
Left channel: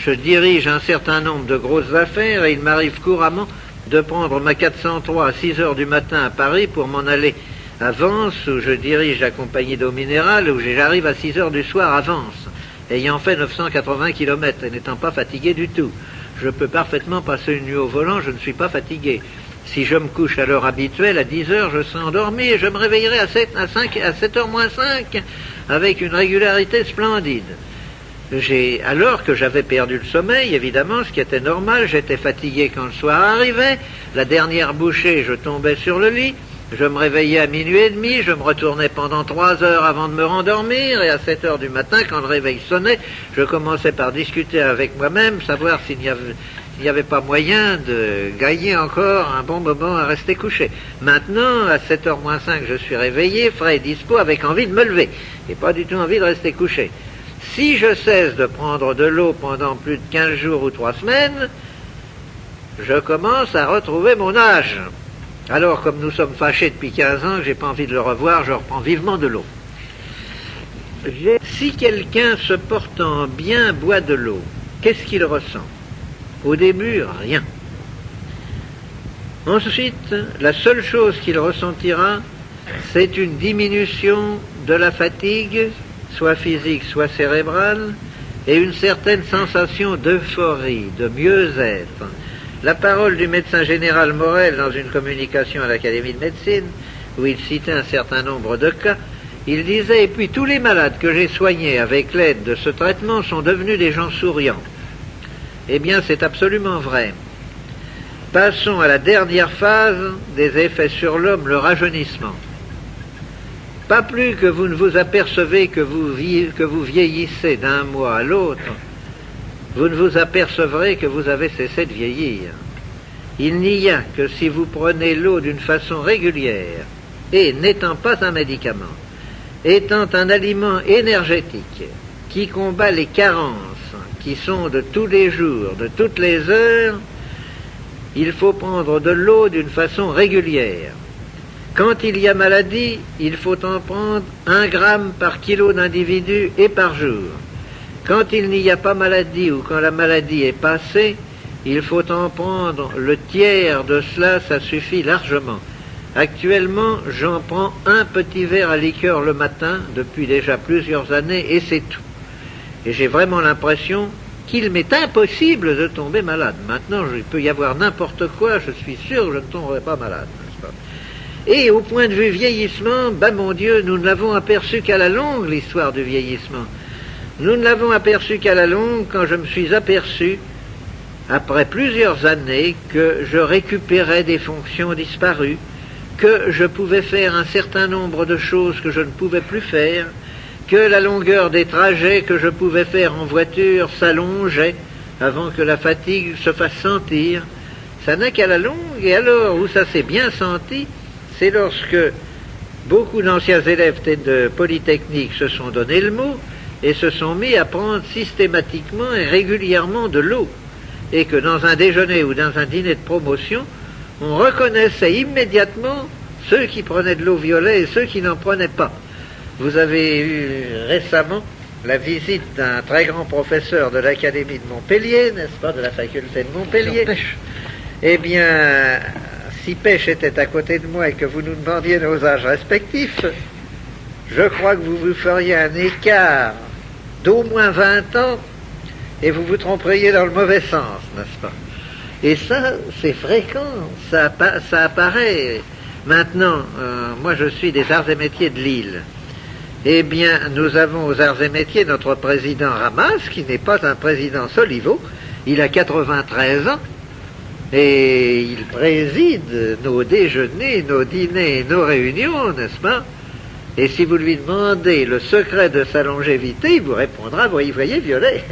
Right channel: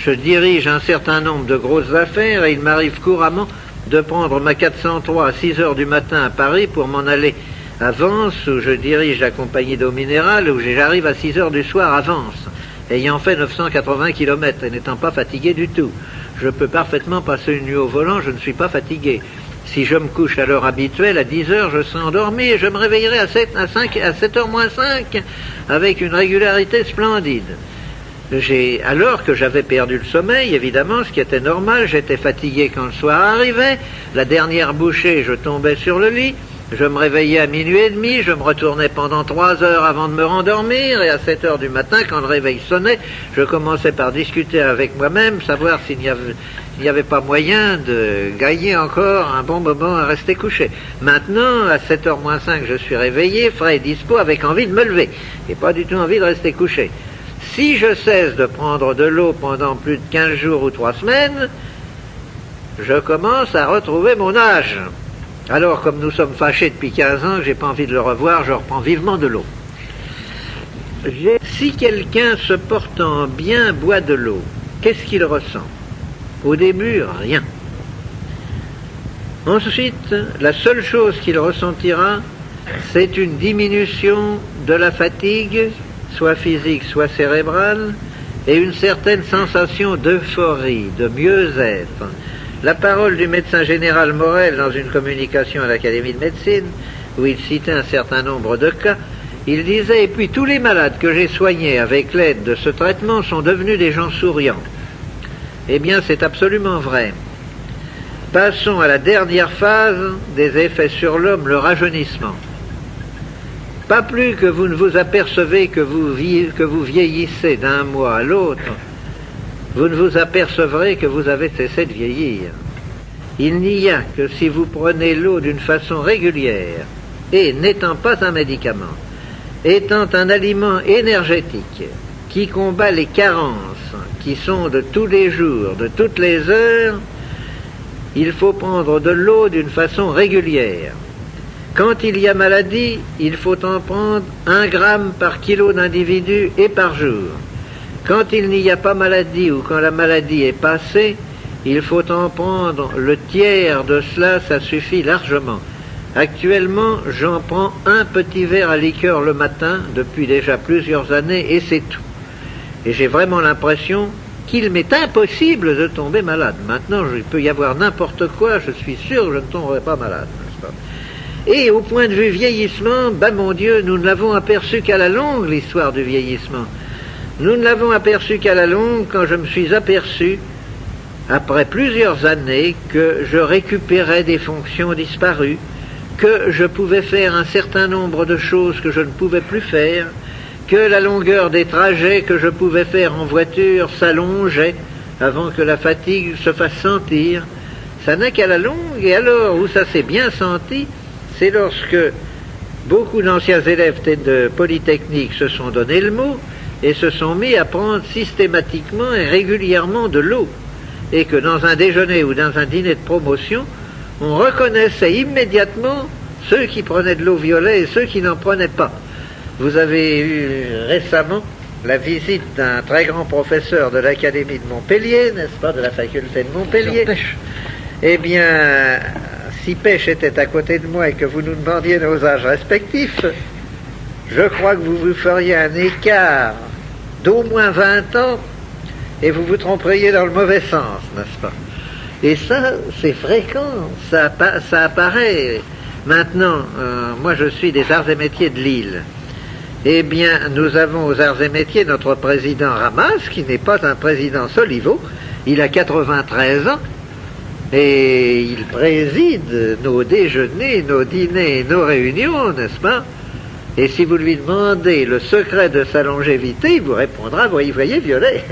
je dirige un certain nombre de grosses affaires et il m'arrive couramment de prendre ma 403 à 6 heures du matin à Paris pour m'en aller à Vence, où je dirige la compagnie d'eau minérale, où j'arrive à 6 heures du soir à Vence, ayant fait 980 km et n'étant pas fatigué du tout. Je peux parfaitement passer une nuit au volant, je ne suis pas fatigué. Si je me couche à l'heure habituelle, à 10 heures, je serai endormi et je me réveillerai à 7 heures moins 5 avec une régularité splendide. Alors que j'avais perdu le sommeil, évidemment, ce qui était normal, j'étais fatigué quand le soir arrivait, la dernière bouchée, je tombais sur le lit, je me réveillais à minuit et demi, je me retournais pendant 3 heures avant de me rendormir, et à 7 heures du matin, quand le réveil sonnait, je commençais par discuter avec moi-même, savoir s'il n'y avait pas moyen de gagner encore un bon moment à rester couché. Maintenant, à 7 heures moins 5, je suis réveillé, frais et dispo, avec envie de me lever, et pas du tout envie de rester couché. Si je cesse de prendre de l'eau pendant plus de 15 jours ou 3 semaines, je commence à retrouver mon âge. Alors, comme nous sommes fâchés depuis 15 ans, j'ai pas envie de le revoir, je reprends vivement de l'eau. Si quelqu'un se portant bien boit de l'eau, qu'est-ce qu'il ressent? Au début, rien. Ensuite, la seule chose qu'il ressentira, c'est une diminution de la fatigue, soit physique, soit cérébrale, et une certaine sensation d'euphorie, de mieux-être. La parole du médecin général Morel dans une communication à l'Académie de médecine, où il citait un certain nombre de cas, il disait « Et puis tous les malades que j'ai soignés avec l'aide de ce traitement sont devenus des gens souriants. » Eh bien, c'est absolument vrai. Passons à la dernière phase des effets sur l'homme, le rajeunissement. Pas plus que vous ne vous apercevez que vous vieillissez d'un mois à l'autre, vous ne vous apercevrez que vous avez cessé de vieillir. Il n'y a que si vous prenez l'eau d'une façon régulière, et n'étant pas un médicament, étant un aliment énergétique, qui combat les carences, qui sont de tous les jours, de toutes les heures, il faut prendre de l'eau d'une façon régulière. Quand il y a maladie, il faut en prendre 1 gramme par kilo d'individu et par jour. Quand il n'y a pas maladie ou quand la maladie est passée, il faut en prendre le tiers de cela, ça suffit largement. Actuellement, j'en prends 1 petit verre à liqueur le matin depuis déjà plusieurs années et c'est tout. Et j'ai vraiment l'impression qu'il m'est impossible de tomber malade. Maintenant, il peut y avoir n'importe quoi, je suis sûr que je ne tomberai pas malade. Et au point de vue vieillissement, ben mon Dieu, nous ne l'avons aperçu qu'à la longue, l'histoire du vieillissement. Nous ne l'avons aperçu qu'à la longue quand je me suis aperçu, après plusieurs années, que je récupérais des fonctions disparues, que je pouvais faire un certain nombre de choses que je ne pouvais plus faire, que la longueur des trajets que je pouvais faire en voiture s'allongeait avant que la fatigue se fasse sentir. Ça n'est qu'à la longue, et alors où ça s'est bien senti, c'est lorsque beaucoup d'anciens élèves de Polytechnique se sont donné le mot et se sont mis à prendre systématiquement et régulièrement de l'eau. Et que dans un déjeuner ou dans un dîner de promotion, on reconnaissait immédiatement ceux qui prenaient de l'eau violet et ceux qui n'en prenaient pas. Vous avez eu récemment la visite d'un très grand professeur de l'Académie de Montpellier, n'est-ce pas, de la faculté de Montpellier. Eh bien, si Pêche était à côté de moi et que vous nous demandiez nos âges respectifs, je crois que vous vous feriez un écart d'au moins 20 ans et vous vous tromperiez dans le mauvais sens, n'est-ce pas? Et ça, c'est fréquent, ça apparaît. Maintenant, moi je suis des arts et métiers de Lille. Eh bien, nous avons aux arts et métiers notre président Ramas, qui n'est pas un président Soliveau, il a 93 ans, et il préside nos déjeuners, nos dîners et nos réunions, n'est-ce pas? Et si vous lui demandez le secret de sa longévité, il vous répondra, vous voyez, violet.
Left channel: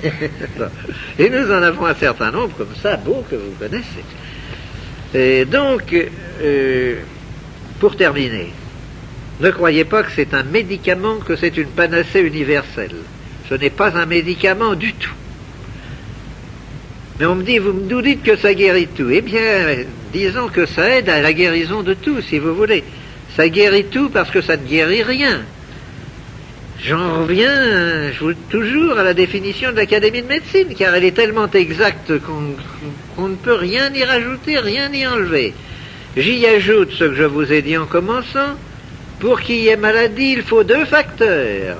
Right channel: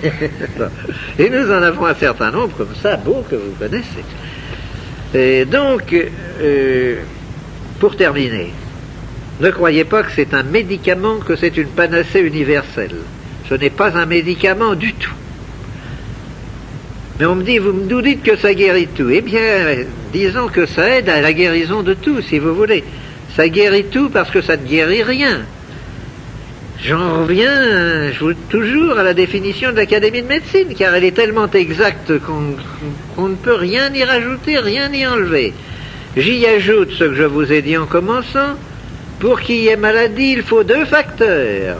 Et nous en avons un certain nombre comme ça, beaux que vous connaissez. Et donc, pour terminer, Ne croyez pas que c'est un médicament, que c'est une panacée universelle. Ce n'est pas un médicament du tout. Mais on me dit, vous nous dites que ça guérit tout. Eh bien, disons que ça aide à la guérison de tout, si vous voulez. Ça guérit tout parce que ça ne guérit rien. J'en reviens toujours à la définition de l'Académie de médecine, car elle est tellement exacte qu'on ne peut rien y rajouter, rien y enlever. J'y ajoute ce que je vous ai dit en commençant. Pour qu'il y ait maladie, il faut 2 facteurs.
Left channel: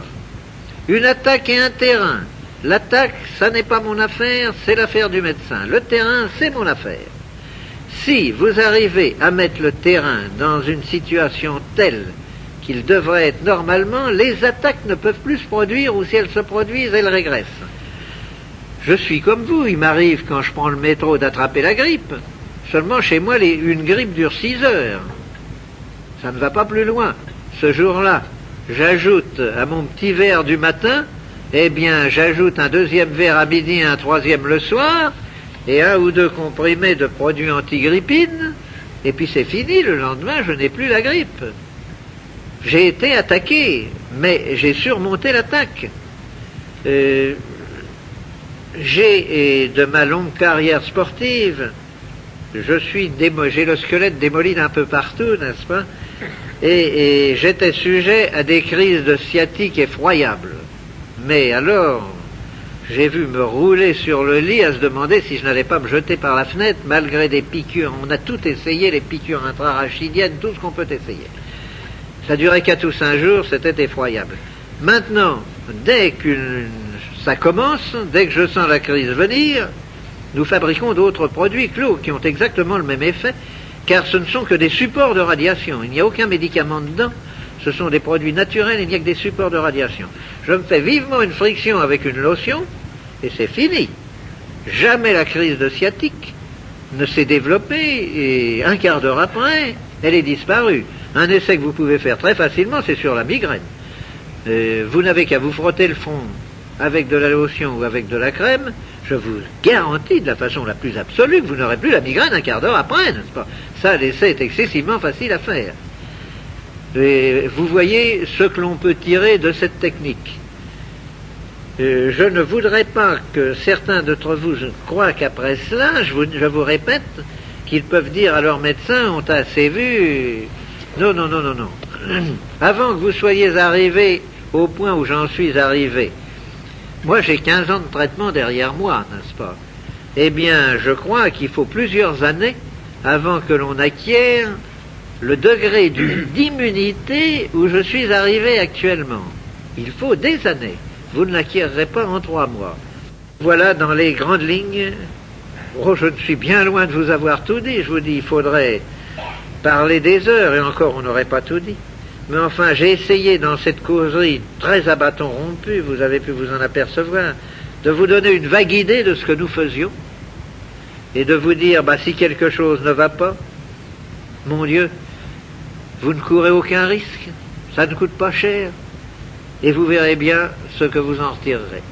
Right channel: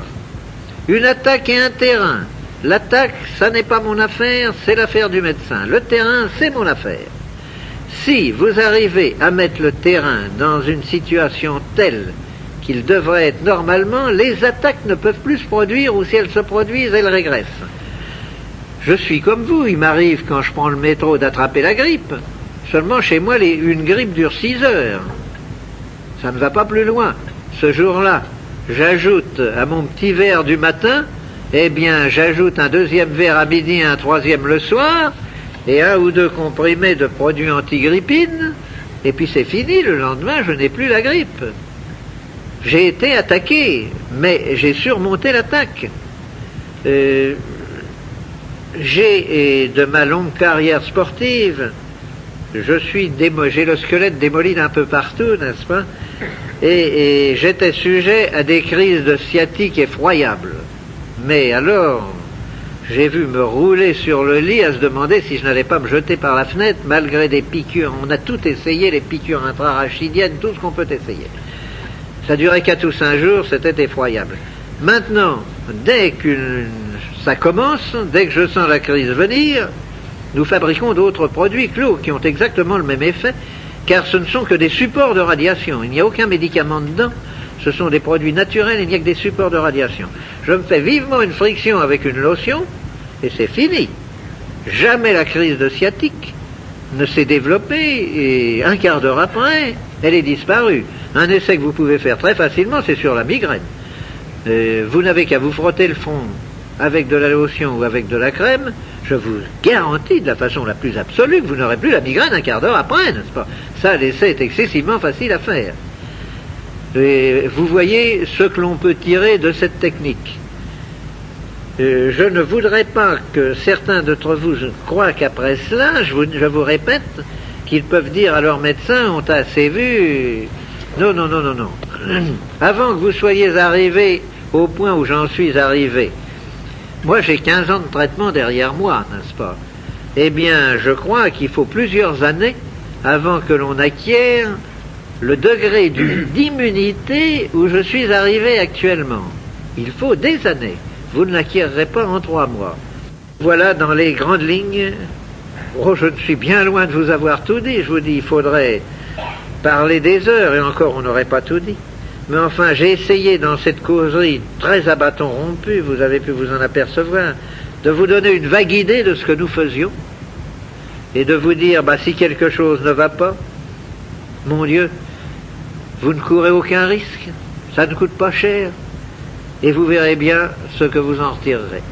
Une attaque et un terrain. L'attaque, ça n'est pas mon affaire, c'est l'affaire du médecin. Le terrain, c'est mon affaire. Si vous arrivez à mettre le terrain dans une situation telle qu'il devrait être normalement, les attaques ne peuvent plus se produire, ou si elles se produisent, elles régressent. Je suis comme vous, il m'arrive quand je prends le métro d'attraper la grippe. Seulement chez moi, une grippe dure 6 heures. Ça ne va pas plus loin. Ce jour-là, j'ajoute à mon petit verre du matin, eh bien, j'ajoute un 2e verre à midi et un 3e le soir, et 1 ou 2 comprimés de produits antigrippines, et puis c'est fini, le lendemain, je n'ai plus la grippe. J'ai été attaqué, mais j'ai surmonté l'attaque. J'ai, de ma longue carrière sportive, j'ai le squelette démoli d'un peu partout, n'est-ce pas? Et j'étais sujet à des crises de sciatique effroyables. Mais alors, j'ai vu me rouler sur le lit à se demander si je n'allais pas me jeter par la fenêtre, malgré des piqûres. On a tout essayé, les piqûres intrarachidiennes, tout ce qu'on peut essayer. Ça durait 4 ou 5 jours, c'était effroyable. Maintenant, dès que ça commence, dès que je sens la crise venir, nous fabriquons d'autres produits clos qui ont exactement le même effet, car ce ne sont que des supports de radiation. Il n'y a aucun médicament dedans, ce sont des produits naturels, il n'y a que des supports de radiation. Je me fais vivement une friction avec une lotion, et c'est fini. Jamais la crise de sciatique ne s'est développée, et un quart d'heure après, elle est disparue. Un essai que vous pouvez faire très facilement, c'est sur la migraine. Vous n'avez qu'à vous frotter le front avec de la lotion ou avec de la crème, je vous garantis de la façon la plus absolue que vous n'aurez plus la migraine un quart d'heure après, n'est-ce pas? Ça, l'essai est excessivement facile à faire. Et vous voyez ce que l'on peut tirer de cette technique. Je ne voudrais pas que certains d'entre vous croient qu'après cela, je vous répète, qu'ils peuvent dire à leur médecin, on t'a assez vu. Non, non, non, non, non. Avant que vous soyez arrivés au point où j'en suis arrivé, moi j'ai 15 ans de traitement derrière moi, n'est-ce pas? Eh bien, je crois qu'il faut plusieurs années avant que l'on acquiert le degré d'immunité où je suis arrivé actuellement. Il faut des années. Vous ne l'acquierrez pas en 3 mois. Voilà dans les grandes lignes. Oh, je suis bien loin de vous avoir tout dit. Je vous dis, il faudrait parler des heures, et encore on n'aurait pas tout dit. Mais enfin, j'ai essayé dans cette causerie très à bâton rompu, vous avez pu vous en apercevoir, de vous donner une vague idée de ce que nous faisions, et de vous dire, si quelque chose ne va pas, mon Dieu, vous ne courez aucun risque, ça ne coûte pas cher, et vous verrez bien ce que vous en retirerez.